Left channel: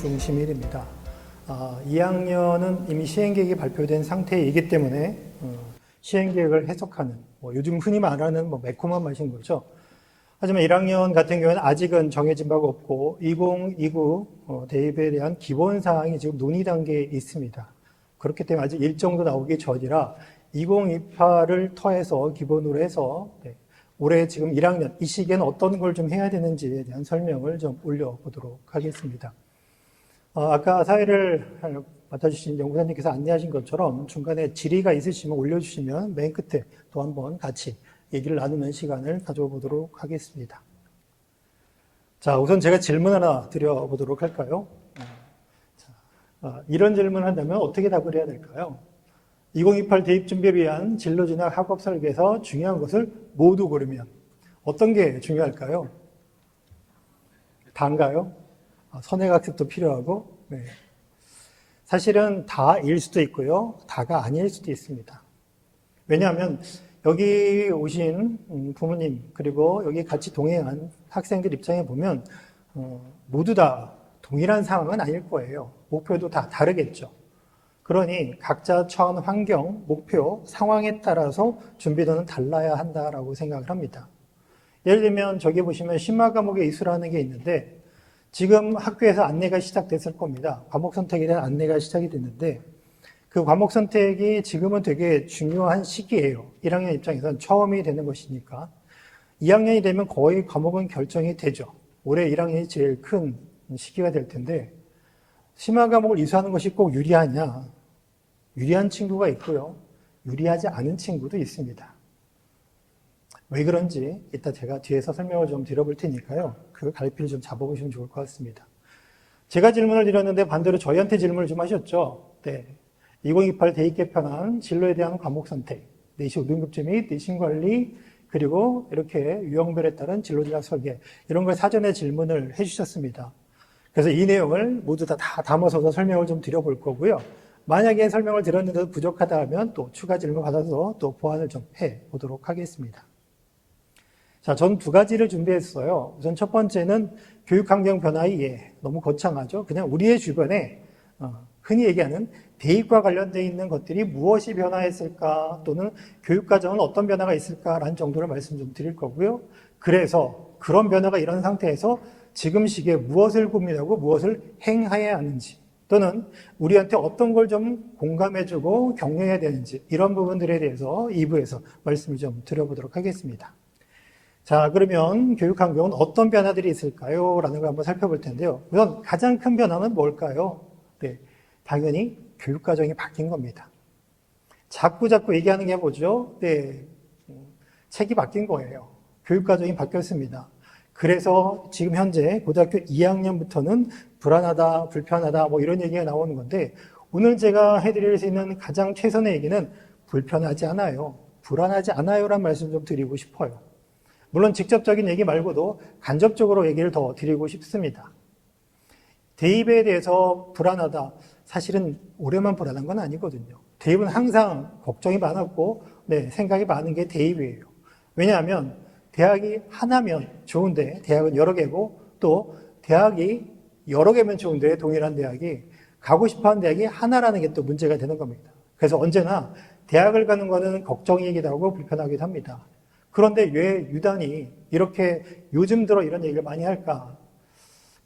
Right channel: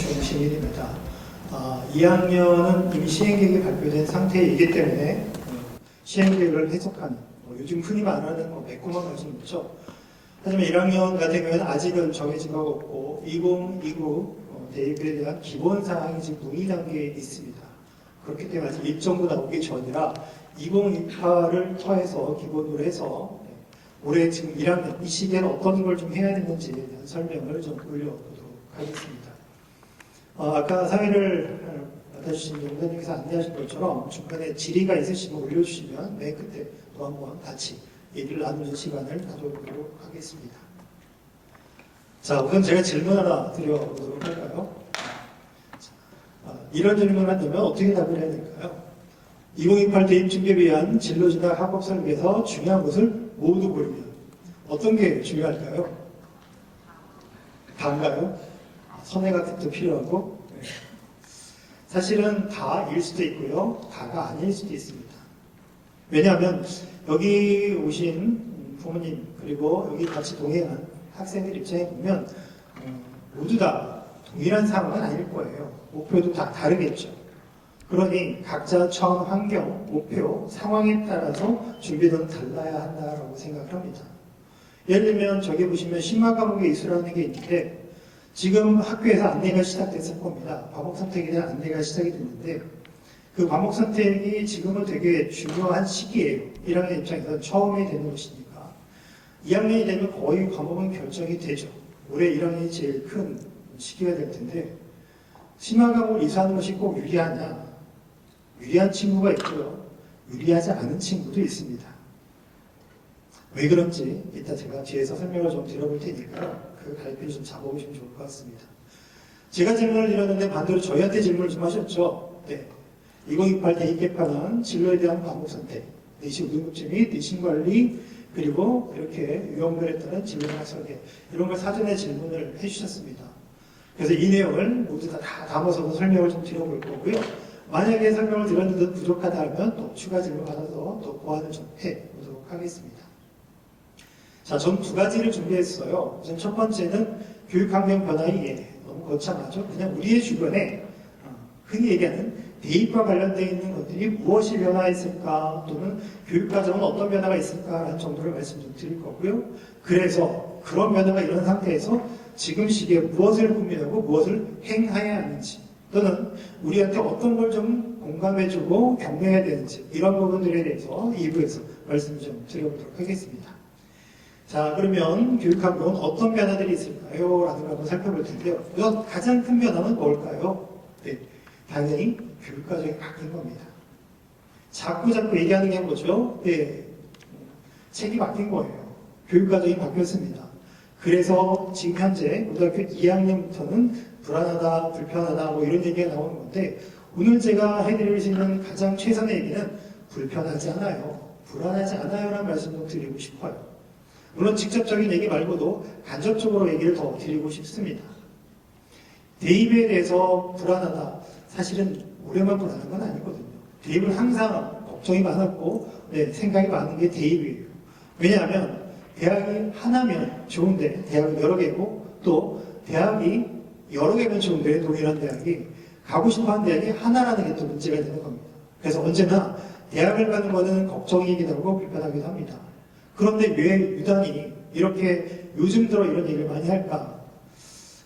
준 진일입니다. 2학년은 이미 시행계획이 발표된 상태이기 때문에 시행계획을 해석하는, 요즘 흔히 말하는 매콤한 맛인 거죠. 하지만 1학년 같은 경우는 아직은 정해진 바가 없고 2029 대입에 대한 기본 사항이 지금 논의 단계에 있습니다. 그렇기 때문에 아직 일정도 나오기 전이라 2028을 터해서 기본으로 해서 올해 지금 1학년 이 시기에는 어떤 걸 좀 해야 되는지에 대한 설명을 좀 올려보도록 하겠습니다. 아까 사회를 맡아주신 연구자님께서 안내하신 것처럼 중간에 질의가 있으시면 올려주시면 맨 끝에 또 한번 같이 얘기를 나누는 시간을 가져보도록 하겠습니다. 자, 우선 제가 질문 하나 드려보도록 할까요? 이런 질문을 하려면 어떻게 답을 해야 될까요? 2028 대입 준비에 위한 진로 진학 학업 설계에서 중요한 것을 모두 고르면 어떤 게 중요할까요? 다인가요? 선행학 습도 필요하고, 네. 사실은 다일 수도 있고요, 다가 아닐 수도 있습니다. 왜냐하면 여기 오신 부모님 그리고 여기 같이 동행한 학생들 입장에 보면 모두 다 동일한 상황은 아닐 거예요. 목표도 다 다르겠죠. 그러니 각자 처한 환경, 목표, 상황에 따라서 준비는 달라야 한다라고 생각을 합니다. 예를 들면 저기 보시면 심화 과목의 이수라는 게 있는데 지금 학교에서 안내가 시작됐을 겁니다. 과목 선택에 대한 안내가 시작이 됐는데 그 과목 선택이 지금은 되게 중요한 시기예요. 1학년 입장에서는 처음이 되는 것이니까. 2학년이 되면 거의 과목은 결정이 되죠. 올해 1학년이 제일 큰 시기가 될 텐데 심화 과목을 이수하는 것이 꼭 유리하냐? 유리한 친구가 있고요. 유리하지 않은 친구도 있습니다. 왜 그런지 이따 제가 뒤에서 설명을 좀 드려볼 테니까요. 그 갈피를 좀 잡아보시면 좋을 것 같습니다. 제가 질문을 드렸는데 반대로 저희한테 질문을 좀 하셨죠. 네. 2028 대입 개편은 진로에 대한 과목 선택, 내신 운영급제 및 내신 관리, 그리고 이렇게 유형별에 따른 진로 진학 설계 이런 걸 사전에 질문을 해주셨습니다. 그래서 이 내용을 모두 다 담아서 설명을 좀 드려볼 거고요. 만약에 설명을 드렸는데도 부족하다 하면 또 추가 질문 받아서 또 보완을 좀 해보도록 하겠습니다. 자, 전 두 가지를 준비했어요. 우선 첫 번째는 교육환경 변화의 이해. 너무 거창하죠? 그냥 우리의 주변에 흔히 얘기하는 대입과 관련되어 있는 것들이 무엇이 변화했을까 또는 교육과정은 어떤 변화가 있을까라는 정도를 말씀 좀 드릴 거고요. 그래서 그런 변화가 일어난 상태에서 지금 시기에 무엇을 고민하고 무엇을 행해야 하는지 또는 우리한테 어떤 걸 좀 공감해주고 격려해야 되는지 이런 부분들에 대해서 2부에서 말씀을 좀 드려보도록 하겠습니다. 자, 그러면 교육환경은 어떤 변화들이 있을까요? 라는 걸 한번 살펴볼 텐데요. 우선 가장 큰 변화는 뭘까요? 네, 당연히 교육과정이 바뀐 겁니다. 자꾸 얘기하는 게 뭐죠? 네, 책이 바뀐 거예요. 교육과정이 바뀌었습니다. 그래서 지금 현재 고등학교 2학년부터는 불안하다, 불편하다 이런 얘기가 나오는 건데 오늘 제가 해드릴 수 있는 가장 최선의 얘기는 불편하지 않아요. 불안하지 않아요 라는 말씀 좀 드리고 싶어요. 물론 직접적인 얘기 말고도 간접적으로 얘기를 더 드리고 싶습니다. 대입에 대해서 불안하다. 사실은 올해만 불안한 건 아니거든요. 대입은 항상 걱정이 많았고 생각이 많은 게 대입이에요. 왜냐하면 대학이 하나면 좋은데 대학은 여러 개고 또 대학이 여러 개면 좋은데 동일한 대학이 가고 싶어하는 대학이 하나라는 게 또 문제가 되는 겁니다. 그래서 언제나 대학을 가는 거는 걱정이기도 하고 불편하기도 합니다. 그런데 왜 유단이 이렇게 요즘 들어 이런 얘기를 많이 할까?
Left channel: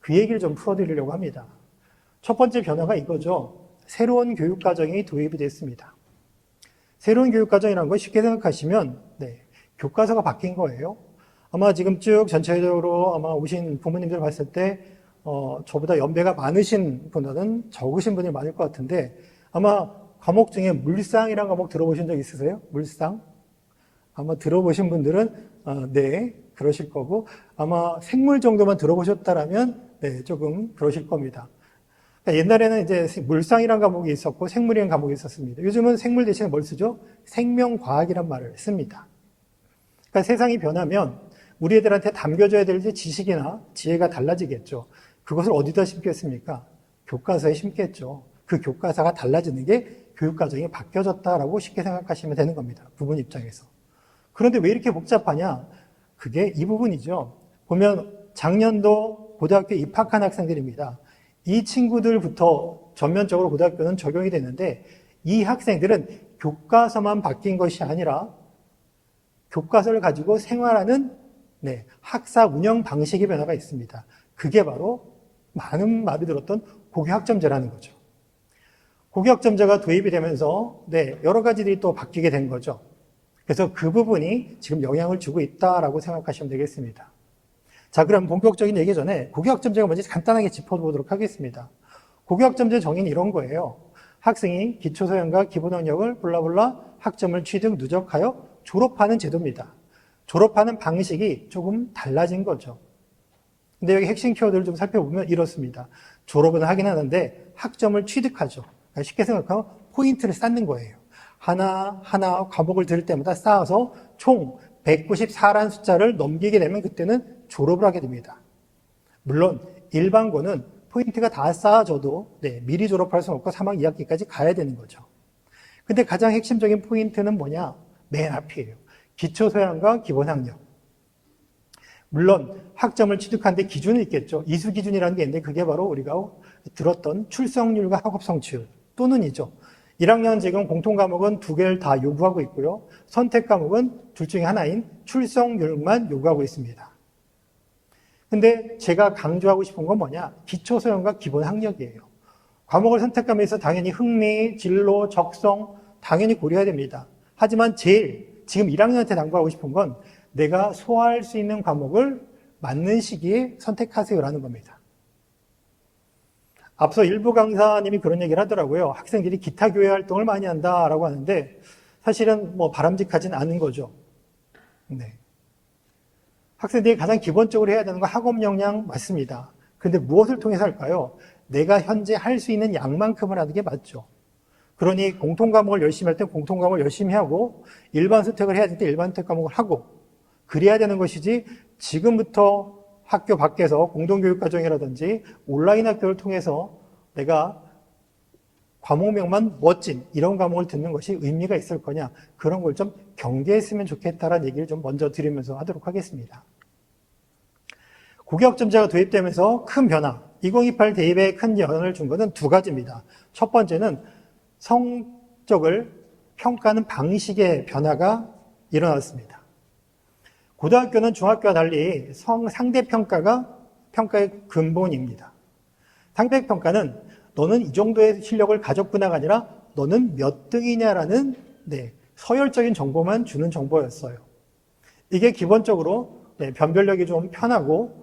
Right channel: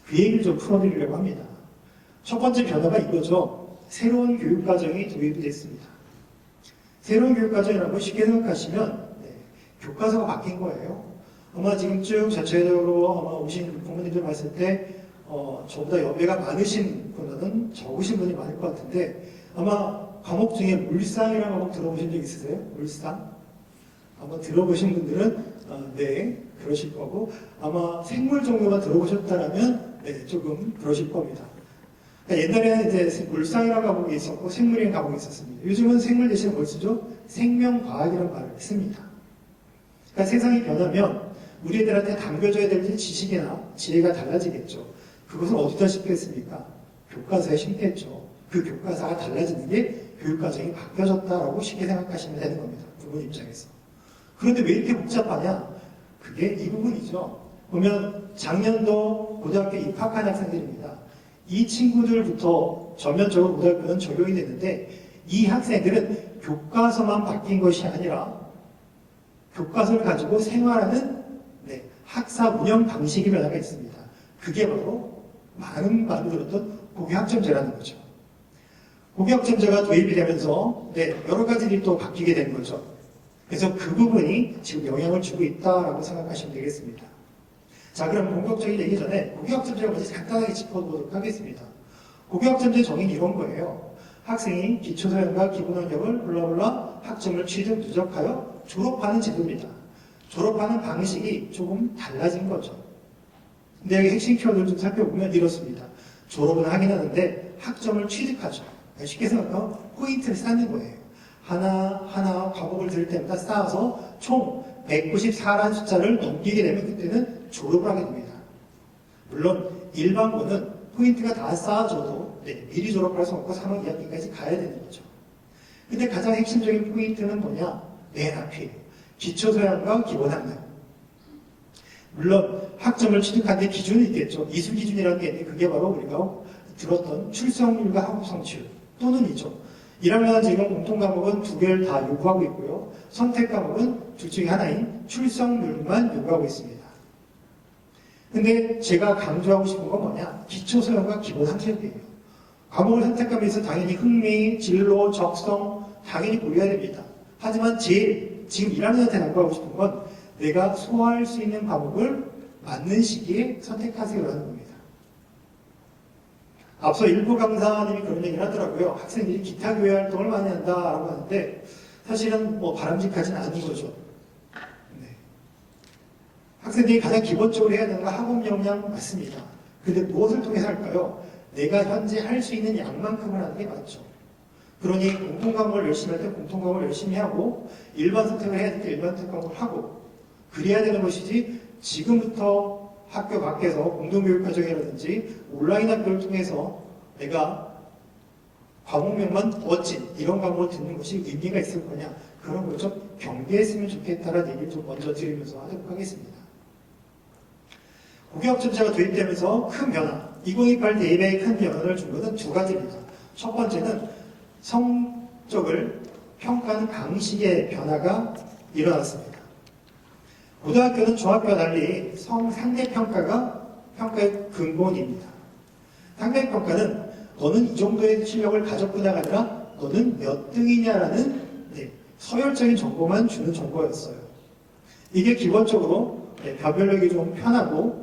그 얘기를 좀 풀어드리려고 합니다. 첫 번째 변화가 이거죠. 새로운 교육과정이 도입이 됐습니다. 새로운 교육과정이라는 걸 쉽게 생각하시면 교과서가 바뀐 거예요. 아마 지금 쭉 전체적으로 아마 오신 부모님들 봤을 때 저보다 연배가 많으신 분은 적으신 분이 많을 것 같은데 아마 과목 중에 물상이라는 과목 들어보신 적 있으세요? 물상? 아마 들어보신 분들은 네, 그러실 거고 아마 생물 정도만 들어보셨다라면 조금 그러실 겁니다. 옛날에는 이제 물상이라는 과목이 있었고 생물이라는 과목이 있었습니다. 요즘은 생물 대신에 뭘 쓰죠? 생명과학이라는 말을 씁니다. 그러니까 세상이 변하면 우리 애들한테 담겨져야 될 지식이나 지혜가 달라지겠죠. 그것을 어디다 심겠습니까? 교과서에 심겠죠. 그 교과서가 달라지는 게 교육과정이 바뀌어졌다라고 쉽게 생각하시면 되는 겁니다. 부모 입장에서. 그런데 왜 이렇게 복잡하냐? 그게 이 부분이죠. 보면 작년도 고등학교 입학한 학생들입니다. 이 친구들부터 전면적으로 고등학교는 적용이 됐는데 이 학생들은 교과서만 바뀐 것이 아니라 교과서를 가지고 생활하는 학사 운영 방식의 변화가 있습니다. 그게 바로 많은 말을 들었던 고교학점제라는 거죠. 고교학점제가 도입이 되면서 여러 가지들이 또 바뀌게 된 거죠. 그래서 그 부분이 지금 영향을 주고 있다라고 생각하시면 되겠습니다. 자, 그럼 본격적인 얘기 전에 고교학점제가 뭔지 간단하게 짚어보도록 하겠습니다. 고교학점제 정의는 이런 거예요. 학생이 기초소양과 기본학력을 블라블라 학점을 취득 누적하여 졸업하는 제도입니다. 졸업하는 방식이 조금 달라진 거죠. 근데 여기 핵심 키워드를 좀 살펴보면 이렇습니다. 졸업은 하긴 하는데 학점을 취득하죠. 쉽게 생각하면 포인트를 쌓는 거예요. 하나 과목을 들을 때마다 쌓아서 총 194라는 숫자를 넘기게 되면 그때는 졸업을 하게 됩니다. 물론 일반고는 포인트가 다 쌓아져도 미리 졸업할 수 없고 3학 2학기까지 가야 되는 거죠. 근데 가장 핵심적인 포인트는 뭐냐? 맨 앞이에요. 기초소양과 기본학력. 물론 학점을 취득하는데 기준이 있겠죠. 이수 기준이라는 게 있는데 그게 바로 우리가 들었던 출석률과 학업 성취율 또는 이죠. 1학년 지금 공통 과목은 2개를 다 요구하고 있고요. 선택 과목은 둘 중에 하나인 출석률만 요구하고 있습니다. 근데 제가 강조하고 싶은 건 뭐냐? 기초소양과 기본학력이에요. 과목을 선택하면서 당연히 흥미, 진로, 적성 당연히 고려해야 됩니다. 하지만 제일 지금 1학년한테 강조하고 싶은 건 내가 소화할 수 있는 과목을 맞는 시기에 선택하세요라는 겁니다. 앞서 일부 강사님이 그런 얘기를 하더라고요. 학생들이 기타 교회 활동을 많이 한다라고 하는데 사실은 바람직하진 않은 거죠. 학생들이 가장 기본적으로 해야 되는 건 학업 역량 맞습니다. 그런데 무엇을 통해서 할까요? 내가 현재 할 수 있는 양만큼을 하는 게 맞죠. 그러니 공통 과목을 열심히 할 때 공통 과목을 열심히 하고 일반 선택을 해야 될 때 일반 선택 과목을 하고 그래야 되는 것이지 지금부터 학교 밖에서 공동교육과정이라든지 온라인 학교를 통해서 내가 과목명만 멋진 이런 과목을 듣는 것이 의미가 있을 거냐 그런 걸 좀 경계했으면 좋겠다라는 얘기를 좀 먼저 드리면서 하도록 하겠습니다. 고교학점제가 도입되면서 큰 변화 2028 대입에 큰 영향을 준 것은 두 가지입니다. 첫 번째는 성적을 평가하는 방식의 변화가 일어났습니다. 고등학교는 중학교와 달리 상대평가가 평가의 근본입니다. 상대평가는 너는 이 정도의 실력을 가졌구나가 아니라 너는 몇 등이냐라는 서열적인 정보만 주는 정보였어요. 이게 기본적으로 변별력이 좀 편하고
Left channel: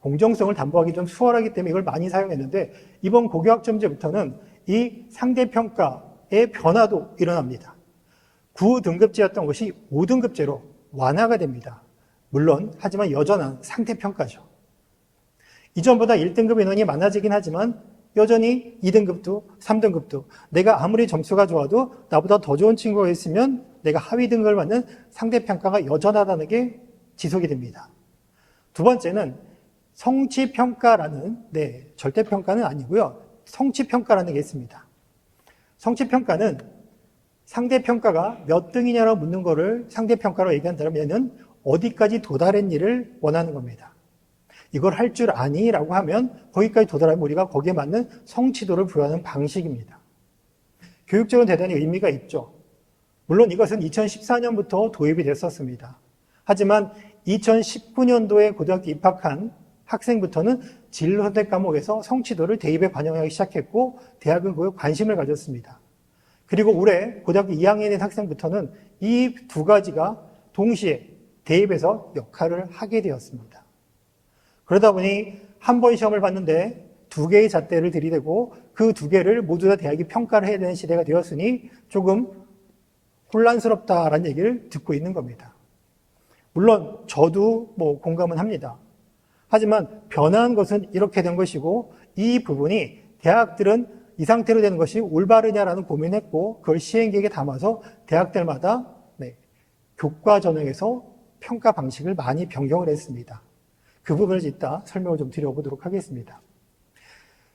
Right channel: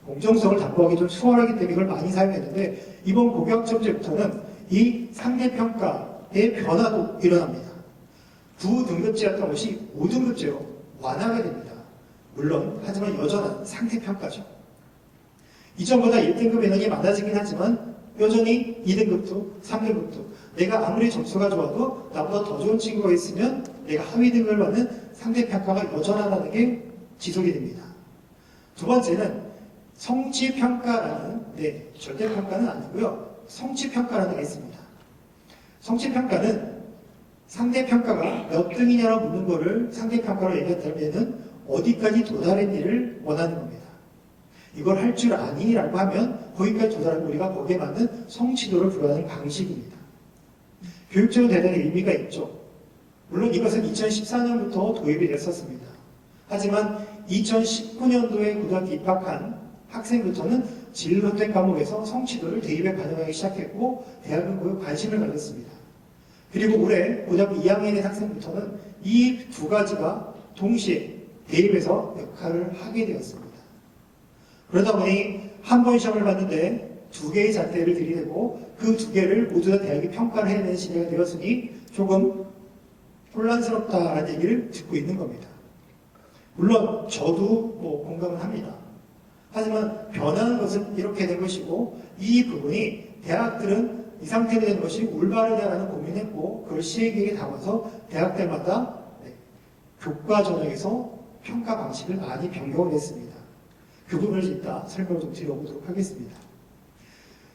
공정성을 담보하기 좀 수월하기 때문에 이걸 많이 사용했는데 이번 고교학점제부터는 이 상대평가의 변화도 일어납니다. 9등급제였던 것이 5등급제로 완화가 됩니다. 물론 하지만 여전한 상대평가죠. 이전보다 1등급 인원이 많아지긴 하지만 여전히 2등급도 3등급도 내가 아무리 점수가 좋아도 나보다 더 좋은 친구가 있으면 내가 하위 등급을 받는 상대평가가 여전하다는 게 지속이 됩니다. 두 번째는 성취평가라는 절대평가는 아니고요. 성취평가라는 게 있습니다. 성취평가는 상대평가가 몇 등이냐로 묻는 거를 상대평가로 얘기한다면 어디까지 도달했니를 원하는 겁니다. 이걸 할 줄 아니? 라고 하면 거기까지 도달하면 우리가 거기에 맞는 성취도를 부여하는 방식입니다. 교육적으로 대단히 의미가 있죠. 물론 이것은 2014년부터 도입이 됐었습니다. 하지만 2019년도에 고등학교 입학한 학생부터는 진로 선택 과목에서 성취도를 대입에 반영하기 시작했고 대학은 그에 관심을 가졌습니다. 그리고 올해 고등학교 2학년인 학생부터는 이 두 가지가 동시에 대입에서 역할을 하게 되었습니다. 그러다 보니 한 번 시험을 봤는데 두 개의 잣대를 들이대고 그 두 개를 모두 다 대학이 평가를 해야 되는 시대가 되었으니 조금 혼란스럽다라는 얘기를 듣고 있는 겁니다. 물론 저도 공감은 합니다. 하지만 변한 것은 이렇게 된 것이고 이 부분이 대학들은 이 상태로 되는 것이 올바르냐라는 고민했고 그걸 시행계획에 담아서 대학들마다 교과 전형에서 평가 방식을 많이 변경을 했습니다. 그 부분을 이따 설명을 좀 드려보도록 하겠습니다.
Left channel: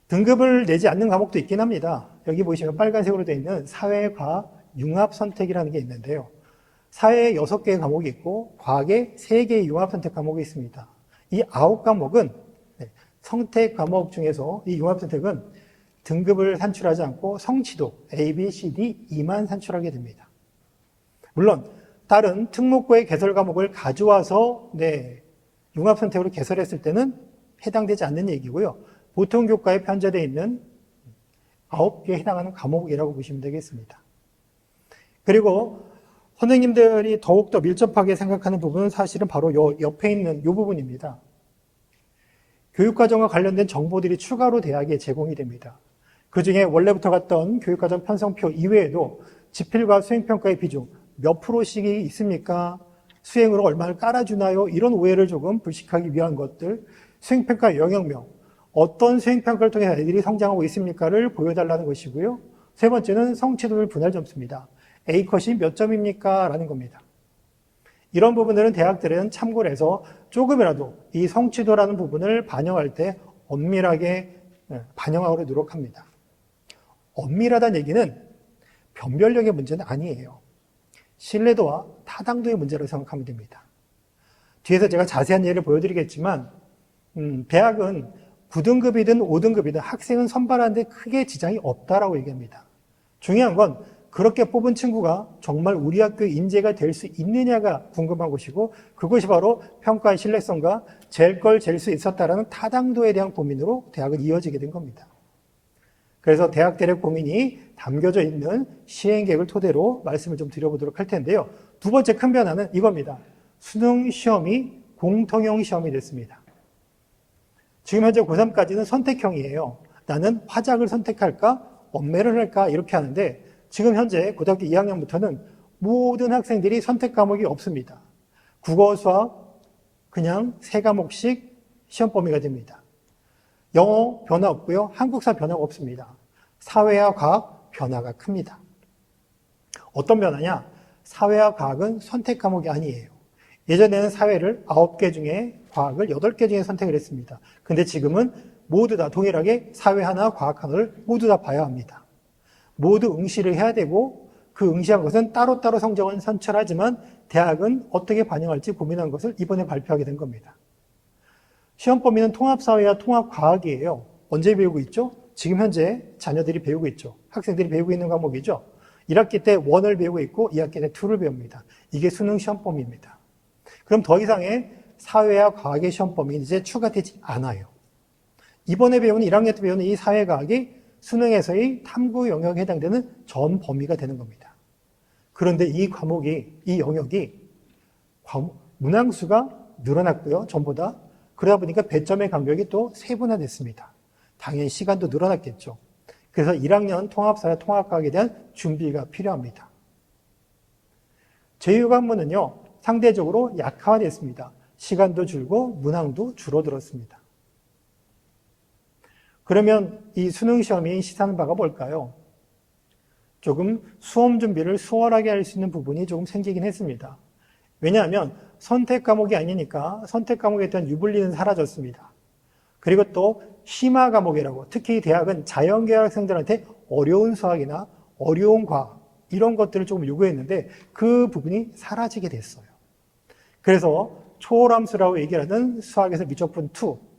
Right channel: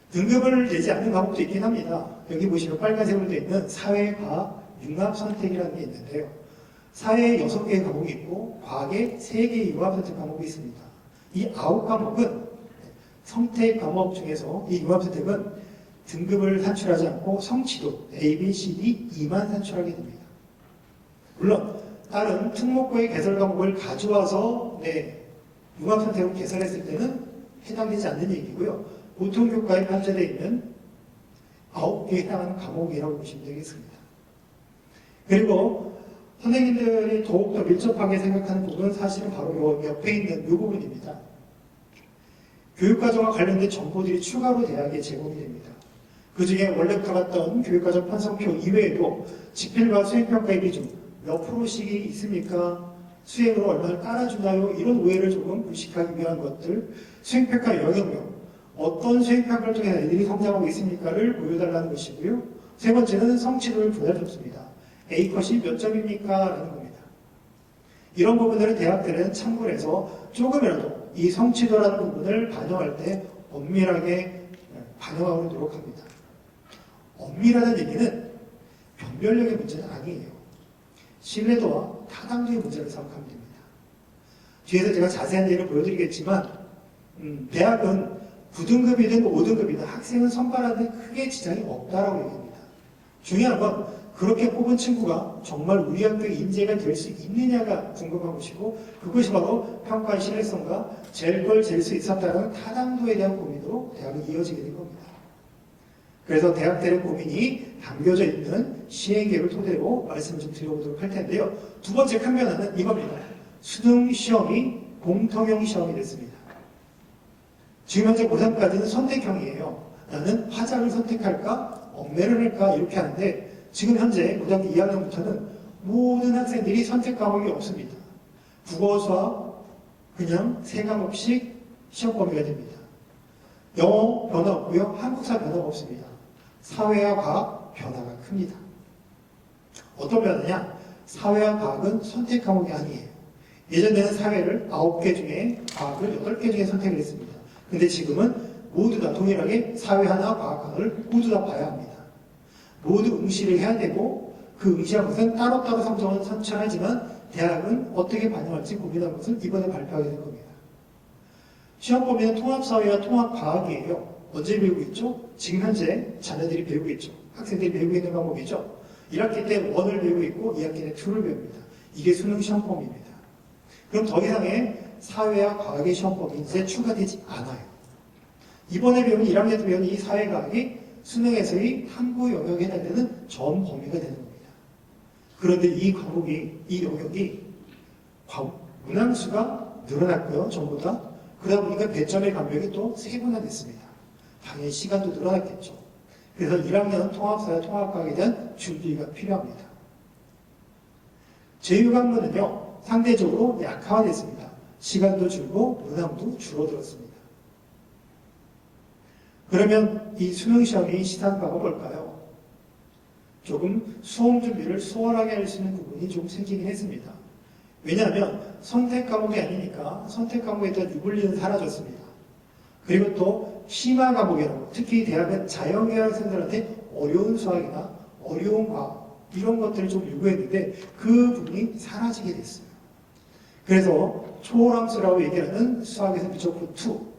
등급을 내지 않는 과목도 있긴 합니다. 여기 보시면 빨간색으로 되어 있는 사회, 과학, 융합 선택이라는 게 있는데요. 사회에 6개의 과목이 있고 과학에 3개의 융합 선택 과목이 있습니다. 이 9과목은 선택 과목 중에서 이 융합선택은 등급을 산출하지 않고 성취도 A, B, C, D, E만 산출하게 됩니다. 물론 다른 특목고의 개설 과목을 가져와서 융합선택으로 개설했을 때는 해당되지 않는 얘기고요. 보통 교과에 편제되어 있는 9개에 해당하는 과목이라고 보시면 되겠습니다. 그리고 선생님들이 더욱더 밀접하게 생각하는 부분은 사실은 바로 옆에 있는 이 부분입니다. 교육과정과 관련된 정보들이 추가로 대학에 제공이 됩니다. 그 중에 원래부터 갔던 교육과정 편성표 이외에도 지필과 수행평가의 비중 몇 프로씩이 있습니까? 수행으로 얼마를 깔아주나요? 이런 오해를 조금 불식하기 위한 것들, 수행평가 영역명, 어떤 수행평가를 통해 애들이 성장하고 있습니까를 보여달라는 것이고요. 세 번째는 성취도를 분할 점수입니다. A컷이 몇 점입니까? 라는 겁니다. 이런 부분들은 대학들은 참고를 해서 조금이라도 이 성취도라는 부분을 반영할 때 엄밀하게 반영하도록 노력합니다. 엄밀하다는 얘기는 변별력의 문제는 아니에요. 신뢰도와 타당도의 문제를 생각하면 됩니다. 뒤에서 제가 자세한 예를 보여드리겠지만 대학은 9등급이든 5등급이든 학생은 선발하는데 크게 지장이 없다라고 얘기합니다. 중요한 건 그렇게 뽑은 친구가 정말 우리 학교 인재가 될 수 있느냐가 궁금한 것이고 그것이 바로 평가의 신뢰성과 잴 걸 잴 수 있었다라는 타당도에 대한 고민으로 대학은 이어지게 된 겁니다. 그래서 대학들의 고민이 담겨져 있는 시행계획을 토대로 말씀을 좀 드려보도록 할 텐데요. 두 번째 큰 변화는 이겁니다. 수능 시험이 공통형 시험이 됐습니다. 지금 현재 고3까지는 선택형이에요. 나는 화작을 선택할까? 엄매를 할까? 이렇게 하는데 지금 현재 고등학교 2학년부터는 모든 학생들이 선택 과목이 없습니다. 국어, 수학 그냥 3과목씩 시험 범위가 됩니다. 영어 변화 없고요. 한국사 변화가 없습니다. 사회와 과학 변화가 큽니다. 어떤 변화냐? 사회와 과학은 선택 과목이 아니에요. 예전에는 사회를 9개 중에 과학을 8개 중에 선택을 했습니다. 근데 지금은 모두 다 동일하게 사회 하나, 과학 하나를 모두 다 봐야 합니다. 모두 응시를 해야 되고 그 응시한 것은 따로따로 성적은 산출하지만 대학은 어떻게 반영할지 고민한 것을 이번에 발표하게 된 겁니다. 시험 범위는 통합사회와 통합과학이에요. 언제 배우고 있죠? 지금 현재 자녀들이 배우고 있죠. 학생들이 배우고 있는 과목이죠. 1학기 때 1을 배우고 있고 2학기 때 2를 배웁니다. 이게 수능 시험 범위입니다. 그럼 더 이상의 사회와 과학의 시험 범위 이제 추가되지 않아요. 이번에 배우는 1학년 때 배우는 이 사회과학이 수능에서의 탐구 영역에 해당되는 전 범위가 되는 겁니다. 그런데 이 과목이, 이 영역이 문항수가 늘어났고요. 전보다. 그러다 보니까 배점의 간격이 또 세분화됐습니다. 당연히 시간도 늘어났겠죠. 그래서 1학년 통합사회 통합과학에 대한 준비가 필요합니다. 제6학문은요. 상대적으로 약화됐습니다. 시간도 줄고 문항도 줄어들었습니다. 그러면 이 수능시험이 시사하는 바가 뭘까요? 조금 수험 준비를 수월하게 할 수 있는 부분이 조금 생기긴 했습니다. 왜냐하면 선택 과목이 아니니까 선택 과목에 대한 유불리는 사라졌습니다. 그리고 또 심화 과목이라고 특히 대학은 자연계열 학생들한테 어려운 수학이나 어려운 과학 이런 것들을 좀 요구했는데 그 부분이 사라지게 됐어요. 그래서 초월함수라고 얘기하는 수학에서 미적분 2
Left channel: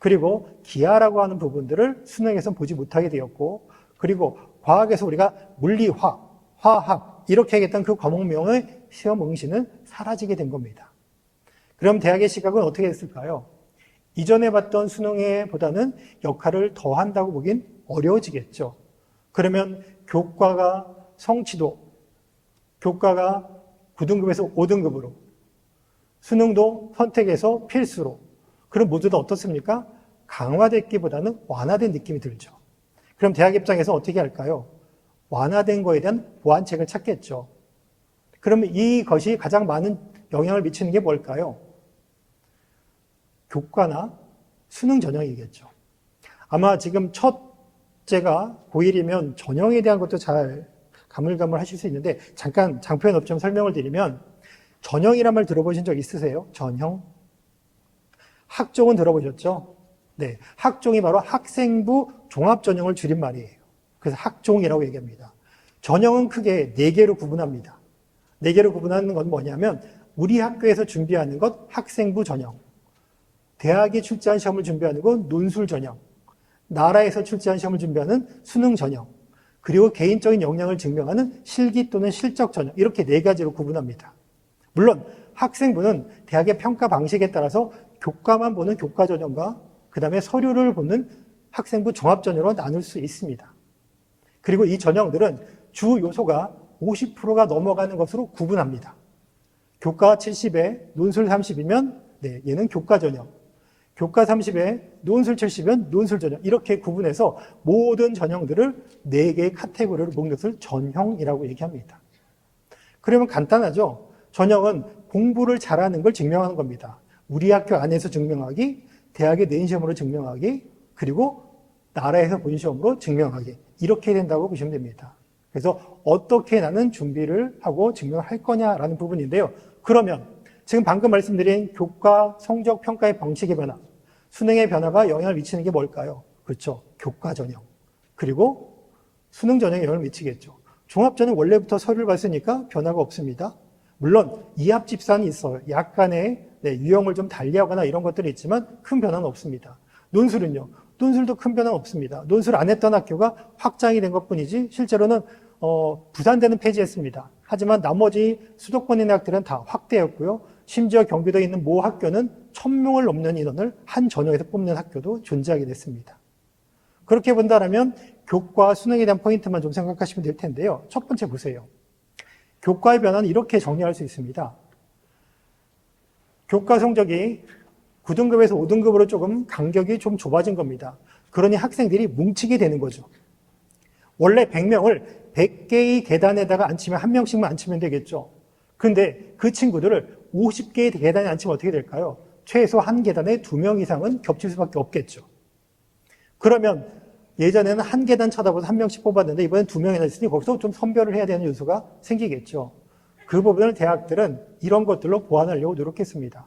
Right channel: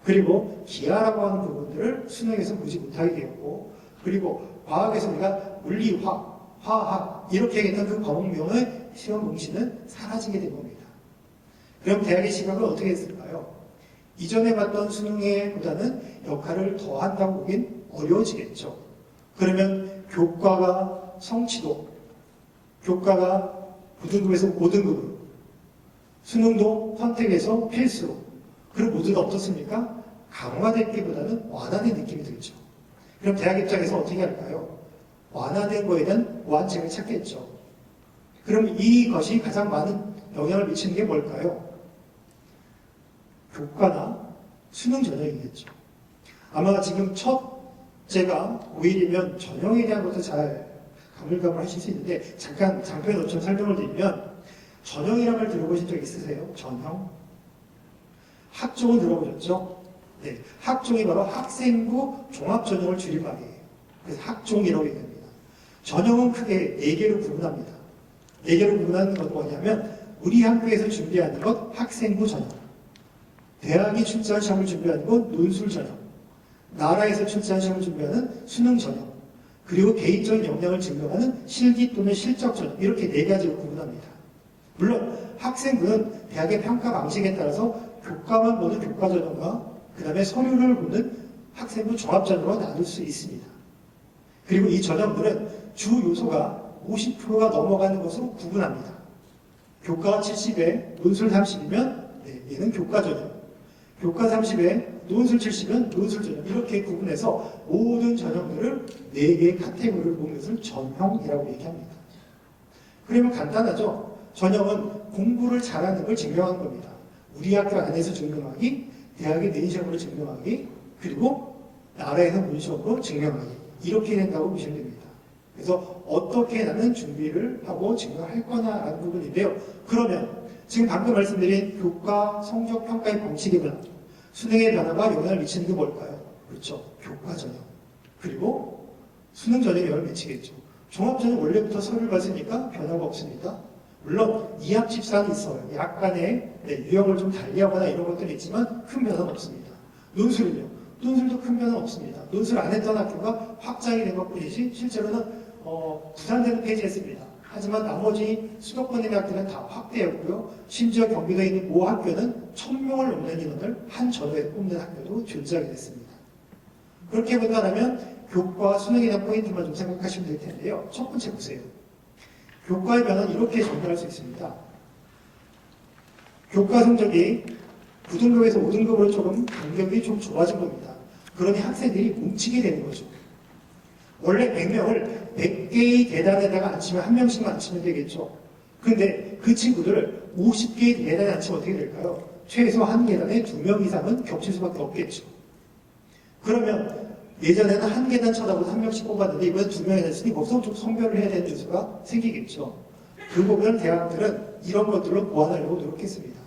그리고 기하라고 하는 부분들을 수능에서 보지 못하게 되었고 그리고 과학에서 우리가 물리화, 화학 이렇게 하겠다는 그 과목명의 시험 응시는 사라지게 된 겁니다. 그럼 대학의 시각은 어떻게 했을까요? 이전에 봤던 수능에 보다는 역할을 더 한다고 보긴 어려워지겠죠. 그러면 교과가 성취도, 교과가 9등급에서 5등급으로 수능도 선택에서 필수로 그럼 모두가 어떻습니까? 강화됐기보다는 완화된 느낌이 들죠. 그럼 대학 입장에서 어떻게 할까요? 완화된 거에 대한 보완책을 찾겠죠. 그럼 이것이 가장 많은 영향을 미치는 게 뭘까요? 교과나 수능 전형이겠죠. 아마 지금 첫째가 고1이면 전형에 대한 것도 잘 가물가물하실 수 있는데 잠깐 장표에 좀 설명을 드리면 전형이란 말 들어보신 적 있으세요? 전형? 학종은 들어보셨죠? 네, 학종이 바로 학생부 종합전형을 줄인 말이에요. 그래서 학종이라고 얘기합니다. 전형은 크게 4개로 구분합니다. 4개로 구분하는 건 뭐냐면 우리 학교에서 준비하는 것 학생부 전형, 대학이 출제한 시험을 준비하는 건 논술 전형, 나라에서 출제한 시험을 준비하는 수능 전형, 그리고 개인적인 역량을 증명하는 실기 또는 실적 전형, 이렇게 네 가지로 구분합니다. 물론 학생부는 대학의 평가 방식에 따라서 교과만 보는 교과 전형과 그 다음에 서류를 보는 학생부 종합 전형으로 나눌 수 있습니다. 그리고 이 전형들은 주 요소가 50%가 넘어가는 것으로 구분합니다. 교과 70에 논술 30이면 얘는 교과 전형, 교과 30에 논술 70이면 논술 전형, 이렇게 구분해서 모든 전형들을 4개의 카테고리를 모은 것을 전형이라고 얘기합니다. 그러면 간단하죠? 전형은 공부를 잘하는 걸 증명하는 겁니다. 우리 학교 안에서 증명하기, 대학의 내신 시험으로 증명하기, 그리고 나라에서 본 시험으로 증명하기, 이렇게 된다고 보시면 됩니다. 그래서 어떻게 나는 준비를 하고 증명할 거냐라는 부분인데요. 그러면 지금 방금 말씀드린 교과 성적 평가의 방식의 변화, 수능의 변화가 영향을 미치는 게 뭘까요? 그렇죠. 교과 전형. 그리고 수능 전형에 영향을 미치겠죠. 종합 전형 원래부터 서류를 봤으니까 변화가 없습니다. 물론 이합 집산이 있어요. 약간의 유형을 좀 달리하거나 이런 것들이 있지만 큰 변화는 없습니다. 논술은요. 논술도 큰 변화는 없습니다. 논술 안 했던 학교가 확장이 된 것뿐이지 실제로는 부산대는 폐지했습니다. 하지만 나머지 수도권의 대학들은 다 확대했고요. 심지어 경기도에 있는 모 학교는 1000명을 넘는 인원을 한 전형에서 뽑는 학교도 존재하게 됐습니다. 그렇게 본다면 교과 수능에 대한 포인트만 좀 생각하시면 될 텐데요. 첫 번째 보세요. 교과의 변화는 이렇게 정의할 수 있습니다. 교과 성적이 9등급에서 5등급으로 조금 간격이 좀 좁아진 겁니다. 그러니 학생들이 뭉치게 되는 거죠. 원래 100명을 100개의 계단에다가 앉히면 한 명씩만 앉히면 되겠죠. 근데 그 친구들을 50개의 계단에 앉히면 어떻게 될까요? 최소 한 계단에 2명 이상은 겹칠 수밖에 없겠죠. 그러면 예전에는 한 계단 쳐다보고 한 명씩 뽑았는데 이번에 2명이 됐으니 거기서 좀 선별을 해야 되는 요소가 생기겠죠. 그 부분을 대학들은 이런 것들로 보완하려고 노력했습니다.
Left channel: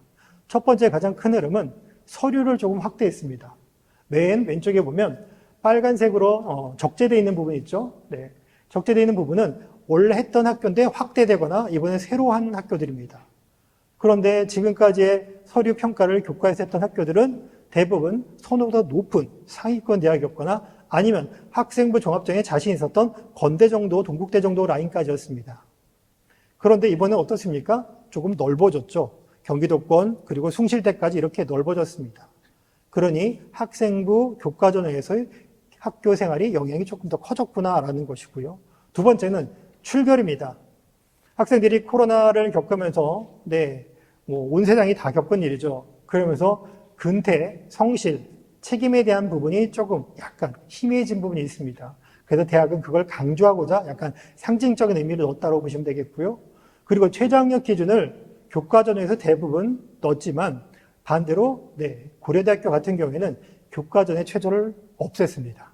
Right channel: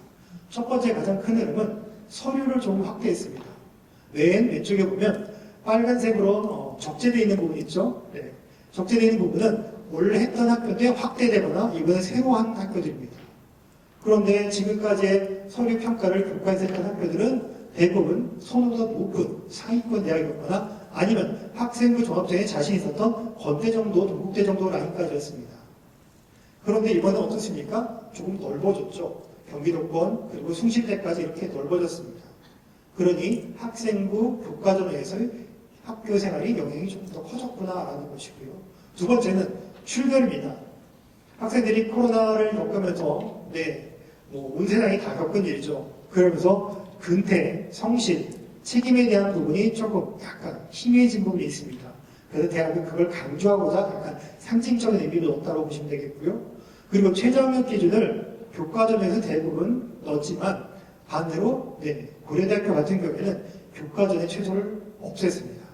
첫 번째 가장 큰 흐름은 서류를 조금 확대했습니다. 맨 왼쪽에 보면 빨간색으로 적재되어 있는 부분이 있죠. 네. 적재되어 있는 부분은 원래 했던 학교인데 확대되거나 이번에 새로 한 학교들입니다. 그런데 지금까지의 서류 평가를 교과에서 했던 학교들은 대부분 선호도가 높은 상위권 대학이었거나 아니면 학생부 종합전형에 자신 있었던 건대 정도, 동국대 정도 라인까지였습니다. 그런데 이번엔 어떻습니까? 조금 넓어졌죠. 경기도권 그리고 숭실대까지 이렇게 넓어졌습니다. 그러니 학생부 교과전형에서의 학교 생활이 영향이 조금 더 커졌구나라는 것이고요. 두 번째는 출결입니다. 학생들이 코로나를 겪으면서 온 세상이 다 겪은 일이죠. 그러면서 근태, 성실, 책임에 대한 부분이 조금 약간 희미해진 부분이 있습니다. 그래서 대학은 그걸 강조하고자 약간 상징적인 의미를 넣었다고 보시면 되겠고요. 그리고 최저학력 기준을 교과전에서 대부분 넣었지만 반대로 고려대학교 같은 경우에는 교과전의 최저를 없앴습니다.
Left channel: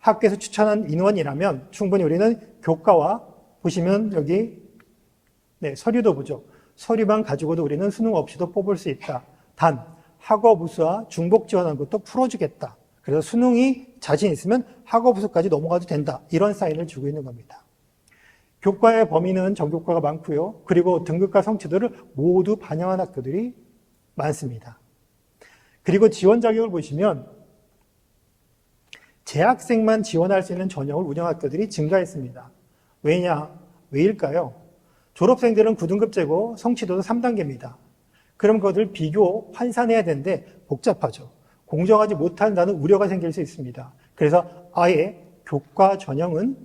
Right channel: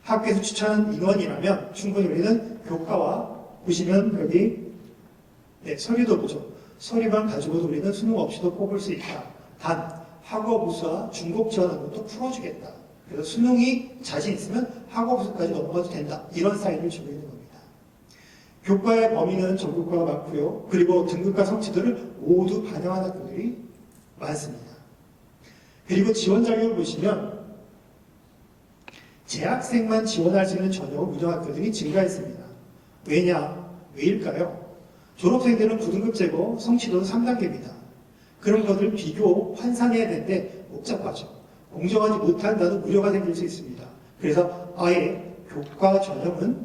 학교에서 추천한 인원이라면 충분히 우리는 교과와 보시면 여기 서류도 보죠. 서류만 가지고도 우리는 수능 없이도 뽑을 수 있다. 단 학업우수와 중복 지원한 것도 풀어주겠다. 그래서 수능이 자신 있으면 학업우수까지 넘어가도 된다. 이런 사인을 주고 있는 겁니다. 교과의 범위는 전교과가 많고요. 그리고 등급과 성취도를 모두 반영한 학교들이 많습니다. 그리고 지원 자격을 보시면 재학생만 지원할 수 있는 전형을 운영한 학교들이 증가했습니다. 왜일까요? 졸업생들은 9등급제고 성취도는 3단계입니다. 그런 것을 비교, 환산해야 되는데 복잡하죠. 공정하지 못한다는 우려가 생길 수 있습니다. 그래서 아예 교과 전형은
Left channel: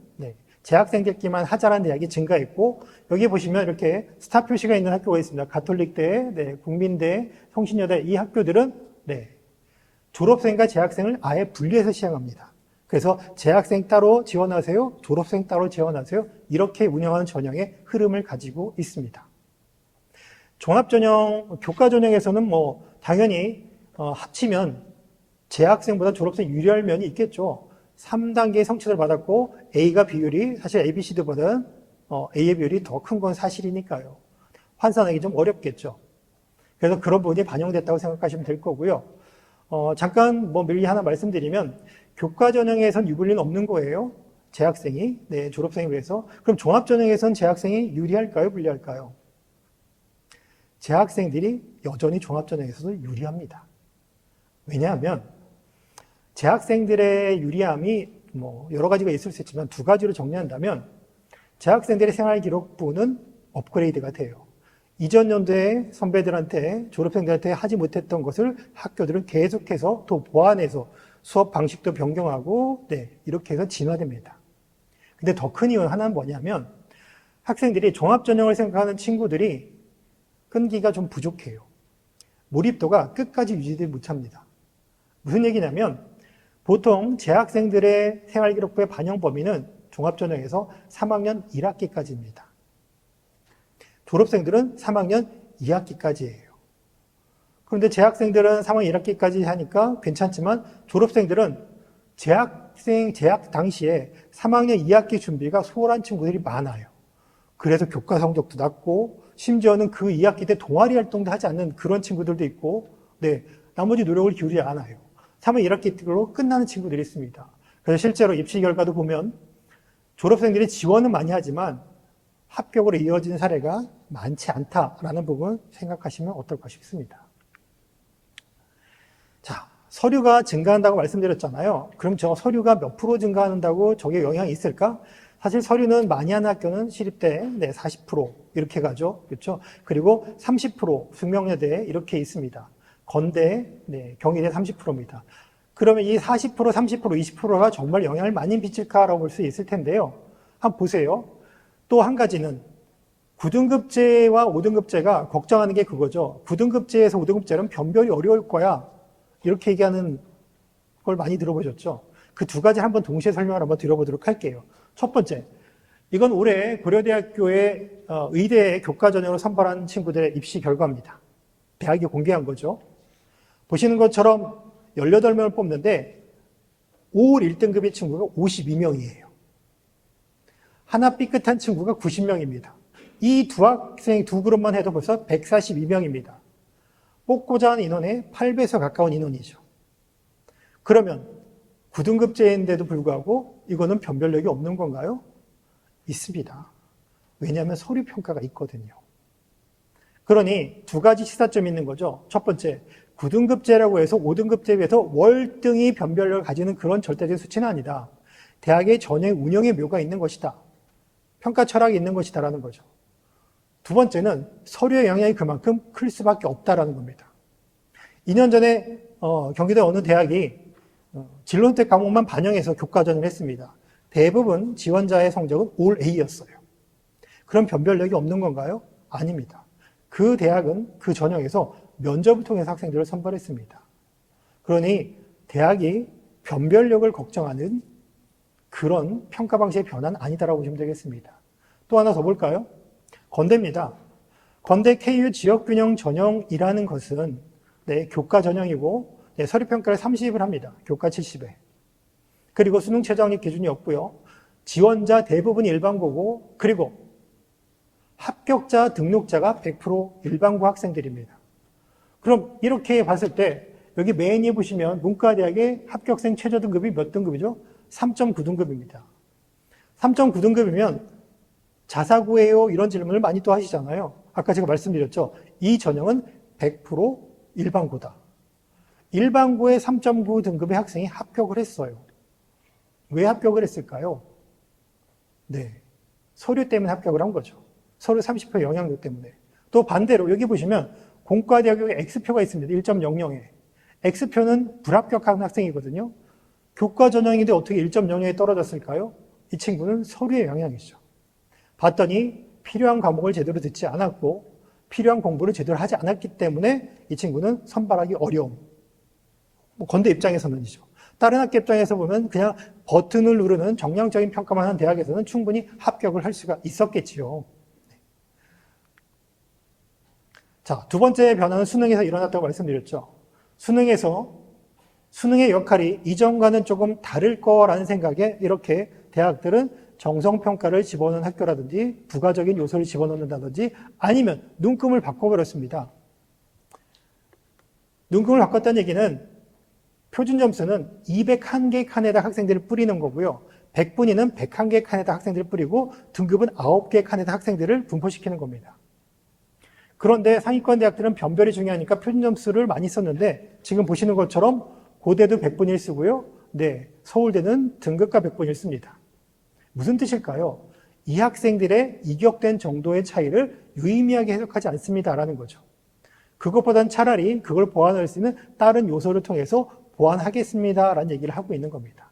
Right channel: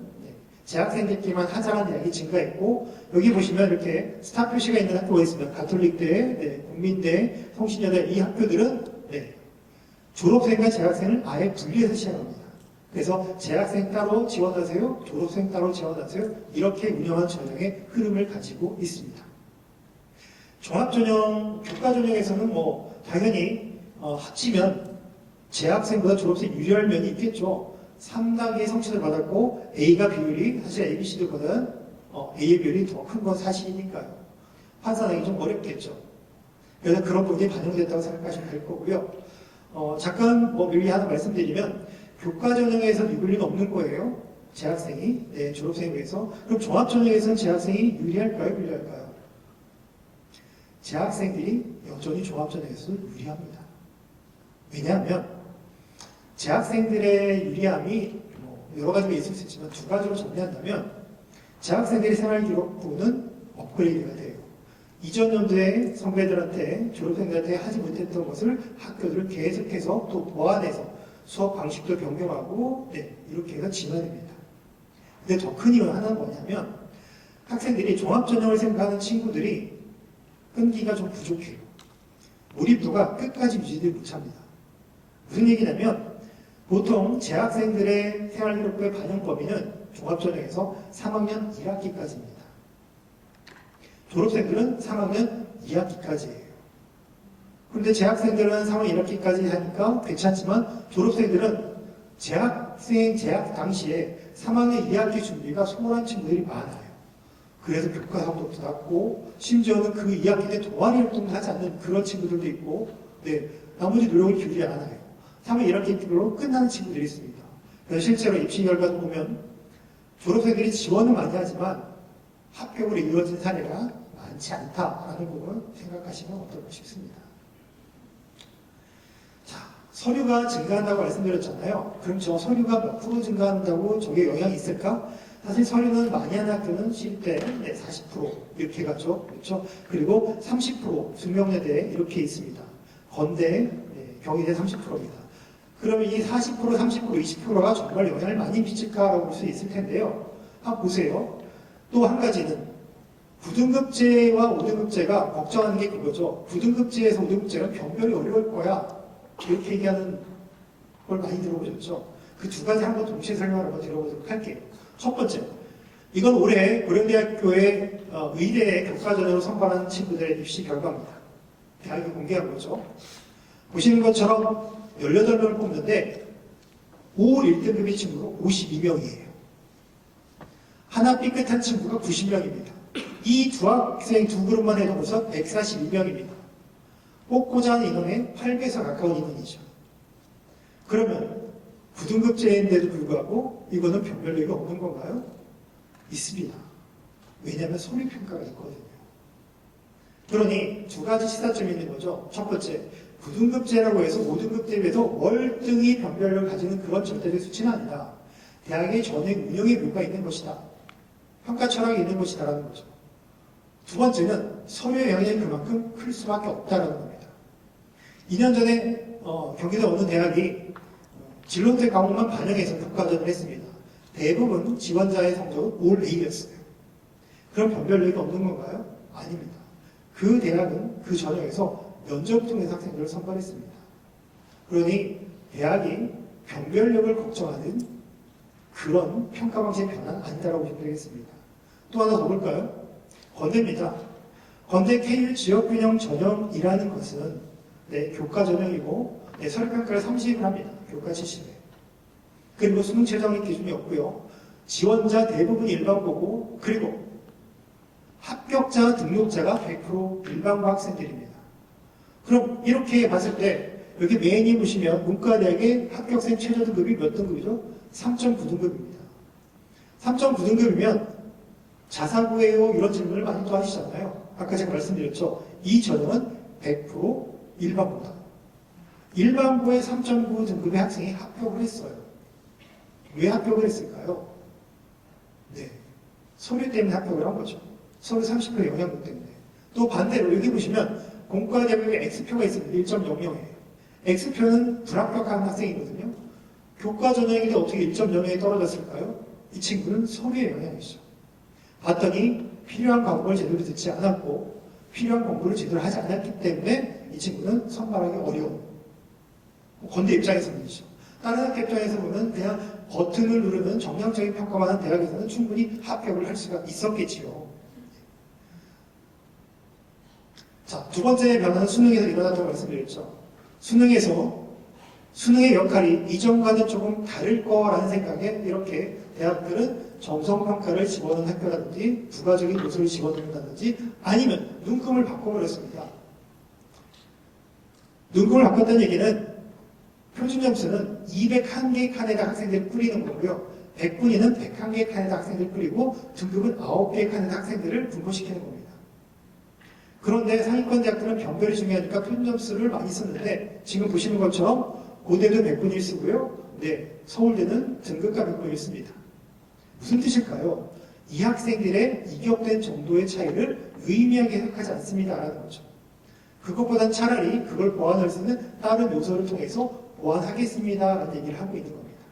재학생들끼만 하자는 대학이 증가했고 여기 보시면 이렇게 스타 표시가 있는 학교가 있습니다. 가톨릭대, 국민대, 성신여대 이 학교들은 졸업생과 재학생을 아예 분리해서 시행합니다. 그래서 재학생 따로 지원하세요, 졸업생 따로 지원하세요 이렇게 운영하는 전형의 흐름을 가지고 있습니다. 종합전형, 교과전형에서는 당연히 합치면 재학생보다 졸업생 유리할 면이 있겠죠. 3단계 성취를 받았고 A가 비율이 사실 A, B, C, D보다 A의 비율이 더 큰 건 사실이니까요. 환산하기 좀 어렵겠죠. 그래서 그런 부분이 반영됐다고 생각하시면 될 거고요. 잠깐 미리 하나 말씀드리면 교과전형에서는 유불리는 없는 거예요. 재학생이 졸업생에 비해서. 그럼 종합전형에서는 재학생이 유리할까요? 불리할까요? 재학생들이 여전히 종합전형에서 유리합니다. 왜냐하면 재학생들의 유리함이 뭐 여러 가지가 있을 수 있지만 두 가지로 정리한다면 재학생들의 생활기록부는 업그레이드가 돼요. 이전 연도에 선배들한테 졸업생들한테 하지 못했던 것을 학교들은 계속해서 또 보완해서 수업 방식도 변경하고 이렇게 해서 진화됩니다. 근데 더 큰 이유 하나는 뭐냐면 학생들이 종합전형을 생각하는 친구들이 끈기가 좀 부족해요. 몰입도가 끝까지 유지되지 못합니다. 무슨 얘기냐면 보통 재학생들의 생활기록부의 반영 범위는 종합전형에서 3학년 1학기까지입니다. 졸업생들은 3학년 2학기까지예요. 그런데 재학생들은 3학년 1학기까지 하니까 괜찮지만 졸업생들은 재학 당시에 3학년 2학기 준비가 소홀한 친구들이 많아요. 그래서 교과 성적도 낮고 심지어는 그 2학기 때 동아리 활동도 하지 않는 그런 친구들도 있고 나머지 노력을 기울이지 않아요. 3학년 1학기로 끝나는 친구들이 있습니다. 그래서 실제로 입시 결과도 보면 졸업생들이 지원은 많이 하지만 합격으로 이어지는 사례가 많지 않다라는 부분 생각하시면 어떨까 싶습니다. 자, 서류가 증가한다고 말씀드렸잖아요. 그럼 저 서류가 몇 프로 증가한다고 저게 영향이 있을까? 사실 서류는 많이 하는 학교는 시립대 40% 이렇게 가죠. 그렇죠? 그리고 30% 숙명여대 이렇게 있습니다. 건대, 경희대 30%입니다. 그러면 이 40%, 30%, 20%가 정말 영향을 많이 미칠까라고 볼 수 있을 텐데요. 한번 보세요. 또 한 가지는 9등급제와 5등급제가 걱정하는 게 그거죠. 9등급제에서 5등급제는 변별이 어려울 거야. 이렇게 얘기하는 걸 많이 들어보셨죠. 그 두 가지 한번 동시에 설명을 한번 드려보도록 할게요. 첫 번째, 이건 올해 고려대학교의 의대 교과전형을 선발한 친구들의 입시 결과입니다. 대학이 공개한 거죠. 보시는 것처럼 18명을 뽑는데 5월 1등급의 친구가 52명이에요. 하나 삐끗한 친구가 90명입니다. 이 두 학생 두 그룹만 해도 벌써 142명입니다. 뽑고자 하는 인원의 8배에서 가까운 인원이죠. 그러면 9등급제인데도 불구하고 이거는 변별력이 없는 건가요? 있습니다. 왜냐하면 서류평가가 있거든요. 그러니 두 가지 시사점이 있는 거죠. 첫 번째, 9등급제라고 해서 5등급제에 비해서 월등히 변별력을 가지는 그런 절대적 수치는 아니다. 대학의 전형 운영의 묘가 있는 것이다. 평가 철학이 있는 것이다 라는 거죠. 두 번째는 서류의 영향이 그만큼 클 수밖에 없다라는 겁니다. 2년 전에 경기도에 어느 대학이 진로선택 과목만 반영해서 교과전을 했습니다. 대부분 지원자의 성적은 올 A였어요. 그럼 변별력이 없는 건가요? 아닙니다. 그 대학은 그 전형에서 면접을 통해서 학생들을 선발했습니다. 그러니 대학이 변별력을 걱정하는 그런 평가 방식의 변화는 아니다라고 보시면 되겠습니다. 또 하나 더 볼까요? 건대입니다. 건대 KU 지역균형 전형이라는 것은 교과 전형이고 서류평가를 30을 합니다. 교과 70회. 그리고 수능 최저학력 기준이 없고요. 지원자 대부분이 일반고고 그리고 합격자 등록자가 100% 일반고 학생들입니다. 그럼 이렇게 봤을 때 여기 메인에 보시면 문과대학의 합격생 최저 등급이 몇 등급이죠? 3.9등급입니다. 3.9등급이면 자사고예요? 이런 질문을 많이 또 하시잖아요. 아까 제가 말씀드렸죠. 이 전형은 100% 일반고다. 일반고의 3.9 등급의 학생이 합격을 했어요. 왜 합격을 했을까요? 서류 때문에 합격을 한 거죠. 서류 30% 영향력 때문에. 또 반대로 여기 보시면 공과대학의 X표가 있습니다. 1.00에. X표는 불합격한 학생이거든요. 교과 전형인데 어떻게 1.0에 떨어졌을까요? 이 친구는 서류의 영향이죠. 봤더니 필요한 과목을 제대로 듣지 않았고 필요한 공부를 제대로 하지 않았기 때문에 이 친구는 선발하기 어려움. 건대 입장에서는이죠. 다른 학교 입장에서 보면 그냥 버튼을 누르는 정량적인 평가만 하는 대학에서는 충분히 합격을 할 수가 있었겠지요. 자, 두 번째 변화는 수능에서 일어났다고 말씀드렸죠. 수능의 역할이 이전과는 조금 다를 거라는 생각에 이렇게 대학들은 정성평가를 집어넣는 학교라든지 부가적인 요소를 집어넣는다든지 아니면 눈금을 바꿔버렸습니다. 눈금을 바꿨다는 얘기는 표준점수는 201개 칸에다 학생들을 뿌리는 거고요. 100분위는 101개 칸에다 학생들을 뿌리고 등급은 9개 칸에다 학생들을 분포시키는 겁니다. 그런데 상위권 대학들은 변별이 중요하니까 표준 점수를 많이 썼는데 지금 보시는 것처럼 고대도 100분의 1 쓰고요. 네, 서울대는 등급과 100분의 1 씁니다. 무슨 뜻일까요? 이 학생들의 이격된 정도의 차이를 유의미하게 해석하지 않습니다라는 거죠. 그것보단 차라리 그걸 보완할 수 있는 다른 요소를 통해서 보완하겠습니다라는 얘기를 하고 있는 겁니다.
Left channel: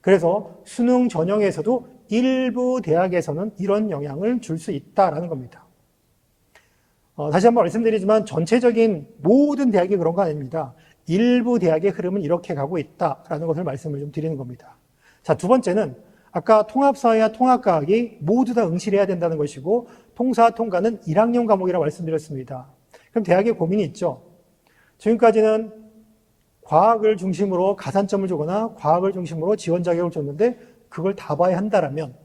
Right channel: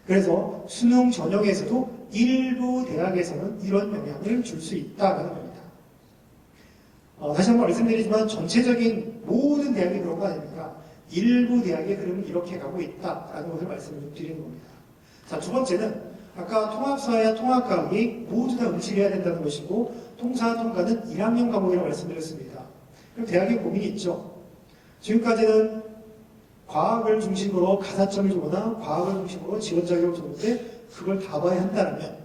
그래서 수능 전형에서도 일부 대학에서는 이런 영향을 줄 수 있다는 겁니다. 다시 한번 말씀드리지만 전체적인 모든 대학이 그런 거 아닙니다. 일부 대학의 흐름은 이렇게 가고 있다라는 것을 말씀을 좀 드리는 겁니다. 자, 두 번째는 아까 통합사회와 통합과학이 모두 다 응시를 해야 된다는 것이고 통사, 통과는 1학년 과목이라고 말씀드렸습니다. 그럼 대학에 고민이 있죠. 지금까지는 과학을 중심으로 가산점을 주거나 과학을 중심으로 지원 자격을 줬는데 그걸 다 봐야 한다라면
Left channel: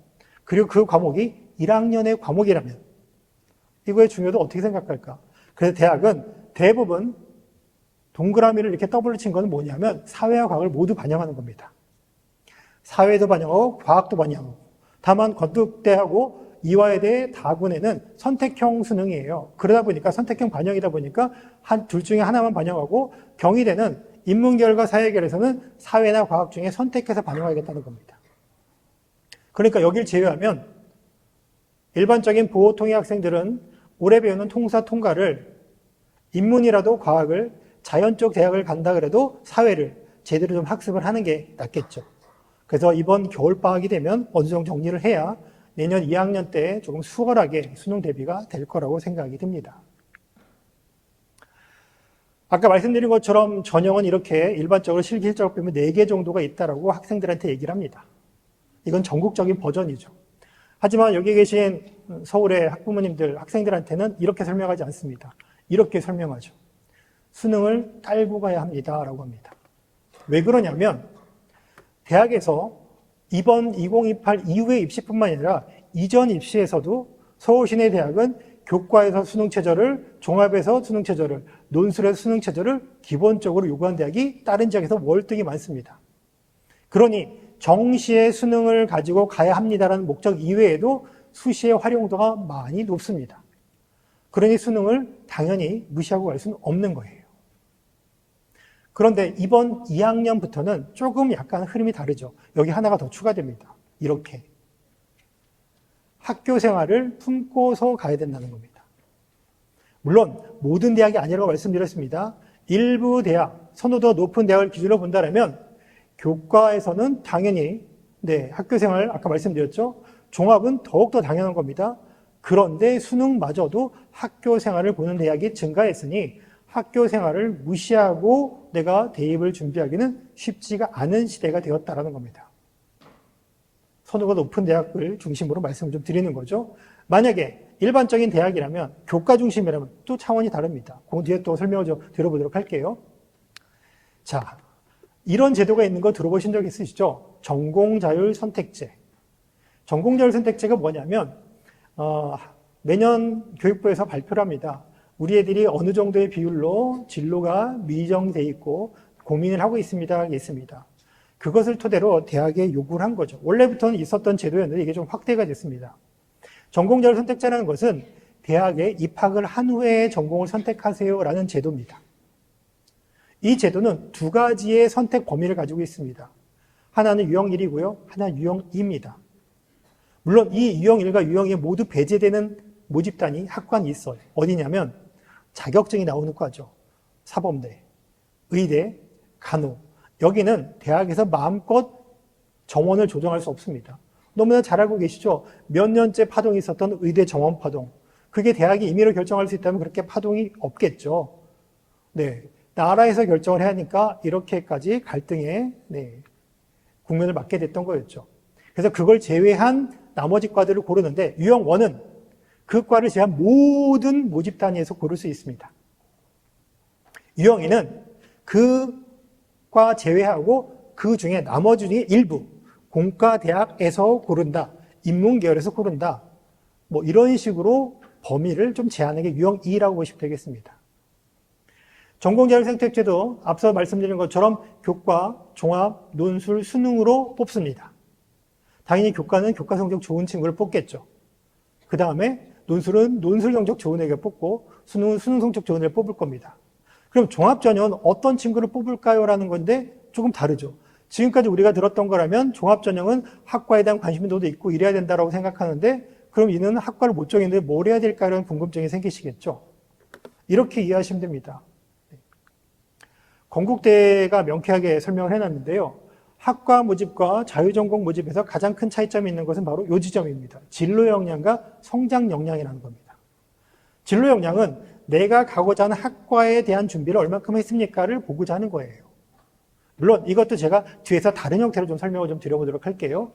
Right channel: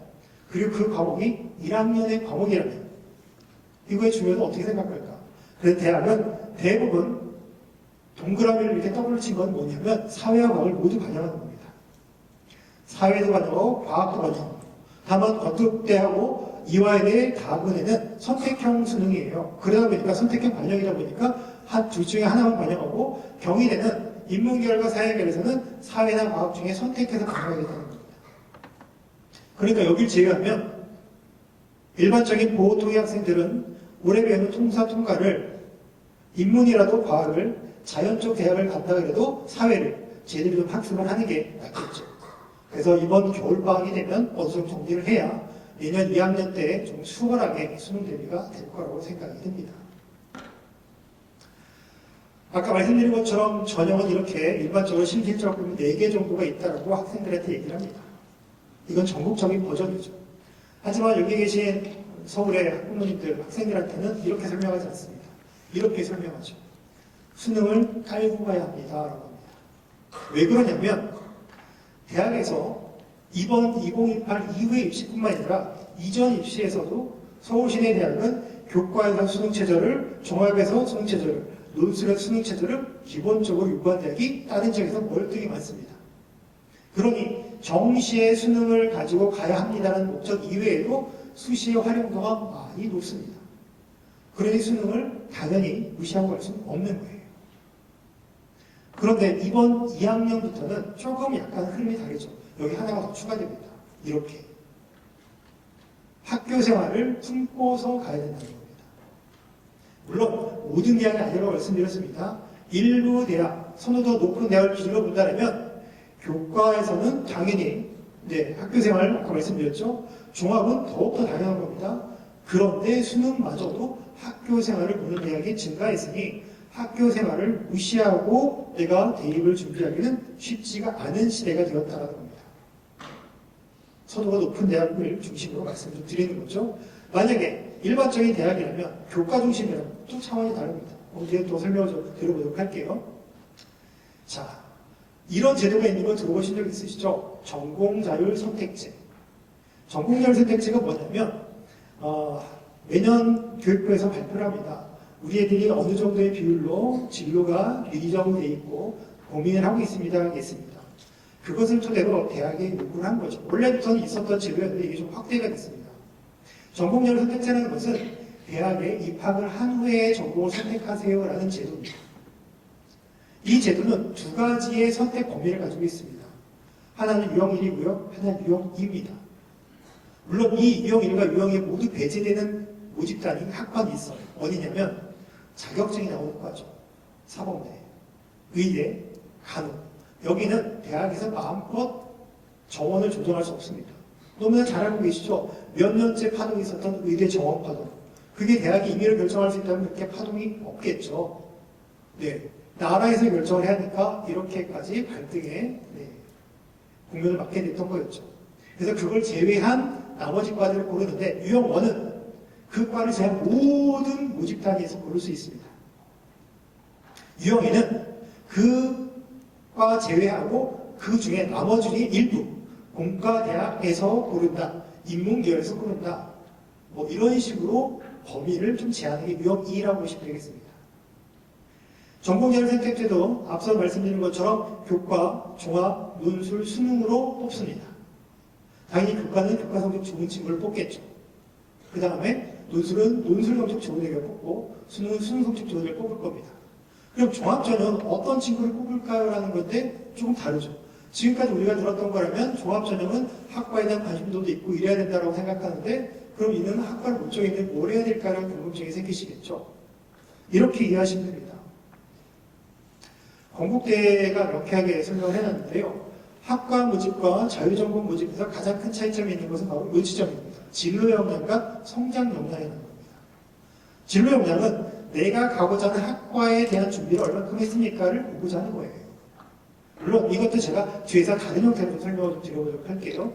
그리고 그 과목이 1학년의 과목이라면 이거의 중요도 어떻게 생각할까? 그래서 대학은 대부분 동그라미를 이렇게 더블로 친 건 뭐냐면 사회와 과학을 모두 반영하는 겁니다. 사회도 반영하고 과학도 반영하고 다만 건국대하고 이화여대 다군에는 선택형 수능이에요. 그러다 보니까 선택형 반영이다 보니까 둘 중에 하나만 반영하고 경희대는 인문계열과 사회계열에서는 사회나 과학 중에 선택해서 반영하겠다는 겁니다. 그러니까 여길 제외하면 일반적인 보호통일 학생들은 올해 배우는 통사, 통과를 인문이라도 과학을 자연 쪽 대학을 간다 그래도 사회를 제대로 좀 학습을 하는 게 낫겠죠. 그래서 이번 겨울방학이 되면 어느 정도 정리를 해야 내년 2학년 때 조금 수월하게 수능 대비가 될 거라고 생각이 듭니다. 아까 말씀드린 것처럼 전형은 이렇게 일반적으로 실기일자로 보면 4개 정도가 있다고 학생들한테 얘기를 합니다. 이건 전국적인 버전이죠. 하지만 여기 계신 서울의 학부모님들, 학생들한테는 이렇게 설명하지 않습니다. 이렇게 설명하죠. 수능을 깔고 가야 합니다. 라고 합니다. 왜 그러냐면 대학에서 이번 2028 이후의 입시뿐만 아니라 이전 입시에서도 서울시내 대학은 교과에서 수능체제를, 종합에서 수능체제를, 논술에서 수능체제를 기본적으로 요구한 대학이 다른 지역에서 월등히 많습니다. 그러니 정시의 수능을 가지고 가야 합니다라는 목적 이외에도 수시의 활용도가 많이 높습니다. 그러니 수능을 당연히 무시하고 갈 수는 없는 거예요. 그런데 이번 2학년부터는 조금 약간 흐름이 다르죠. 여기 하나가 더 추가됩니다. 이렇게. 학교 생활을 품고서 가야 된다는 겁니다. 물론 모든 대학이 아니라고 말씀드렸습니다. 일부 대학, 선호도 높은 대학을 기준으로 본다면 교과에서는 당연히 학교 생활 아까 말씀드렸죠. 종합은 더욱더 당연한 겁니다. 그런데 수능마저도 학교 생활을 보는 대학이 증가했으니 학교 생활을 무시하고 내가 대입을 준비하기는 쉽지가 않은 시대가 되었다는 겁니다. 선호가 높은 대학을 중심으로 말씀을 좀 드리는 거죠. 만약에 일반적인 대학이라면 교과 중심이라면 또 차원이 다릅니다. 그 뒤에 또 설명을 좀 들어보도록 할게요. 자, 이런 제도가 있는 거 들어보신 적 있으시죠? 전공자율 선택제. 전공자율 선택제가 뭐냐면 매년 교육부에서 발표를 합니다. 우리 애들이 어느 정도의 비율로 진로가 미정돼 있고 고민을 하고 있습니다. 그것을 토대로 대학에 요구를 한 거죠. 원래부터는 있었던 제도였는데 이게 좀 확대가 됐습니다. 전공자율 선택제라는 것은 대학에 입학을 한 후에 전공을 선택하세요라는 제도입니다. 이 제도는 두 가지의 선택 범위를 가지고 있습니다. 하나는 유형 1이고요. 하나는 유형 2입니다. 물론 이 유형 1과 유형 2 모두 배제되는 모집단이 학과に있어요. 어디냐면 자격증이 나오는 과죠. 사범대, 의대, 간호. 여기는 대학에서 마음껏 정원을 조정할 수 없습니다. 너무나 잘 알고 계시죠? 몇 년째 파동이 있었던 의대 정원 파동. 그게 대학이 임의로 결정할 수 있다면 그렇게 파동이 없겠죠. 나라에서 결정을 해야 하니까 이렇게까지 갈등에 국면을 맞게 됐던 거였죠. 그래서 그걸 제외한 나머지 과들을 고르는데 유형 1은 그 과를 제한 모든 모집 단위에서 고를 수 있습니다. 유형 2는 그 과 제외하고 그 중에 나머지 중에 일부 공과대학에서 고른다. 인문계열에서 고른다. 뭐 이런 식으로 범위를 좀 제한하는 게 유형 2라고 보시면 되겠습니다. 전공자율 선택제도 앞서 말씀드린 것처럼 교과, 종합, 논술, 수능으로 뽑습니다. 당연히 교과는 교과 성적 좋은 친구를 뽑겠죠. 그 다음에 논술은 논술 성적 좋은 애가 뽑고 수능은 수능 성적 좋은 애를 뽑을 겁니다. 그럼 종합전형은 어떤 친구를 뽑을까요? 라는 건데 조금 다르죠. 지금까지 우리가 들었던 거라면 종합전형은 학과에 대한 관심도도 있고 이래야 된다고 생각하는데 그럼 이는 학과를 못 정했는데 뭘 해야 될까라는 궁금증이 생기시겠죠. 이렇게 이해하시면 됩니다. 건국대가 명쾌하게 설명을 해놨는데요. 학과 모집과 자유전공 모집에서 가장 큰 차이점이 있는 것은 바로 이 지점입니다. 진로 역량과 성장 역량이라는 겁니다. 진로 역량은 내가 가고자 하는 학과에 대한 준비를 얼만큼 했습니까를 보고자 하는 거예요. 물론 이것도 제가 뒤에서 다른 형태로 좀 설명을 좀 드려보도록 할게요.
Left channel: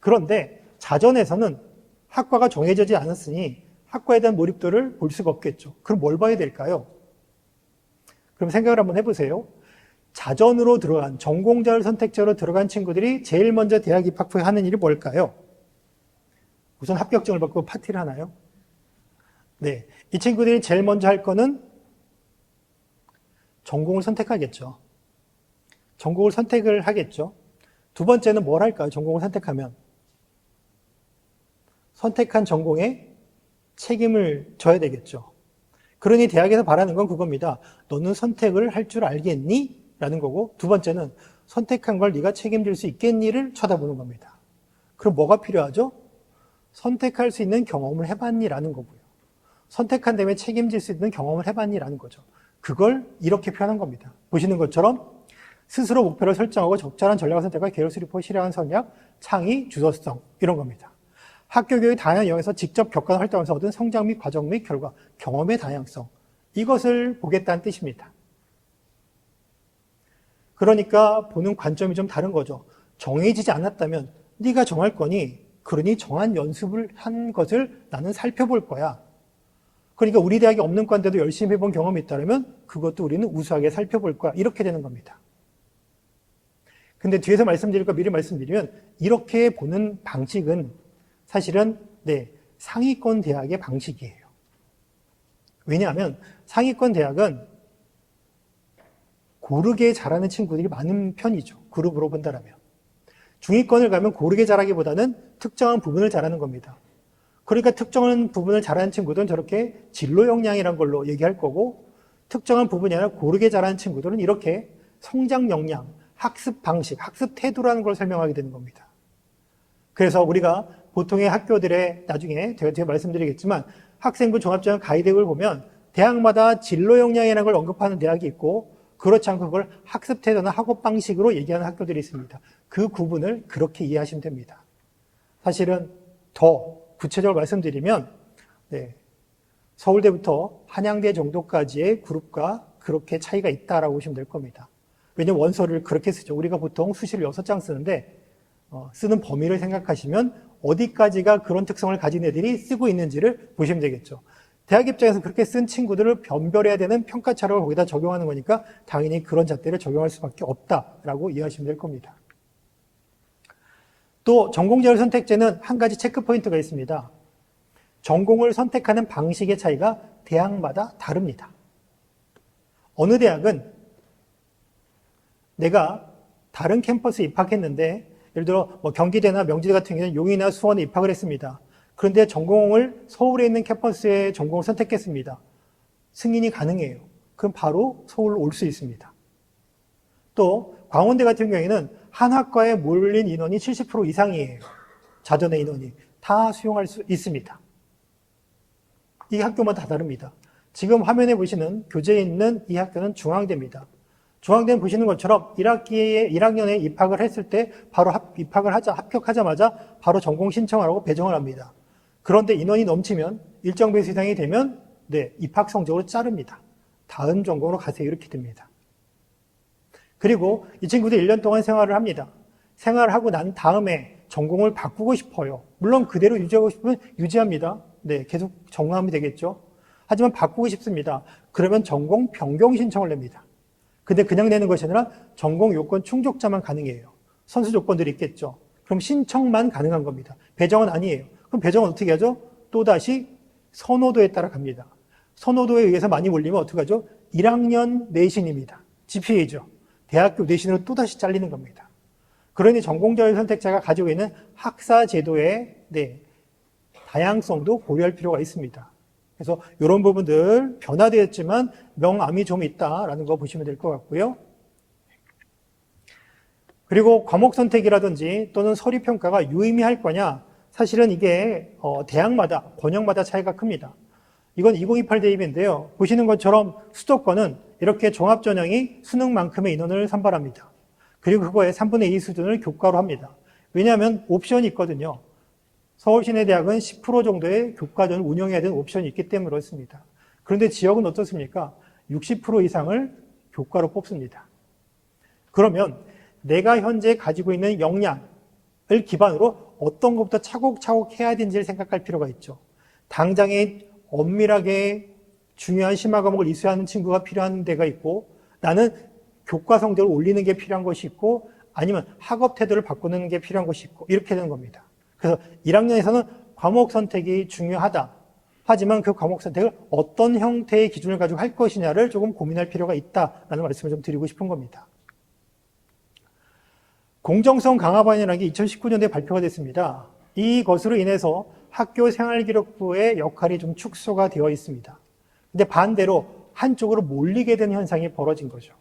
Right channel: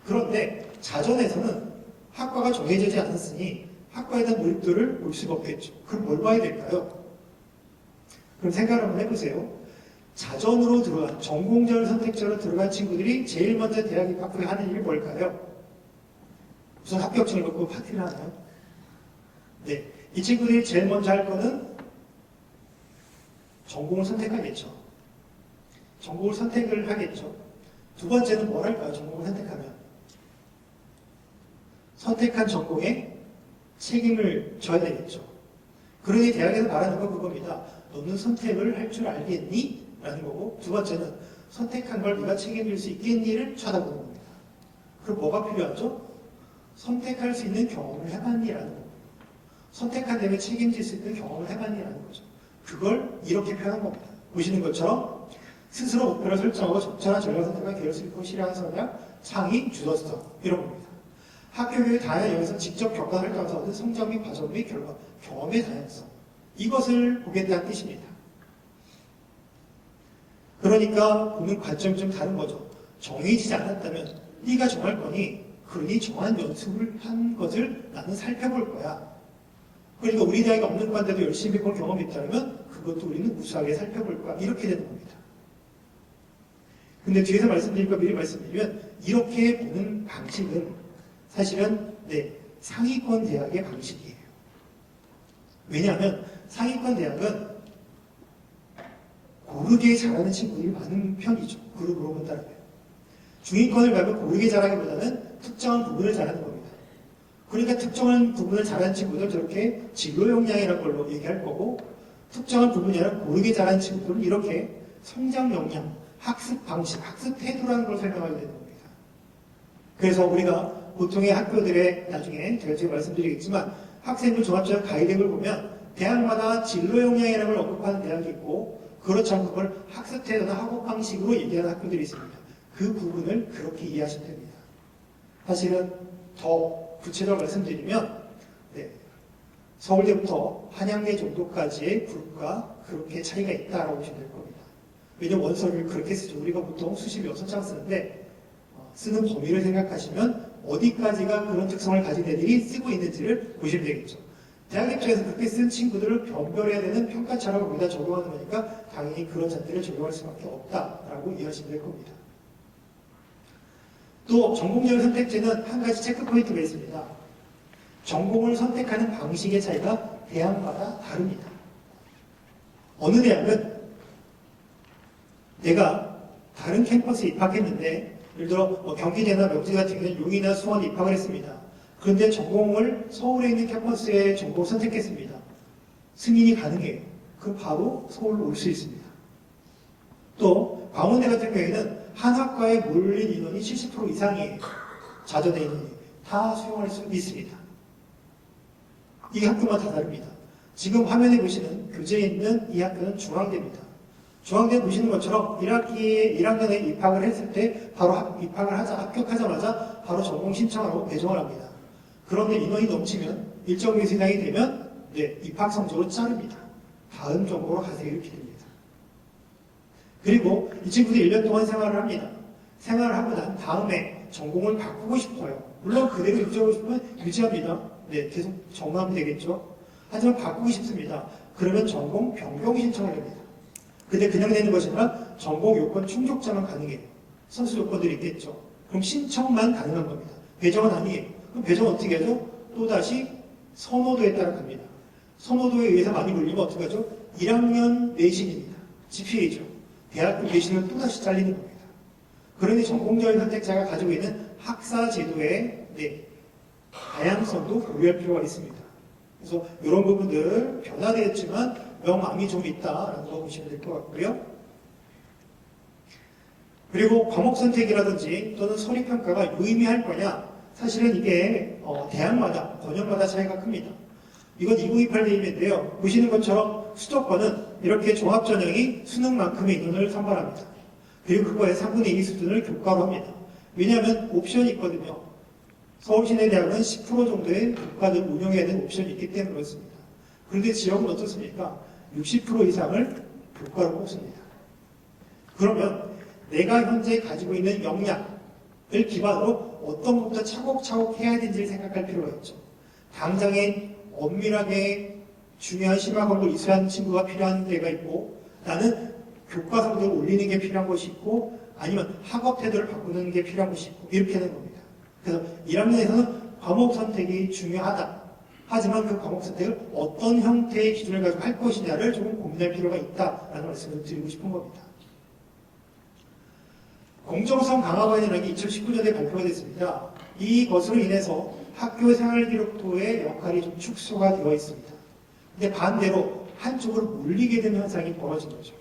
그런데 자전에서는 학과가 정해지지 않았으니 학과에 대한 몰입도를 볼 수가 없겠죠. 그럼 뭘 봐야 될까요? 그럼 생각을 한번 해보세요. 자전으로 들어간, 전공자를 선택자로 들어간 친구들이 제일 먼저 대학 입학 후에 하는 일이 뭘까요? 우선 합격증을 받고 파티를 하나요? 네. 이 친구들이 제일 먼저 할 거는 전공을 선택하겠죠. 전공을 선택을 하겠죠. 두 번째는 뭘 할까요? 전공을 선택하면. 선택한 전공에 책임을 져야 되겠죠. 그러니 대학에서 바라는 건 그겁니다. 너는 선택을 할 줄 알겠니? 라는 거고, 두 번째는 선택한 걸 네가 책임질 수 있겠니를 쳐다보는 겁니다. 그럼 뭐가 필요하죠? 선택할 수 있는 경험을 해봤니? 라는 거고요. 선택한 다음에 책임질 수 있는 경험을 해봤니? 라는 거죠. 그걸 이렇게 표현한 겁니다. 보시는 것처럼 스스로 목표를 설정하고 적절한 전략을 선택한 계열수 리포 실행한 성향, 창의, 주도성 이런 겁니다. 학교 교육의 다양한 영역에서 직접 겪은 활동에서 얻은 성장 및 과정 및 결과, 경험의 다양성 이것을 보겠다는 뜻입니다. 그러니까 보는 관점이 좀 다른 거죠. 정해지지 않았다면 네가 정할 거니 그러니 정한 연습을 한 것을 나는 살펴볼 거야. 그러니까 우리 대학에 없는 과인데도 열심히 해본 경험이 있다면 그것도 우리는 우수하게 살펴볼 거야. 이렇게 되는 겁니다. 근데 뒤에서 말씀드릴 거 미리 말씀드리면 이렇게 보는 방식은 사실은 상위권 대학의 방식이에요. 왜냐하면 상위권 대학은 고르게 잘하는 친구들이 많은 편이죠. 그룹으로 본다라면. 중위권을 가면 고르게 잘하기보다는 특정한 부분을 잘하는 겁니다. 그러니까 특정한 부분을 잘하는 친구들은 저렇게 진로 역량이라는 걸로 얘기할 거고 특정한 부분이 아니라 고르게 잘하는 친구들은 이렇게 성장 역량, 학습 방식, 학습 태도라는 걸 설명하게 되는 겁니다. 그래서 우리가 보통의 학교들의 나중에 제가 말씀드리겠지만 학생부 종합전형 가이드를 보면 대학마다 진로 역량이라는 걸 언급하는 대학이 있고 그렇지 않고 그걸 학습 태도나 학업 방식으로 얘기하는 학교들이 있습니다. 그 구분을 그렇게 이해하시면 됩니다. 사실은 더 구체적으로 말씀드리면 서울대부터 한양대 정도까지의 그룹과 그렇게 차이가 있다라고 보시면 될 겁니다. 왜냐면 원서를 그렇게 쓰죠. 우리가 보통 수시를 6장 쓰는데 쓰는 범위를 생각하시면 어디까지가 그런 특성을 가진 애들이 쓰고 있는지를 보시면 되겠죠. 대학 입장에서 그렇게 쓴 친구들을 변별해야 되는 평가차를 거기다 적용하는 거니까 당연히 그런 잣대를 적용할 수밖에 없다라고 이해하시면 될 겁니다. 또 전공자율 선택제는 한 가지 체크 포인트가 있습니다. 전공을 선택하는 방식의 차이가 대학마다 다릅니다. 어느 대학은 내가 다른 캠퍼스에 입학했는데 예를 들어 경기대나 명지대 같은 경우는 용인이나 수원에 입학을 했습니다. 그런데 전공을 서울에 있는 캠퍼스에 전공을 선택했습니다. 승인이 가능해요. 그럼 바로 서울로 올 수 있습니다. 또 광운대 같은 경우에는 한 학과에 몰린 인원이 70% 이상이에요. 자전의 인원이. 다 수용할 수 있습니다. 이 학교만 다 다릅니다. 지금 화면에 보시는 교재에 있는 이 학교는 중앙대입니다. 중앙대 보시는 것처럼 1학년에 입학을 했을 때 바로 합격하자마자 바로 전공 신청을 하고 배정을 합니다. 그런데 인원이 넘치면 일정 배수 이상이 되면 입학 성적으로 자릅니다. 다음 전공으로 가세요. 이렇게 됩니다. 그리고 이 친구들이 1년 동안 생활을 합니다. 생활을 하고 난 다음에 전공을 바꾸고 싶어요. 물론 그대로 유지하고 싶으면 유지합니다. 계속 전공하면 되겠죠. 하지만 바꾸고 싶습니다. 그러면 전공 변경 신청을 냅니다. 근데 그냥 내는 것이 아니라 전공 요건 충족자만 가능해요. 선수 조건들이 있겠죠. 그럼 신청만 가능한 겁니다. 배정은 아니에요. 그럼 배정은 어떻게 하죠? 또다시 선호도에 따라 갑니다. 선호도에 의해서 많이 올리면 어떻게 하죠? 1학년 내신입니다. GPA죠. 대학교 내신으로 또다시 잘리는 겁니다. 그러니 전공자율 선택자가 가지고 있는 학사 제도의 다양성도 고려할 필요가 있습니다. 그래서 이런 부분들 변화되었지만 명암이 좀 있다라는 거 보시면 될 것 같고요. 그리고 과목 선택이라든지 또는 서류 평가가 유의미할 거냐? 사실은 이게 대학마다 번역마다 차이가 큽니다. 이건 2028 대입인데요. 보시는 것처럼 수도권은 이렇게 종합전형이 수능만큼의 인원을 산발합니다. 그리고 그거의 3분의 2 수준을 교과로 합니다. 왜냐하면 옵션이 있거든요. 서울시내대학은 10% 정도의 교과는 운영해야 되는 옵션이 있기 때문에 그렇습니다. 그런데 지역은 어떻습니까? 60% 이상을 교과로 뽑습니다. 그러면 내가 현재 가지고 있는 역량을 기반으로 어떤 것부터 차곡차곡 해야 되는지를 생각할 필요가 있죠. 당장에 엄밀하게 중요한 심화 과목을 이수하는 친구가 필요한 데가 있고, 나는 교과 성적을 올리는 게 필요한 것이 있고, 아니면 학업 태도를 바꾸는 게 필요한 것이 있고, 이렇게 되는 겁니다. 그래서 1학년에서는 과목 선택이 중요하다. 하지만 그 과목 선택을 어떤 형태의 기준을 가지고 할 것이냐를 조금 고민할 필요가 있다라는 말씀을 좀 드리고 싶은 겁니다. 공정성 강화반이라는 게 2019년에 발표가 됐습니다. 이것으로 인해서 학교 생활기록부의 역할이 좀 축소가 되어 있습니다. 근데 반대로 한쪽으로 몰리게 되는 현상이 벌어진 거죠.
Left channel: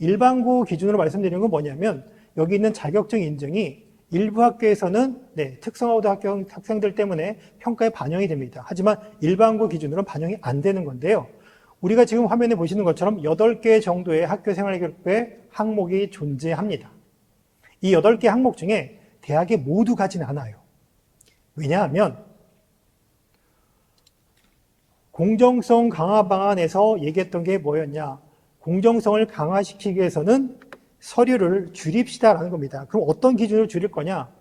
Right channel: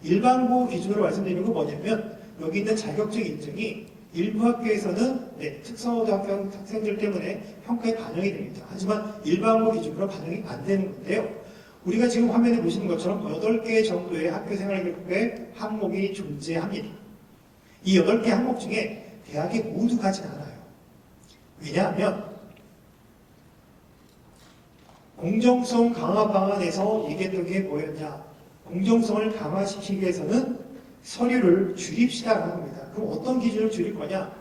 일반고 기준으로 말씀드리는 건 뭐냐면, 여기 있는 자격증 인증이 일부 학교에서는 특성화고등 학교 학생들 때문에 평가에 반영이 됩니다. 하지만 일반고 기준으로는 반영이 안 되는 건데요. 우리가 지금 화면에 보시는 것처럼 8개 정도의 학교 생활기록부의 항목이 존재합니다. 이 8개 항목 중에 대학에 모두 가진 않아요. 왜냐하면 공정성 강화 방안에서 얘기했던 게 뭐였냐? 공정성을 강화시키기 위해서는 서류를 줄입시다 하는 겁니다. 그럼 어떤 기준을 줄일 거냐?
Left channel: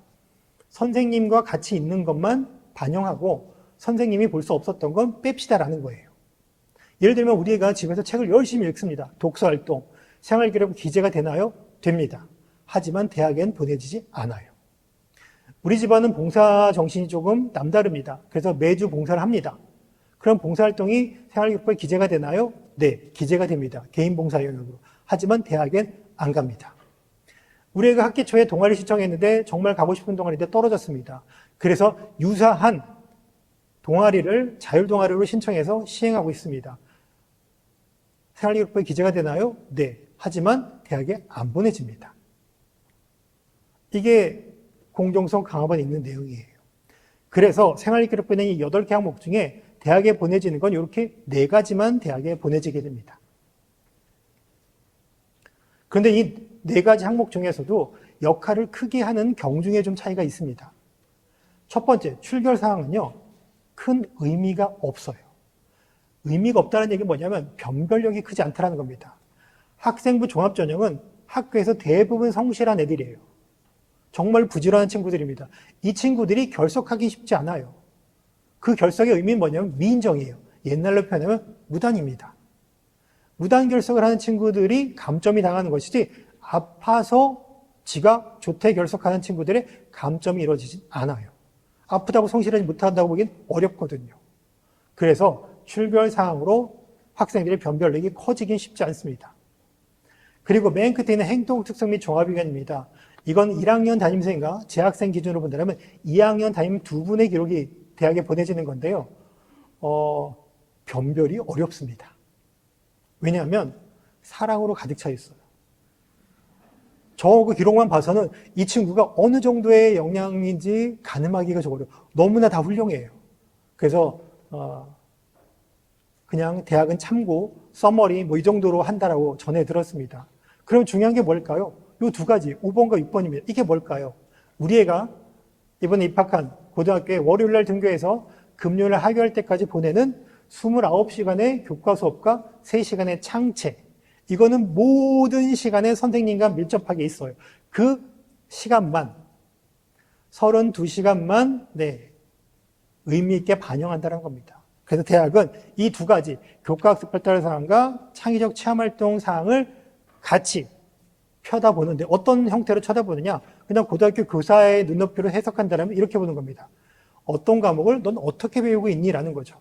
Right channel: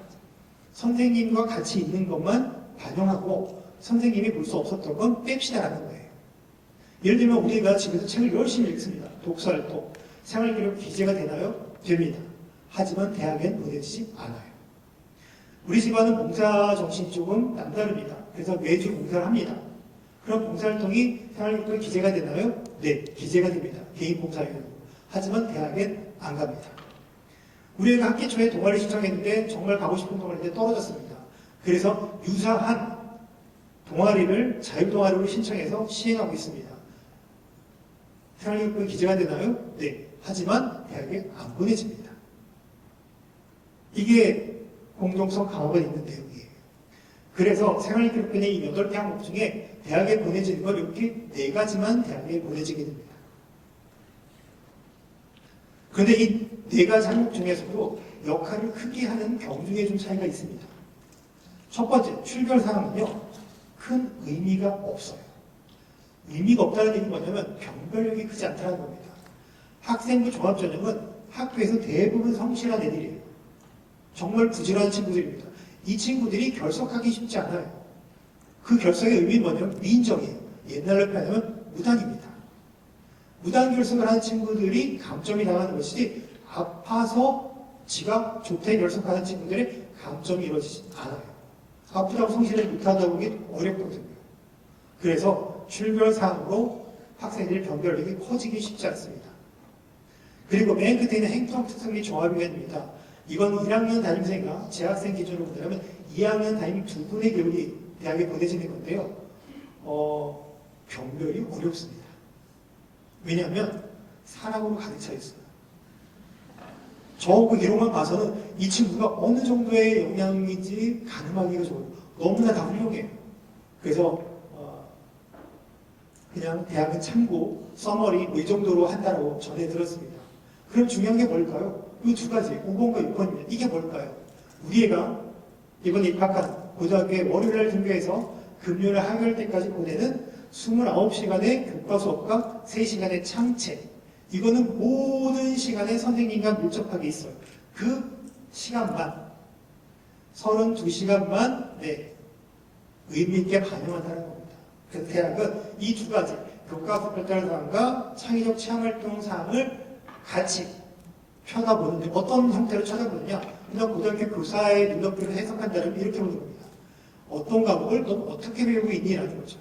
선생님과 같이 있는 것만 반영하고 선생님이 볼 수 없었던 건 뺍시다라는 거예요. 예를 들면 우리가 집에서 책을 열심히 읽습니다. 독서활동, 생활기록 기재가 되나요? 됩니다. 하지만 대학엔 보내지지 않아요. 우리 집안은 봉사 정신이 조금 남다릅니다. 그래서 매주 봉사를 합니다. 그럼 봉사활동이 생활기록부에 기재가 되나요? 네, 기재가 됩니다. 개인 봉사용으로. 하지만 대학엔 안 갑니다. 우리가 학기 초에 동아리 신청했는데 정말 가고 싶은 동아리인데 떨어졌습니다. 그래서 유사한 동아리를 자율동아리로 신청해서 시행하고 있습니다. 생활기록부에 기재가 되나요? 네. 하지만 대학에 안 보내집니다. 이게 공정성 강화가 있는 내용이에요. 그래서 생활기록부는 이 8개 항목 중에 대학에 보내지는 건 이렇게 4가지만 대학에 보내지게 됩니다. 그런데 이 4가지 항목 중에서도 역할을 크게 하는 경중에 좀 차이가 있습니다. 첫 번째, 출결사항은요, 큰 의미가 없어요. 의미가 없다는 얘기는 뭐냐면 변별력이 크지 않다는 겁니다. 학생부 종합전형은 학교에서 대부분 성실한 애들이에요. 정말 부지런한 친구들입니다. 이 친구들이 결석하기 쉽지 않아요. 그 결석의 의미는 뭐냐면 미인정이에요. 옛날로 표현하면 무당입니다. 무단 결석을 하는 친구들이 감점이 당하는 것이지, 아파서 지각, 조퇴 결석하는 친구들의 감점이 이루어지지 않아요. 아프다고 성실하지 못한다고 보기엔 어렵거든요. 그래서 출결사항으로 학생들의 변별력이 커지긴 쉽지 않습니다. 그리고 맨 끝에 있는 행동 특성 및 종합의견입니다. 이건 1학년 담임생과 재학생 기준으로 본다면 2학년 담임 2분의 기록이 대학에 보내지는 건데요. 변별이 어렵습니다. 왜냐하면 사랑으로 가득 차 있어요. 저 기록만 봐서는 이 친구가 어느 정도의 역량인지 가늠하기가 적어요. 너무나 다 훌륭해요. 그래서 그냥 대학은 참고 써머리 뭐 이 정도로 한다라고 전해 들었습니다. 그럼 중요한 게 뭘까요? 이 2가지, 5번과 6번입니다. 이게 뭘까요? 우리 애가 이번에 입학한 고등학교에 월요일날 등교해서 금요일 하교할 때까지 보내는 29시간의 교과 수업과 3시간의 창체. 이거는 모든 시간에 선생님과 밀접하게 있어요. 그 시간만, 32시간만 의미 있게 반영한다는 겁니다. 그래서 대학은 이 2가지, 교과학습 발달 사항과 창의적 체험활동 사항을 같이 쳐다보는데, 어떤 형태로 쳐다보느냐? 그냥 고등학교 교사의 눈높이로 해석한다면 이렇게 보는 겁니다. 어떤 과목을 넌 어떻게 배우고 있니? 라는 거죠.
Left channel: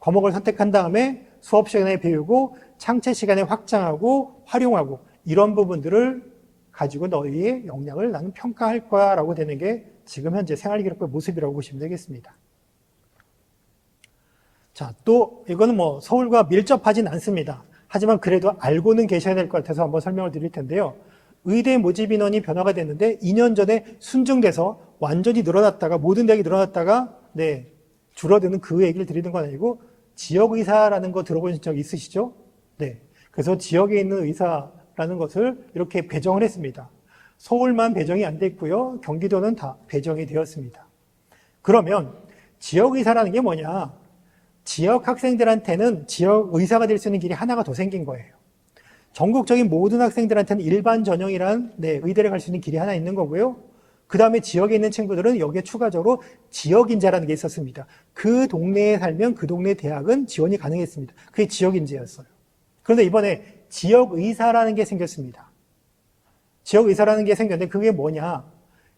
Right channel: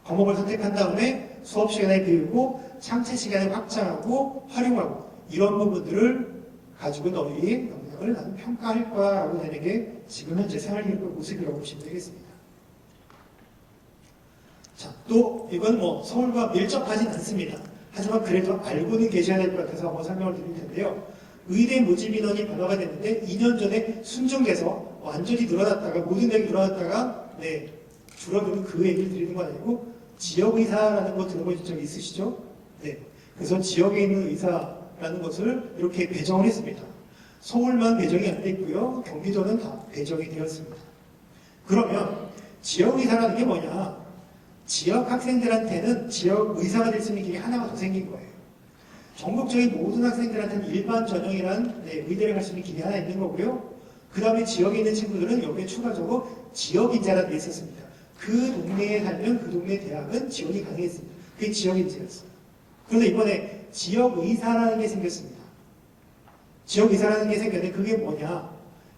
과목을 선택한 다음에 수업 시간에 배우고 창체 시간에 확장하고 활용하고, 이런 부분들을 가지고 너희의 역량을 나는 평가할 거야 라고 되는 게 지금 현재 생활기록부의 모습이라고 보시면 되겠습니다. 자, 또 이건 뭐 서울과 밀접하진 않습니다. 하지만 그래도 알고는 계셔야 될 것 같아서 한번 설명을 드릴 텐데요. 의대 모집 인원이 변화가 됐는데 2년 전에 순증돼서 완전히 늘어났다가 모든 대학이 늘어났다가 줄어드는 그 얘기를 드리는 건 아니고 지역의사라는 거 들어보신 적 있으시죠? 네. 그래서 지역에 있는 의사라는 것을 이렇게 배정을 했습니다. 서울만 배정이 안 돼 있고요. 경기도는 다 배정이 되었습니다. 그러면 지역의사라는 게 뭐냐? 지역 학생들한테는 지역 의사가 될 수 있는 길이 하나가 더 생긴 거예요. 전국적인 모든 학생들한테는 일반 전형이란 의대를 갈 수 있는 길이 하나 있는 거고요. 그 다음에 지역에 있는 친구들은 여기에 추가적으로 지역인재라는 게 있었습니다. 그 동네에 살면 그 동네 대학은 지원이 가능했습니다. 그게 지역인재였어요. 그런데 이번에 지역의사라는 게 생겼습니다. 지역의사라는 게 생겼는데 그게 뭐냐?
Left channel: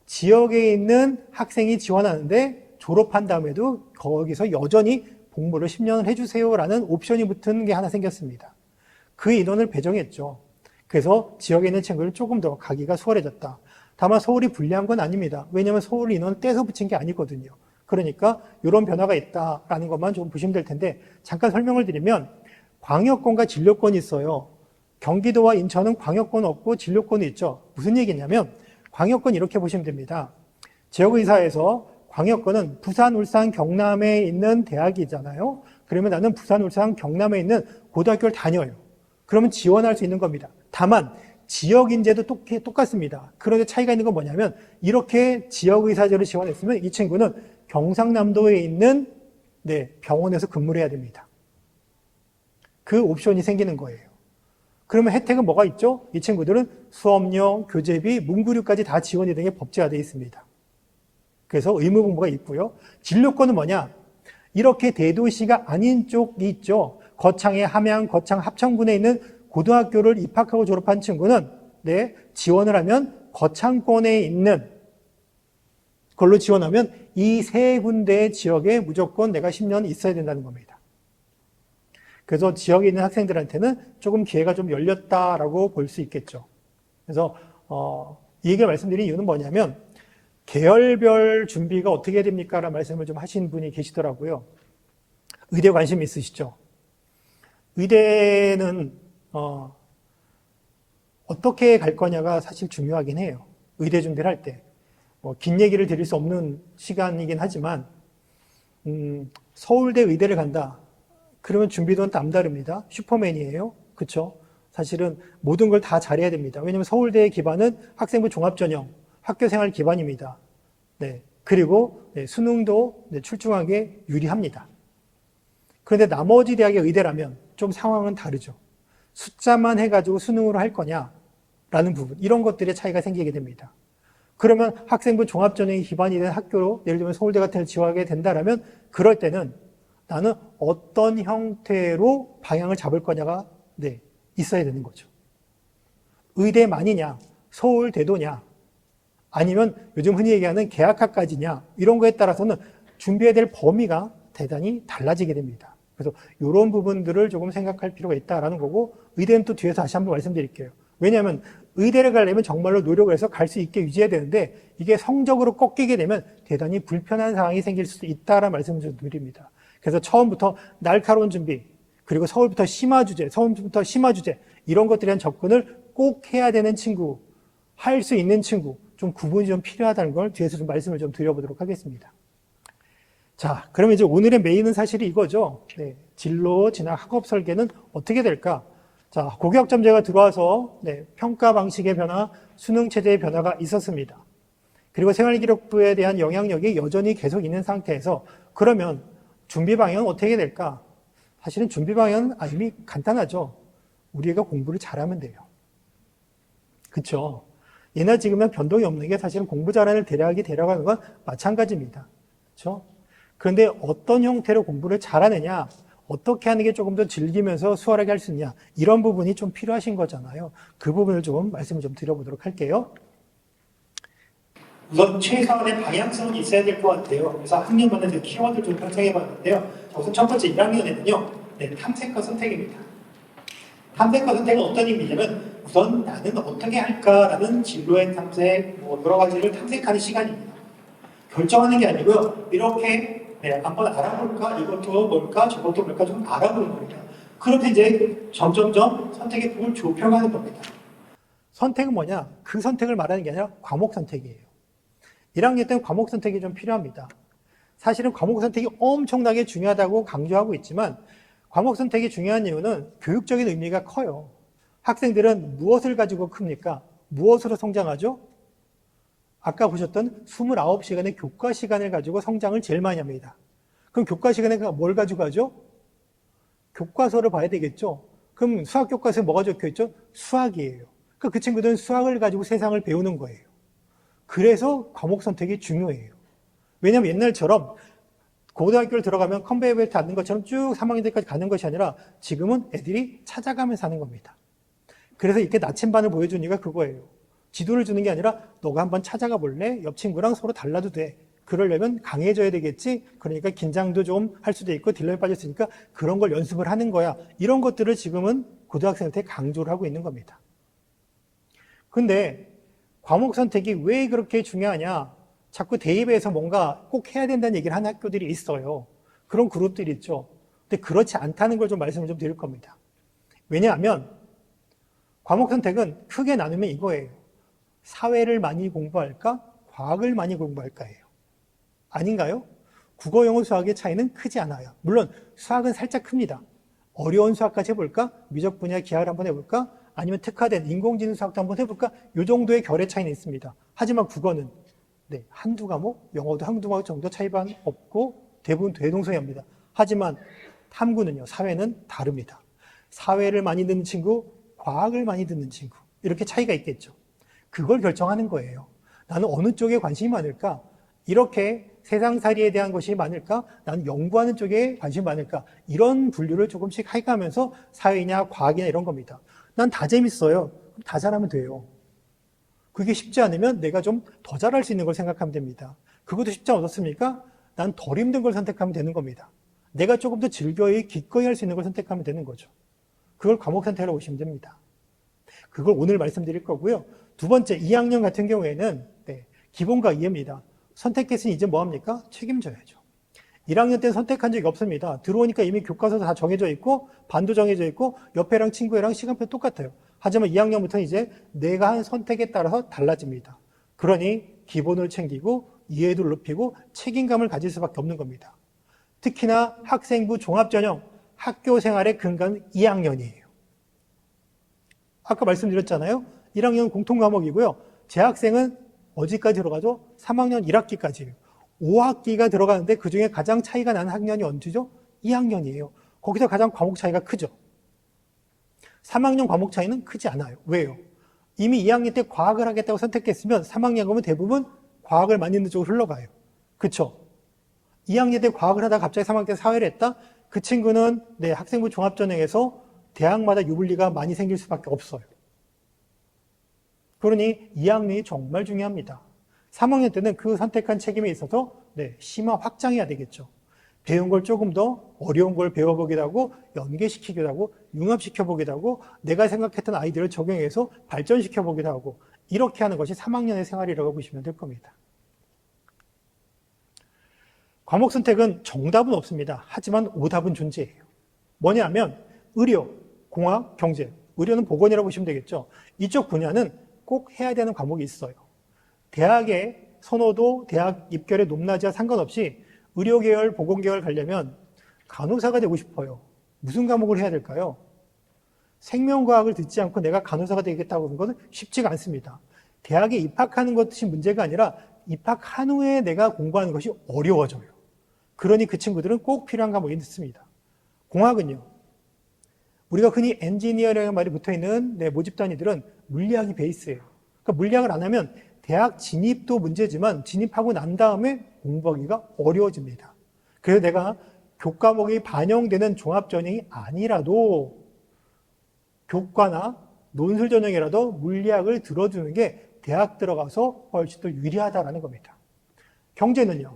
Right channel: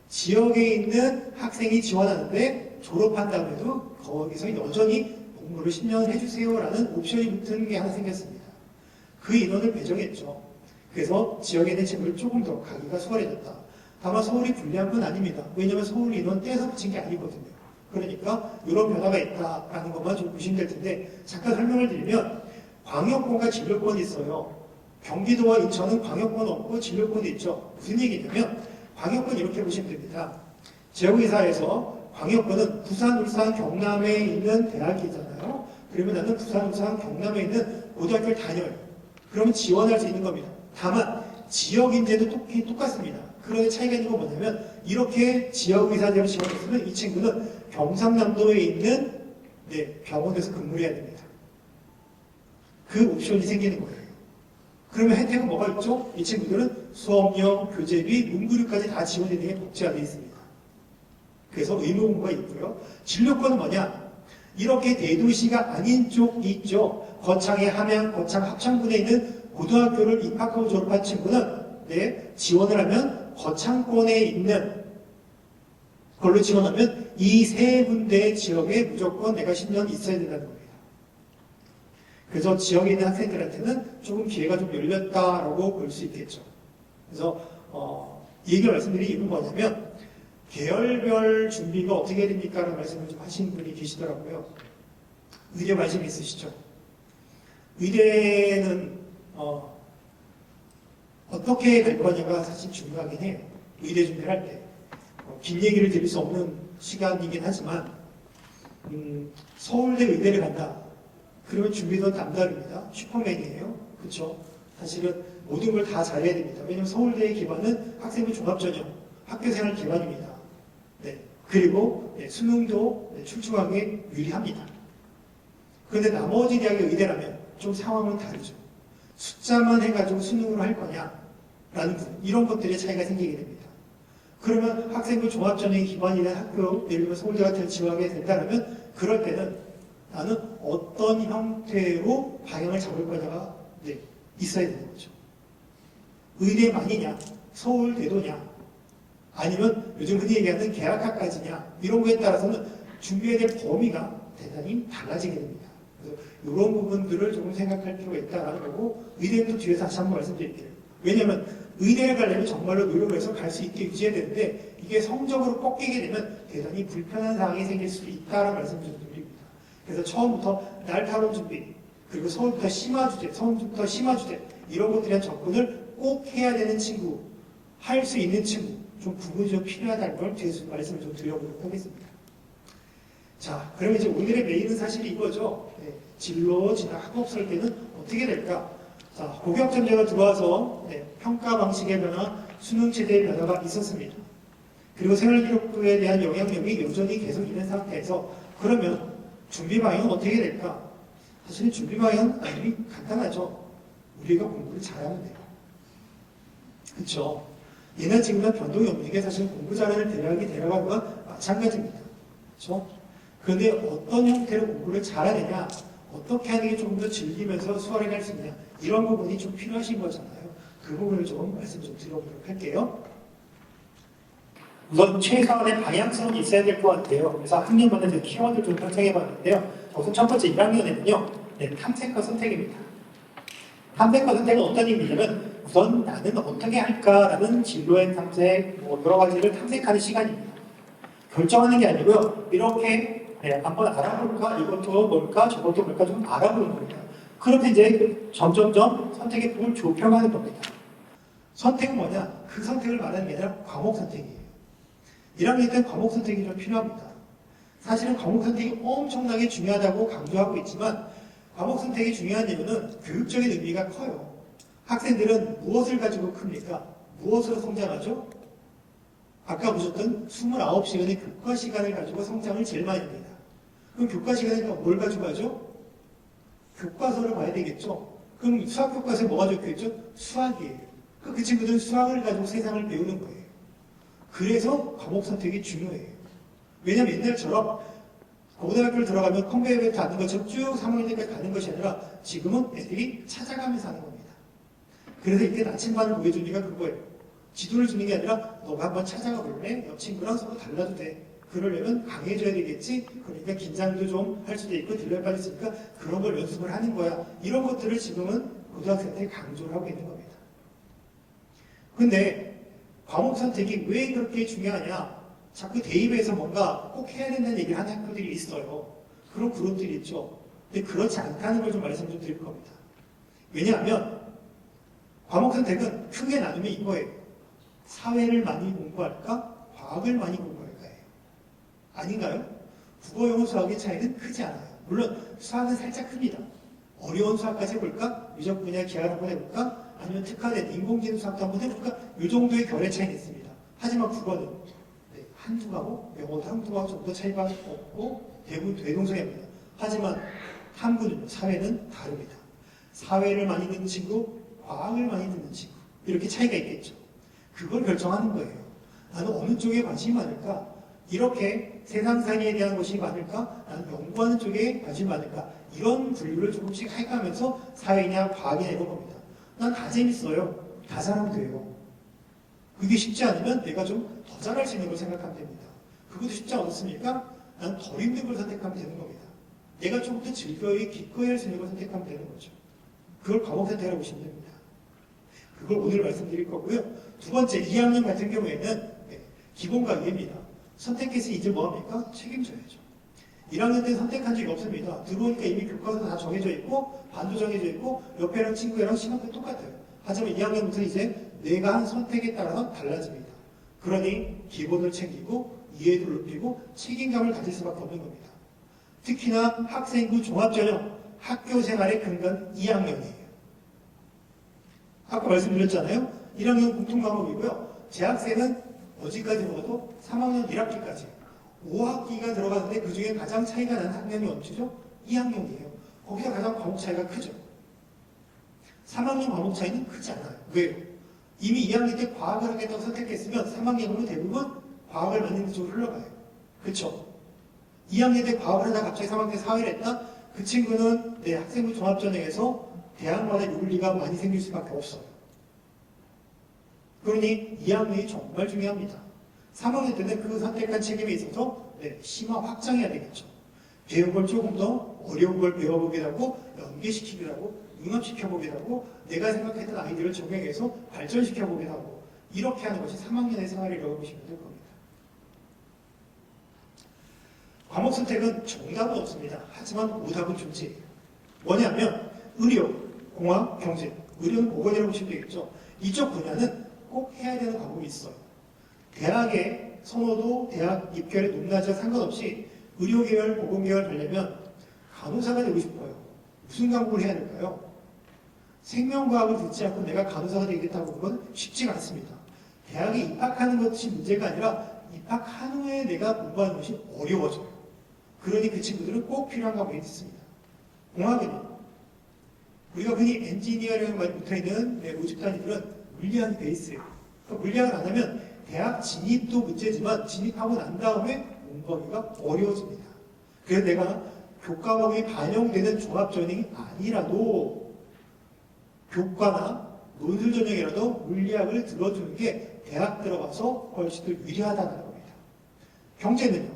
지역에 있는 학생이 지원하는데 졸업한 다음에도 거기서 여전히 공부를 10년 해주세요라는 옵션이 붙은 게 하나 생겼습니다. 그 인원을 배정했죠. 그래서 지역에 있는 친구를 조금 더 가기가 수월해졌다. 다만 서울이 불리한 건 아닙니다. 왜냐하면 서울 인원 떼서 붙인 게 아니거든요. 그러니까 이런 변화가 있다라는 것만 좀 보시면 될 텐데 잠깐 설명을 드리면 광역권과 진료권이 있어요. 경기도와 인천은 광역권 없고 진료권이 있죠. 무슨 얘기냐면 광역권 이렇게 보시면 됩니다. 지역의사에서 광역권은 부산, 울산, 경남에 있는 대학이잖아요. 그러면 나는 부산, 울산, 경남에 있는 고등학교를 다녀요. 그러면 지원할 수 있는 겁니다. 다만 지역인재도 똑같습니다. 그런데 차이가 있는 건 뭐냐면 이렇게 지역의사들을 지원했으면 이 친구는 경상남도에 있는 병원에서 근무를 해야 됩니다. 그 옵션이 생기는 거예요. 그러면 혜택은 뭐가 있죠? 이 친구들은 수업료, 교재비, 문구류까지 다 지원이 되게 복제화되어 있습니다. 그래서 의무 공부가 있고요. 진료권은 뭐냐? 이렇게 대도시가 아닌 쪽이 있죠. 거창의 함양, 거창 합천군에 있는 고등학교를 입학하고 졸업한 친구는 지원을 하면 거창권에 있는 걸로 지원하면 이 세 군데의 지역에 무조건 내가 10년 있어야 된다는 겁니다. 그래서 지역에 있는 학생들한테는 조금 기회가 좀 열렸다라고 볼 수 있겠죠. 그래서 이 얘기를 말씀드린 이유는 뭐냐면 계열별 준비가 어떻게 해야 됩니까? 라는 말씀을 좀 하신 분이 계시더라고요. 의대 관심 있으시죠? 의대는 어떻게 갈 거냐가 사실 중요하긴 해요. 의대 준비를 할 때. 긴 얘기를 드릴 수 없는 시간이긴 하지만 서울대 의대를 간다. 그러면 준비도 남다릅니다. 슈퍼맨이에요. 그렇죠? 사실은 모든 걸 다 잘해야 됩니다. 왜냐하면 서울대의 기반은 학생부 종합전형, 학교생활 기반입니다. 그리고 수능도 출중하게 유리합니다. 그런데 나머지 대학의 의대라면 좀 상황은 다르죠. 숫자만 해가지고 수능으로 할 거냐라는 부분, 이런 것들의 차이가 생기게 됩니다. 그러면 학생부 종합전형이 기반이 된 학교, 예를 들면 서울대 같은 걸 지원하게 된다면 그럴 때는 나는 어떤 형태로 방향을 잡을 거냐가 있어야 되는 거죠. 의대만이냐, 서울대도냐, 아니면 요즘 흔히 얘기하는 계약학까지냐, 이런 거에 따라서는 준비해야 될 범위가 대단히 달라지게 됩니다. 그래서 이런 부분들을 조금 생각할 필요가 있다는 거고, 의대는 또 뒤에서 다시 한번 말씀드릴게요. 왜냐하면 의대를 가려면 정말로 노력을 해서 갈 수 있게 유지해야 되는데 이게 성적으로 꺾이게 되면 대단히 불편한 상황이 생길 수도 있다라는 말씀을 좀 드립니다. 그래서 처음부터 날카로운 준비, 그리고 서울부터 심화 주제, 이런 것들에 대한 접근을 꼭 해야 되는 친구, 할 수 있는 친구, 좀 구분이 좀 필요하다는 걸 뒤에서 좀 말씀을 좀 드려보도록 하겠습니다. 자, 그러면 이제 오늘의 메인은 사실 이거죠. 진로, 진학, 학업 설계는 어떻게 될까? 자, 고교학점제가 들어와서 평가 방식의 변화, 수능 체제의 변화가 있었습니다. 그리고 생활기록부에 대한 영향력이 여전히 계속 있는 상태에서 그러면 준비 방향은 어떻게 될까? 사실은 준비 방향은 이미 간단하죠. 우리가 공부를 잘하면 돼요. 그쵸? 예나 지금은 변동이 없는 게 사실은 공부 잘하는 대학이 데려가는 건 마찬가지입니다. 그쵸? 그런데 어떤 형태로 공부를 잘하느냐, 어떻게 하는 게 조금 더 즐기면서 수월하게 할 수 있냐, 이런 부분이 좀 필요하신 거잖아요. 그 부분을 좀 말씀 좀 드려보도록 할게요. 우선 최소한의 방향성은 있어야 될 것 같아요. 그래서 학년마다 키워드를 좀 편성해 봤는데요. 우선 첫 번째 1학년에는요, 탐색과 선택입니다. 탐색과 선택은 어떤 의미냐면 우선 나는 어떻게 할까라는 진로의 탐색, 여러 가지를 탐색하는 시간입니다. 결정하는 게 아니고요. 이렇게 네, 한번 알아볼까? 이것도 뭘까? 저것도 뭘까? 좀 알아보는 겁니다. 그렇게 이제 점점점 선택의 폭을 좁혀가는 겁니다. 선택은 뭐냐? 그 선택을 말하는 게 아니라 과목 선택이에요. 1학년 때는 과목 선택이 좀 필요합니다. 사실은 과목 선택이 엄청나게 중요하다고 강조하고 있지만 과목 선택이 중요한 이유는 교육적인 의미가 커요. 학생들은 무엇을 가지고 큽니까? 무엇으로 성장하죠? 아까 보셨던 29시간의 교과 시간을 가지고 성장을 제일 많이 합니다. 그럼 교과 시간에 뭘 가지고 하죠? 교과서를 봐야 되겠죠? 그럼 수학 교과서에 뭐가 적혀 있죠? 수학이에요. 그 친구들은 수학을 가지고 세상을 배우는 거예요. 그래서 과목 선택이 중요해요. 왜냐하면 옛날처럼 고등학교를 들어가면 컨베이어 벨트 하는 것처럼 쭉 3학년 때까지 가는 것이 아니라 지금은 애들이 찾아가면서 하는 겁니다. 그래서 이렇게 나침반을 보여주는 이유가 그거예요. 지도를 주는 게 아니라 너가 한번 찾아가 볼래? 옆 친구랑 서로 달라도 돼. 그러려면 강해져야 되겠지? 그러니까 긴장도 좀 할 수도 있고 딜러에 빠졌으니까 그런 걸 연습을 하는 거야. 이런 것들을 지금은 고등학생한테 강조를 하고 있는 겁니다. 근데 과목 선택이 왜 그렇게 중요하냐? 자꾸 대입에서 뭔가 꼭 해야 된다는 얘기를 하는 학교들이 있어요. 그런 그룹들이 있죠. 근데 그렇지 않다는 걸 좀 말씀을 좀 드릴 겁니다. 왜냐하면 과목 선택은 크게 나누면 이거예요. 사회를 많이 공부할까? 과학을 많이 공부할까예요. 아닌가요? 국어, 영어, 수학의 차이는 크지 않아요. 물론 수학은 살짝 큽니다. 어려운 수학까지 해볼까? 미적 분야 기하를 한번 해볼까? 아니면 특화된 인공지능 수학도 한번 해볼까? 이 정도의 결의 차이는 있습니다. 하지만 국어는 한두 과목, 영어도 한두 과목 정도 차이가 없고 대부분 대동소이합니다. 하지만 탐구는요, 사회는 다릅니다. 사회를 많이 듣는 친구, 과학을 많이 듣는 친구 이렇게 차이가 있겠죠. 그걸 결정하는 거예요. 나는 어느 쪽에 관심이 많을까? 이렇게 세상살이에 대한 것이 많을까? 나는 연구하는 쪽에 관심이 많을까? 이런 분류를 조금씩 해가면서 사회냐 과학이냐 이런 겁니다. 난 다 재밌어요. 다 잘하면 돼요. 그게 쉽지 않으면 내가 좀 더 잘할 수 있는 걸 생각하면 됩니다. 그것도 쉽지 않았습니까? 난 덜 힘든 걸 선택하면 되는 겁니다. 내가 조금 더 즐거이 기꺼이 할 수 있는 걸 선택하면 되는 거죠. 그걸 과목 선택이라고 보시면 됩니다. 그걸 오늘 말씀드릴 거고요. 두 번째, 2학년 같은 경우에는 기본과 이해입니다. 선택했으니 이제 뭐합니까? 책임져야죠. 1학년 때는 선택한 적이 없습니다. 들어오니까 이미 교과서 다 정해져 있고 반도 정해져 있고 옆에랑 친구랑 시간표 똑같아요. 하지만 2학년부터는 이제 내가 한 선택에 따라서 달라집니다. 그러니 기본을 챙기고 이해도를 높이고 책임감을 가질 수밖에 없는 겁니다. 특히나 학생부 종합전형 학교 생활의 근간은 2학년이에요. 아까 말씀드렸잖아요. 1학년은 공통과목이고요. 재학생은 어디까지 들어가죠? 3학년 1학기까지. 5학기가 들어가는데 그중에 가장 차이가 나는 학년이 언제죠? 2학년이에요. 거기서 가장 과목 차이가 크죠. 3학년 과목 차이는 크지 않아요. 왜요? 이미 2학년 때 과학을 하겠다고 선택했으면 3학년 가면 대부분 과학을 많이 있는 쪽으로 흘러가요. 그쵸? 2학년 때 과학을 하다가 갑자기 3학년 때 사회를 했다? 그 친구는 학생부 종합전형에서 대학마다 유불리가 많이 생길 수밖에 없어요. 그러니 2학년이 정말 중요합니다. 3학년 때는 그 선택한 책임에 있어서 심화 확장해야 되겠죠. 배운 걸 조금 더 어려운 걸 배워보기도 하고 연계시키기도 하고 융합시켜보기도 하고 내가 생각했던 아이디어를 적용해서 발전시켜보기도 하고 이렇게 하는 것이 3학년의 생활이라고 보시면 될 겁니다. 과목 선택은 정답은 없습니다. 하지만 오답은 존재해요. 뭐냐면 의료, 공학, 경제, 의료는 보건이라고 보시면 되겠죠. 이쪽 분야는 꼭 해야 되는 과목이 있어요. 대학의 선호도, 대학 입결의 높낮이와 상관없이 의료계열, 보건계열 가려면 간호사가 되고 싶어요. 무슨 과목을 해야 될까요? 생명과학을 듣지 않고 내가 간호사가 되겠다고 하는 것은 쉽지가 않습니다. 대학에 입학하는 것이 문제가 아니라 입학한 후에 내가 공부하는 것이 어려워져요. 그러니 그 친구들은 꼭 필요한 과목이 있습니다. 공학은요. 우리가 흔히 엔지니어라는 말이 붙어있는 모집 단위들은 물리학이 베이스예요. 그러니까 물리학을 안 하면 대학 진입도 문제지만 진입하고 난 다음에 공부하기가 어려워집니다. 그래서 내가 교과목이 반영되는 종합전형이 아니라도 교과나 논술 전형이라도 물리학을 들어주는 게 대학 들어가서 훨씬 더 유리하다는 겁니다. 경제는요.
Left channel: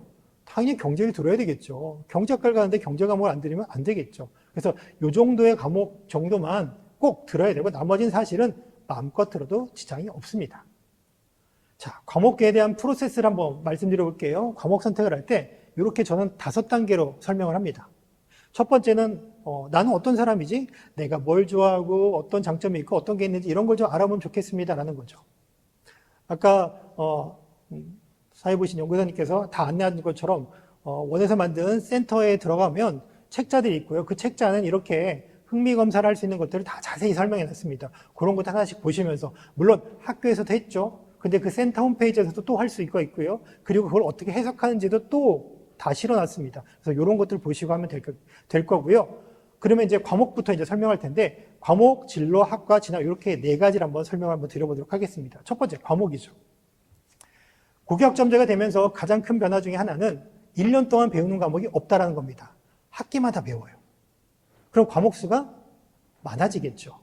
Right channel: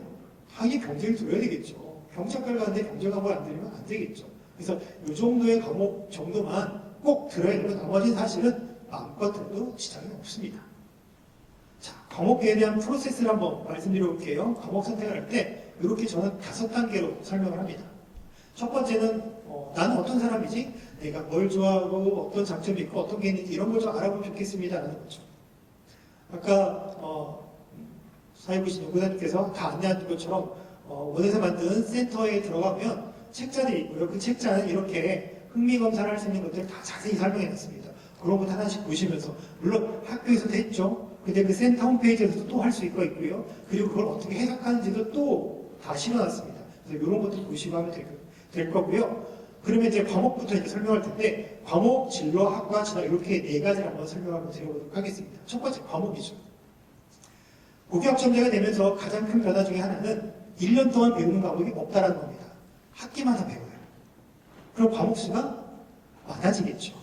당연히 경제를 들어야 되겠죠. 경제학과를 가는데 경제 과목을 안 들으면 안 되겠죠. 그래서 이 정도의 과목 정도만 꼭 들어야 되고 나머지는 사실은 마음껏 들어도 지장이 없습니다. 자, 과목에 대한 프로세스를 한번 말씀드려 볼게요. 과목 선택을 할 때 이렇게 저는 5단계로 설명을 합니다. 첫 번째는 나는 어떤 사람이지? 내가 뭘 좋아하고 어떤 장점이 있고 어떤 게 있는지 이런 걸 좀 알아보면 좋겠습니다라는 거죠. 아까 사회부신 연구사님께서 다 안내한 것처럼 원에서 만든 센터에 들어가면 책자들이 있고요. 그 책자는 이렇게 흥미검사를 할 수 있는 것들을 다 자세히 설명해 놨습니다. 그런 것도 하나씩 보시면서 물론 학교에서도 했죠. 근데 그 센터 홈페이지에서도 또 할 수 있고요. 그리고 그걸 어떻게 해석하는지도 또 다 실어놨습니다. 그래서 이런 것들 보시고 하면 될 거고요. 그러면 이제 과목부터 이제 설명할 텐데 과목, 진로, 학과, 진학 이렇게 4가지를 한번 설명을 한번 드려보도록 하겠습니다. 첫 번째 과목이죠. 고교학점제가 되면서 가장 큰 변화 중에 하나는 1년 동안 배우는 과목이 없다라는 겁니다. 학기마다 배워요. 그럼 과목 수가 많아지겠죠.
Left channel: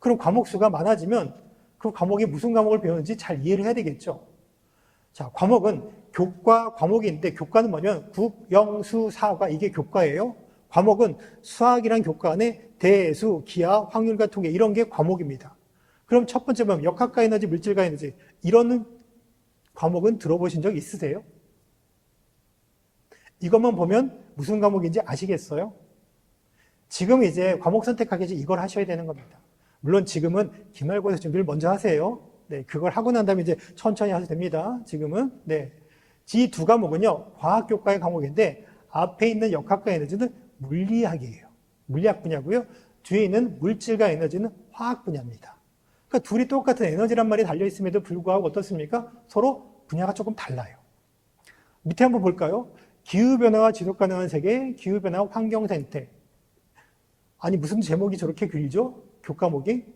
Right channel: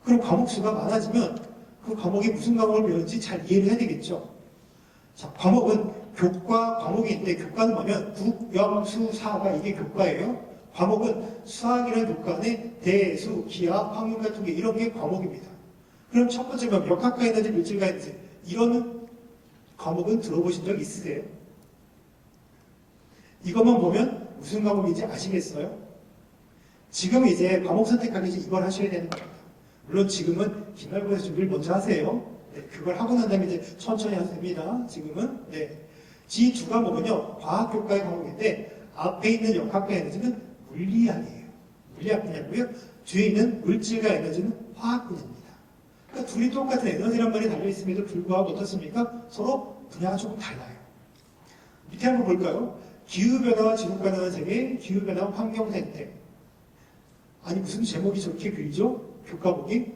그럼 과목 수가 많아지면 그 과목이 무슨 과목을 배우는지 잘 이해를 해야 되겠죠. 자, 과목은 교과 과목이 있는데 교과는 뭐냐면 국, 영, 수, 사가 이게 교과예요. 과목은 수학이란 교과 안에 대수, 기하, 확률과 통계 이런 게 과목입니다. 그럼 첫 번째 뭐 역학과 에너지, 물질과 에너지 이런 과목은 들어보신 적 있으세요? 이것만 보면 무슨 과목인지 아시겠어요? 지금 이제 과목 선택하기 전에 이걸 하셔야 되는 겁니다. 물론 지금은 기말고사 준비를 먼저 하세요. 네, 그걸 하고 난 다음에 이제 천천히 하셔도 됩니다. 지금은. 네. 이 2과목은요, 과학교과의 과목인데, 앞에 있는 역학과 에너지는 물리학이에요. 물리학 분야고요. 뒤에 있는 물질과 에너지는 화학 분야입니다. 그러니까 둘이 똑같은 에너지란 말이 달려있음에도 불구하고 어떻습니까? 서로 분야가 조금 달라요. 밑에 한번 볼까요? 기후변화와 지속가능한 세계, 기후변화와 환경생태. 아니, 무슨 제목이 저렇게 길죠? 교과목이?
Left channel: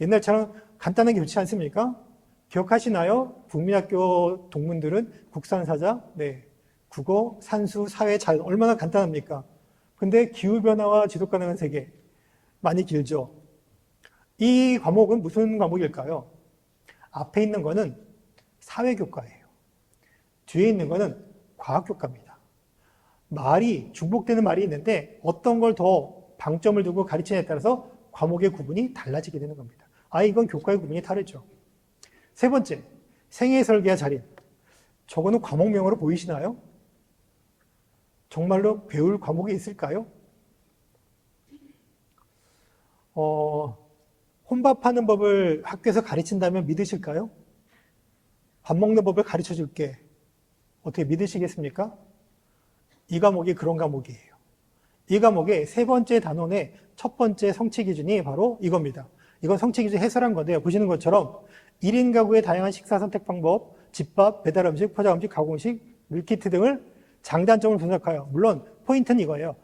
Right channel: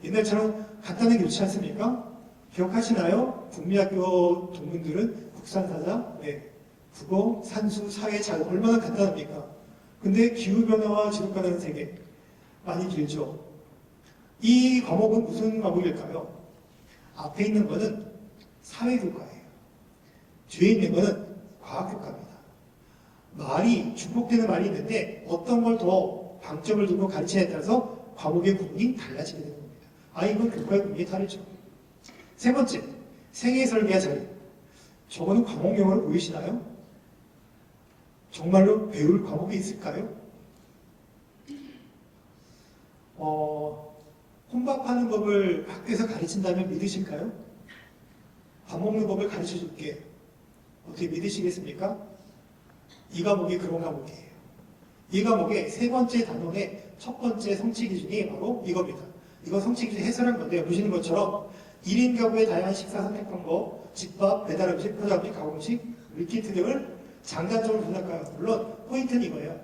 옛날처럼 간단하게 좋지 않습니까? 기억하시나요? 국민학교 동문들은 국산사자, 네, 국어, 산수, 사회, 자유 얼마나 간단합니까? 근데 기후변화와 지속가능한 세계 많이 길죠? 이 과목은 무슨 과목일까요? 앞에 있는 거는 사회교과예요. 뒤에 있는 거는 과학교과입니다. 말이 중복되는 말이 있는데 어떤 걸 더 방점을 두고 가르치냐에 따라서 과목의 구분이 달라지게 되는 겁니다. 이건 교과의 구분이 다르죠. 세 번째, 생애 설계와 자립. 저거는 과목명으로 보이시나요? 정말로 배울 과목이 있을까요? 혼밥하는 법을 학교에서 가르친다면 믿으실까요? 밥 먹는 법을 가르쳐 줄게. 어떻게 믿으시겠습니까? 이 과목이 그런 과목이에요. 이 과목의 3번째 단원의 첫 번째 성취 기준이 바로 이겁니다. 이건 성취 기준 해설한 건데요. 보시는 것처럼 1인 가구의 다양한 식사 선택 방법, 집밥, 배달 음식, 포장 음식, 가공 음식, 밀키트 등을 장단점을 분석하여 물론 포인트는 이거예요.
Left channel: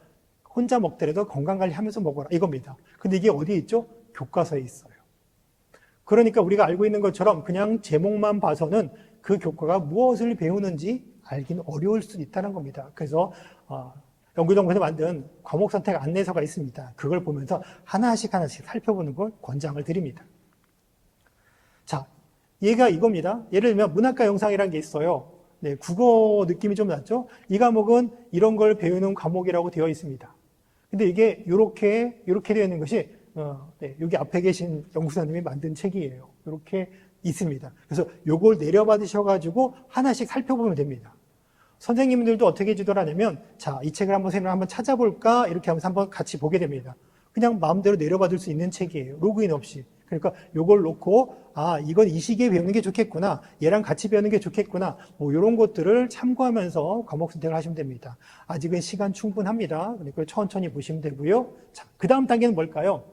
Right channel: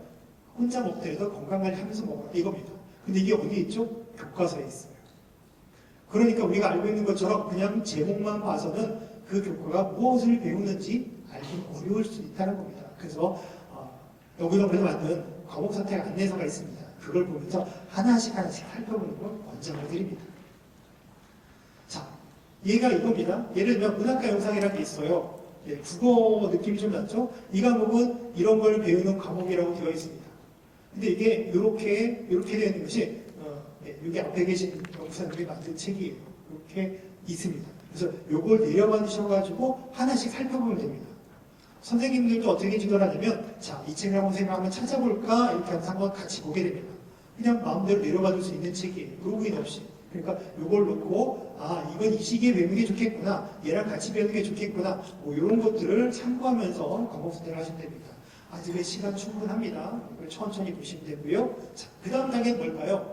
혼자 먹더라도 건강관리하면서 먹어라 이겁니다. 근데 이게 어디에 있죠? 교과서에 있어요. 그러니까 우리가 알고 있는 것처럼 그냥 제목만 봐서는 그 교과가 무엇을 배우는지 알기는 어려울 수 있다는 겁니다. 그래서 연구정보에서 만든 과목 선택 안내서가 있습니다. 그걸 보면서 하나씩 살펴보는 걸 권장을 드립니다. 자, 얘가 이겁니다. 예를 들면 문학과 영상이라는 게 있어요. 네, 국어 느낌이 좀 나죠? 이 과목은 이런 걸 배우는 과목이라고 되어 있습니다. 근데 이게 이렇게 되어 있는 것이 네, 여기 앞에 계신 연구사님이 만든 책이에요. 이렇게 있습니다. 그래서 요걸 내려받으셔가지고 하나씩 살펴보면 됩니다. 선생님들도 어떻게 지도를 하냐면 자, 이 책을 한번 찾아볼까? 이렇게 하면서 한번 같이 보게 됩니다. 그냥 마음대로 내려받을 수 있는 책이에요. 로그인 없이. 그러니까 요걸 놓고 이건 이 시기에 배우는 게 좋겠구나. 얘랑 같이 배우는 게 좋겠구나. 뭐 이런 것들을 참고하면서 과목 선택을 하시면 됩니다. 아직은 시간 충분합니다. 그걸 천천히 보시면 되고요. 자, 그 다음 단계는 뭘까요?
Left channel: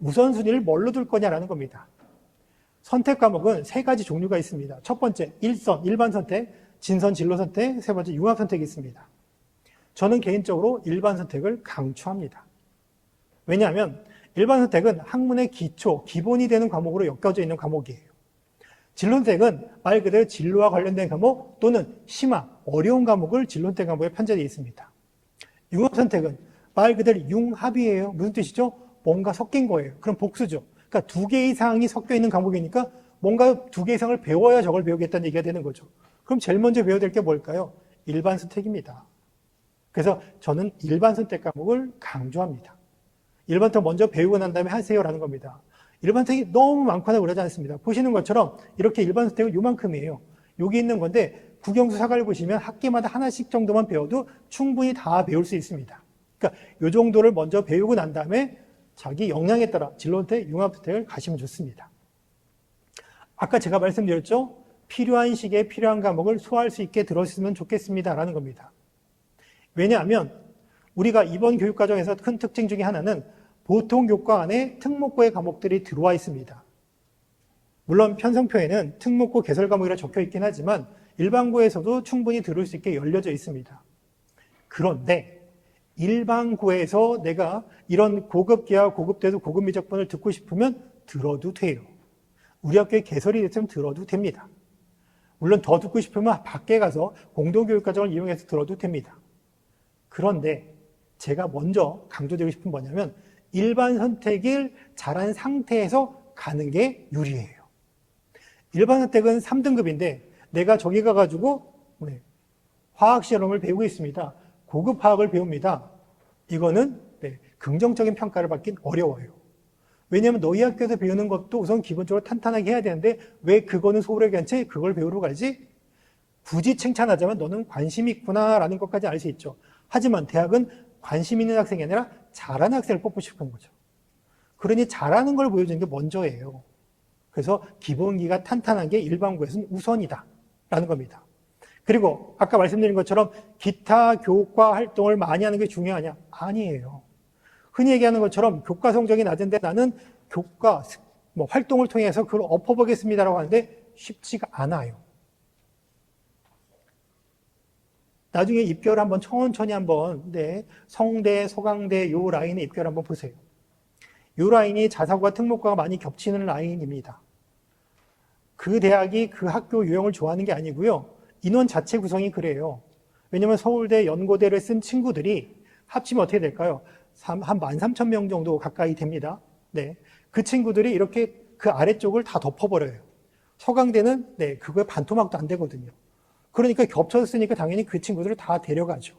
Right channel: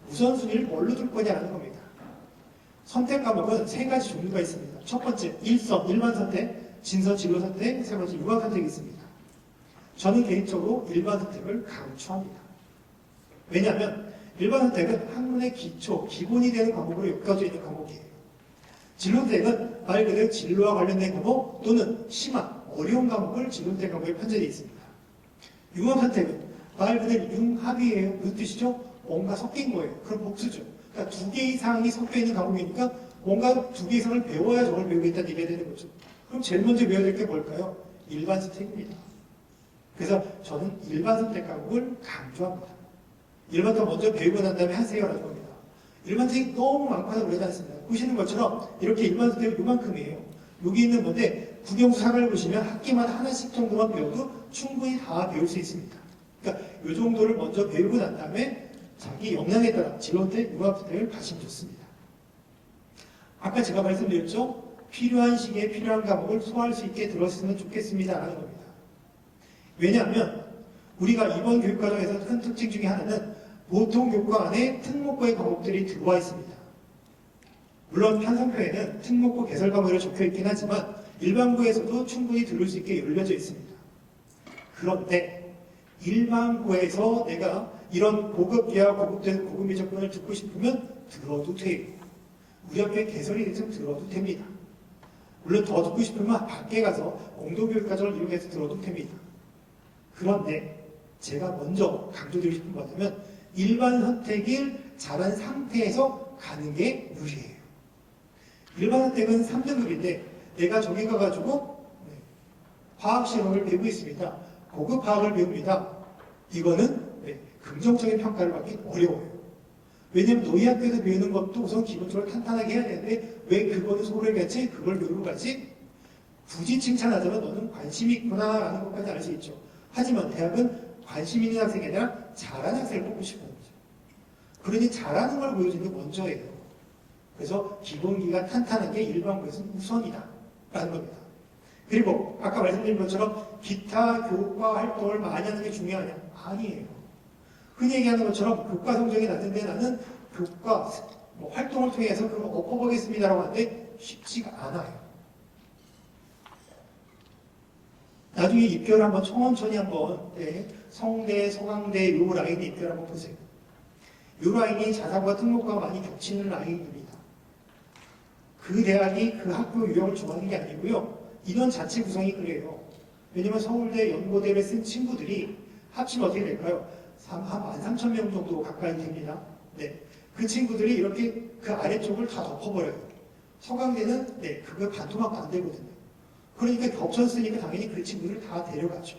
우선순위를 뭘로 둘 거냐라는 겁니다. 선택 과목은 3가지 종류가 있습니다. 첫 번째, 일반 선택, 진선 진로 선택, 세 번째, 융합 선택이 있습니다. 저는 개인적으로 일반 선택을 강추합니다. 왜냐하면 일반 선택은 학문의 기본이 되는 과목으로 엮여져 있는 과목이에요. 진로 선택은 말 그대로 진로와 관련된 과목 또는 심화, 어려운 과목을 진로 선택 과목에 편제되어 있습니다. 융합 선택은 말 그대로 융합이에요. 무슨 뜻이죠? 뭔가 섞인 거예요. 그럼 복수죠. 그러니까 2개 이상이 섞여 있는 과목이니까 뭔가 2개 이상을 배워야 저걸 배우겠다는 얘기가 되는 거죠. 그럼 제일 먼저 배워야 될 게 뭘까요? 일반 선택입니다. 그래서 저는 일반 선택 과목을 강조합니다. 일반 선택 먼저 배우고 난 다음에 하세요라는 겁니다. 일반 선택이 너무 많거나 그러지 않습니다. 보시는 것처럼 이렇게 일반 선택은 요만큼이에요. 여기 있는 건데 국영수 3을 보시면 학기마다 하나씩 정도만 배워도 충분히 다 배울 수 있습니다. 그러니까 이 정도를 먼저 배우고 난 다음에 자기 역량에 따라 진로선택, 융합선택을 가시면 좋습니다. 아까 제가 말씀드렸죠? 필요한 시기에 필요한 과목을 소화할 수 있게 들었으면 좋겠습니다라는 겁니다. 왜냐하면 우리가 이번 교육과정에서 큰 특징 중에 하나는 보통 교과 안에 특목고의 과목들이 들어와 있습니다. 물론 편성표에는 특목고 개설 과목이라 적혀 있긴 하지만 일반고에서도 충분히 들을 수 있게 열려져 있습니다. 그런데 일반고에서 내가 이런 고급계와 고급대수 고급 미적분을 듣고 싶으면 들어도 돼요. 우리 학교에 개설이 됐으면 들어도 됩니다. 물론 더 듣고 싶으면 밖에 가서 공동교육과정을 이용해서 들어도 됩니다. 그런데 제가 먼저 강조드리고 싶은 뭐냐면 일반 선택을 잘한 상태에서 가는 게 유리해요. 일반 선택은 3등급인데 내가 저기 가가지고 화학 실험을 배우고 있습니다. 고급 화학을 배웁니다. 이거는 긍정적인 평가를 받긴 어려워요. 왜냐하면 너희 학교에서 배우는 것도 우선 기본적으로 탄탄하게 해야 되는데 왜 그거는 소홀하게 하지? 그걸 배우러 가지? 굳이 칭찬하자면 너는 관심이 있구나 라는 것까지 알 수 있죠. 하지만 대학은 관심 있는 학생이 아니라 잘하는 학생을 뽑고 싶은 거죠. 그러니 잘하는 걸 보여주는 게 먼저예요. 그래서 기본기가 탄탄하게 일반고에서는 우선이다 라는 겁니다. 그리고 아까 말씀드린 것처럼 기타 교과 활동을 많이 하는 게 중요하냐? 아니에요. 흔히 얘기하는 것처럼 교과 성적이 낮은데 나는 교과 활동을 통해서 그걸 엎어보겠습니다라고 하는데 쉽지가 않아요. 나중에 입결 한번 천천히 한번 성대, 서강대 요 라인의 입결 한번 보세요. 요 라인이 자사고와 특목고가 많이 겹치는 라인입니다. 그 대학이 그 학교 유형을 좋아하는 게 아니고요. 인원 자체 구성이 그래요. 왜냐면 서울대, 연고대를 쓴 친구들이 합치면 어떻게 될까요? 한 13,000명 정도 가까이 됩니다. 그 친구들이 이렇게 그 아래쪽을 다 덮어버려요. 서강대는 그거 반토막도 안 되거든요. 그러니까 겹쳐서 쓰니까 당연히 그 친구들을 다 데려가죠.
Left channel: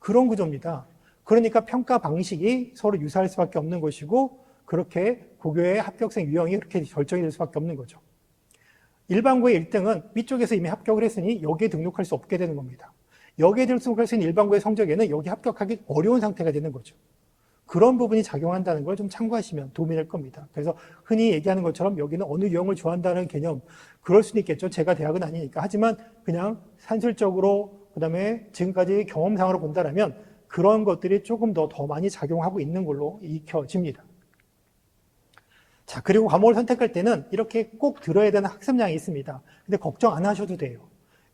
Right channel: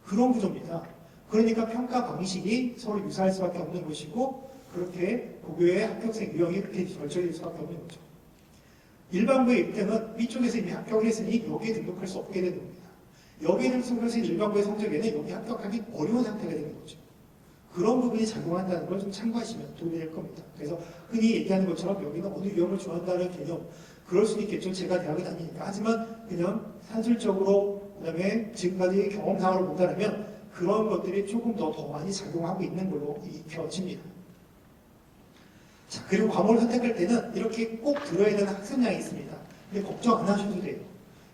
그런 구조입니다. 그러니까 평가 방식이 서로 유사할 수밖에 없는 것이고 그렇게 고교의 합격생 유형이 그렇게 결정이 될 수밖에 없는 거죠. 일반고의 1등은 위쪽에서 이미 합격을 했으니 여기에 등록할 수 없게 되는 겁니다. 여기에 등록할 수 있는 일반고의 성적에는 여기 합격하기 어려운 상태가 되는 거죠. 그런 부분이 작용한다는 걸 좀 참고하시면 도움이 될 겁니다. 그래서 흔히 얘기하는 것처럼 여기는 어느 유형을 좋아한다는 개념, 그럴 수도 있겠죠. 제가 대학은 아니니까. 하지만 그냥 산술적으로 그다음에 지금까지 경험상으로 본다면 그런 것들이 조금 더 많이 작용하고 있는 걸로 익혀집니다. 자, 그리고 과목을 선택할 때는 이렇게 꼭 들어야 되는 학습량이 있습니다. 근데 걱정 안 하셔도 돼요.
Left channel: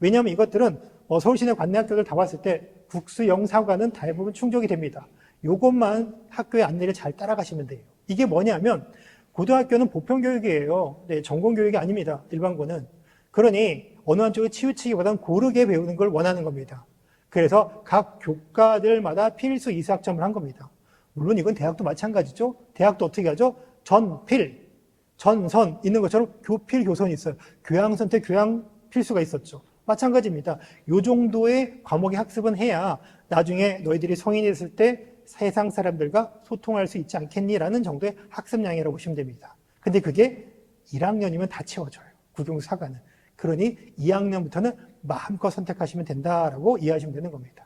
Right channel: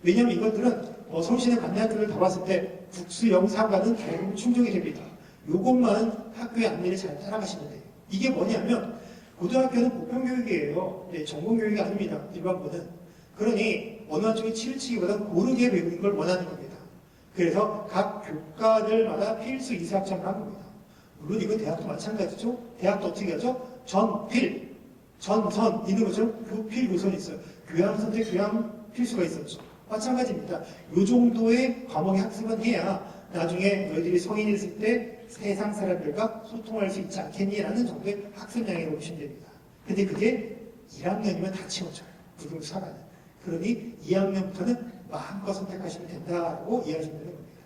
왜냐하면 이것들은 서울시내 관내학교를 다 봤을 때 국수, 영, 사과는 대부분 충족이 됩니다. 요것만 학교의 안내를 잘 따라가시면 돼요. 이게 뭐냐면 고등학교는 보편교육이에요. 전공교육이 아닙니다. 일반고는. 그러니 어느 한쪽에 치우치기보다는 고르게 배우는 걸 원하는 겁니다. 그래서 각 교과들마다 필수 이수학점을 한 겁니다. 물론 이건 대학도 마찬가지죠. 대학도 어떻게 하죠? 전필, 전선 있는 것처럼 교필, 교선이 있어요. 교양선택, 교양 필수가 있었죠. 마찬가지입니다. 이 정도의 과목의 학습은 해야 나중에 너희들이 성인이 됐을 때 세상 사람들과 소통할 수 있지 않겠니라는 정도의 학습량이라고 보시면 됩니다. 근데 그게 1학년이면 다 채워져요. 구등사과는. 그러니 2학년부터는 마음껏 선택하시면 된다라고 이해하시면 되는 겁니다.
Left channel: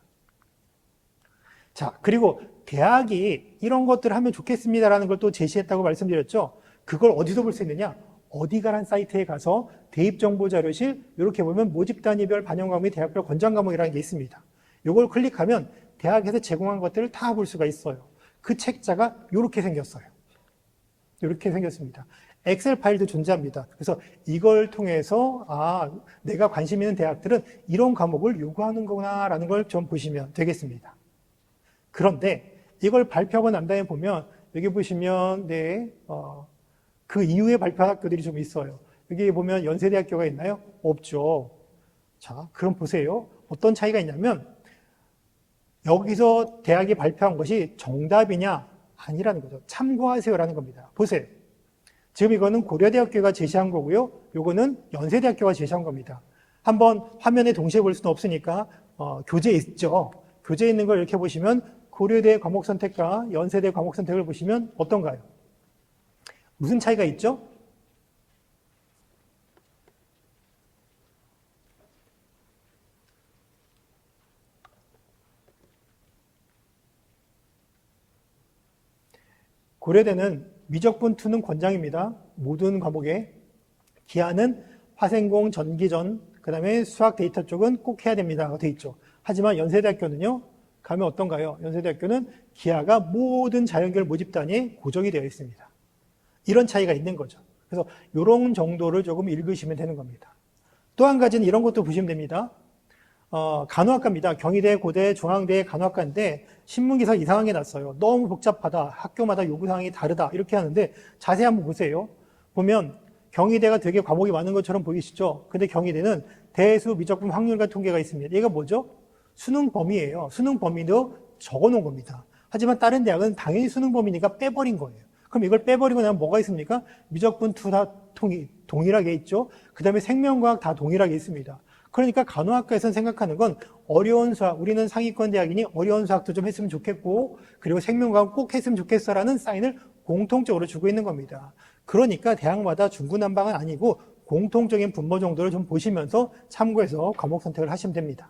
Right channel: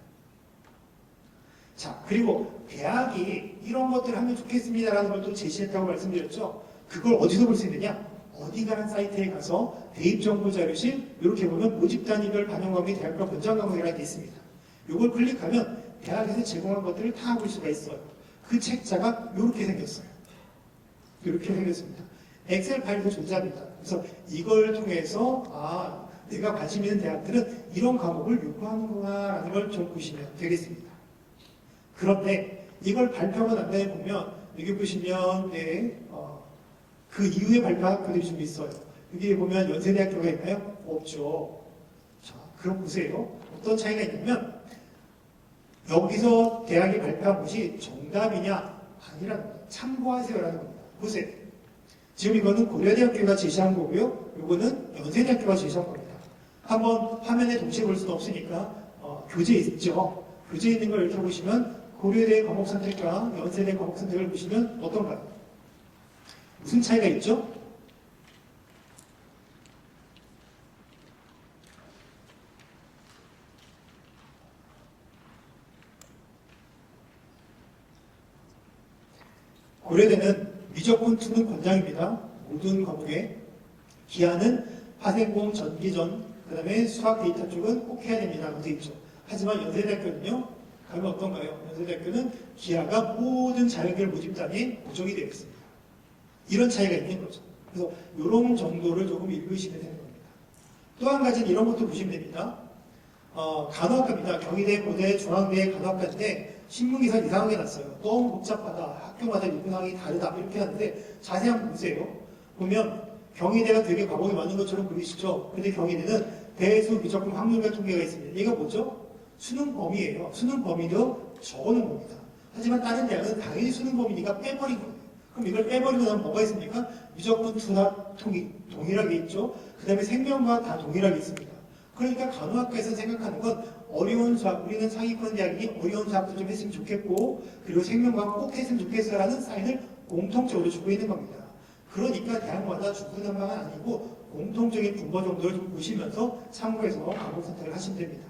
자, 그리고 대학이 이런 것들을 하면 좋겠습니다라는 걸 또 제시했다고 말씀드렸죠. 그걸 어디서 볼 수 있느냐? 어디가란 사이트에 가서 대입정보자료실 이렇게 보면 모집단위별 반영과목이 대학별 권장과목이라는 게 있습니다. 이걸 클릭하면 대학에서 제공한 것들을 다 볼 수가 있어요. 그 책자가 이렇게 생겼어요. 이렇게 생겼습니다. 엑셀 파일도 존재합니다. 그래서 이걸 통해서 내가 관심 있는 대학들은 이런 과목을 요구하는 거구나라는 걸 좀 보시면 되겠습니다. 그런데 이걸 발표하고 난 다음에 보면 여기 보시면 그 이후에 발표한 학교들이 좀 있어요. 여기 보면 연세대학교가 있나요? 없죠. 자, 그럼 보세요. 어떤 차이가 있냐면 여기서 대학이 발표한 것이 정답이냐? 아니라는 거죠. 참고하세요라는 겁니다. 보세요. 지금 이거는 고려대학교가 제시한 거고요. 이거는 연세대학교가 제시한 겁니다. 한번 화면에 동시에 볼 수는 없으니까 교재에 있죠. 교재에 있는 걸 이렇게 보시면 고려대 과목 선택과 연세대 과목 선택을 보시면 어떤가요? 무슨 차이가 있죠? 고려대는 미적분 투는 권장입니다. 모든 과목에. 기하는 화생공, 전기전, 그 다음에 수학 데이터 쪽은 꼭 해야 됩니다. 되어 있죠. 하지만 연세대학교는요, 가면 어떤가요? 연세대학교는 기하가 모든 자연계열 모집단에 고정이 되어 있습니다. 이런 차이가 있는 거죠. 그래서 이런 정도를 조금 읽으시면 되는 겁니다. 또 한 가지는 이런 것도 보시면 됩니다. 간호학과입니다. 경희대, 고대, 중앙대 간호학과인데 신문기사 이상한 게 났어요. 너무 복잡하다. 학교마다 요구사항이 다르다. 이렇게 하는데 자세히 한번 보세요. 보면 경희대가 되게 과목이 많은 것처럼 보이시죠? 근데 경희대는 대수, 미적분, 확률과 통계가 있습니다. 얘가 뭐죠? 수능 범위예요. 수능 범위도 적어놓은 겁니다. 하지만 다른 대학은 당연히 수능 범위니까 빼버린 거예요. 그럼 이걸 빼버리고 나면 뭐가 있습니까? 미적분 투 다 동일하게 있죠. 그 다음에 생명과학 다 동일하게 있습니다. 그러니까 간호학과에서 생각하는 건 어려운 수학, 우리는 상위권 대학이니 어려운 수학도 좀 했으면 좋겠고, 그리고 생명과학 꼭 했으면 좋겠어라는 사인을 공통적으로 주고 있는 겁니다. 그러니까 대학마다 중구난방은 아니고 공통적인 분모 정도를 좀 보시면서 참고해서 과목 선택을 하시면 됩니다.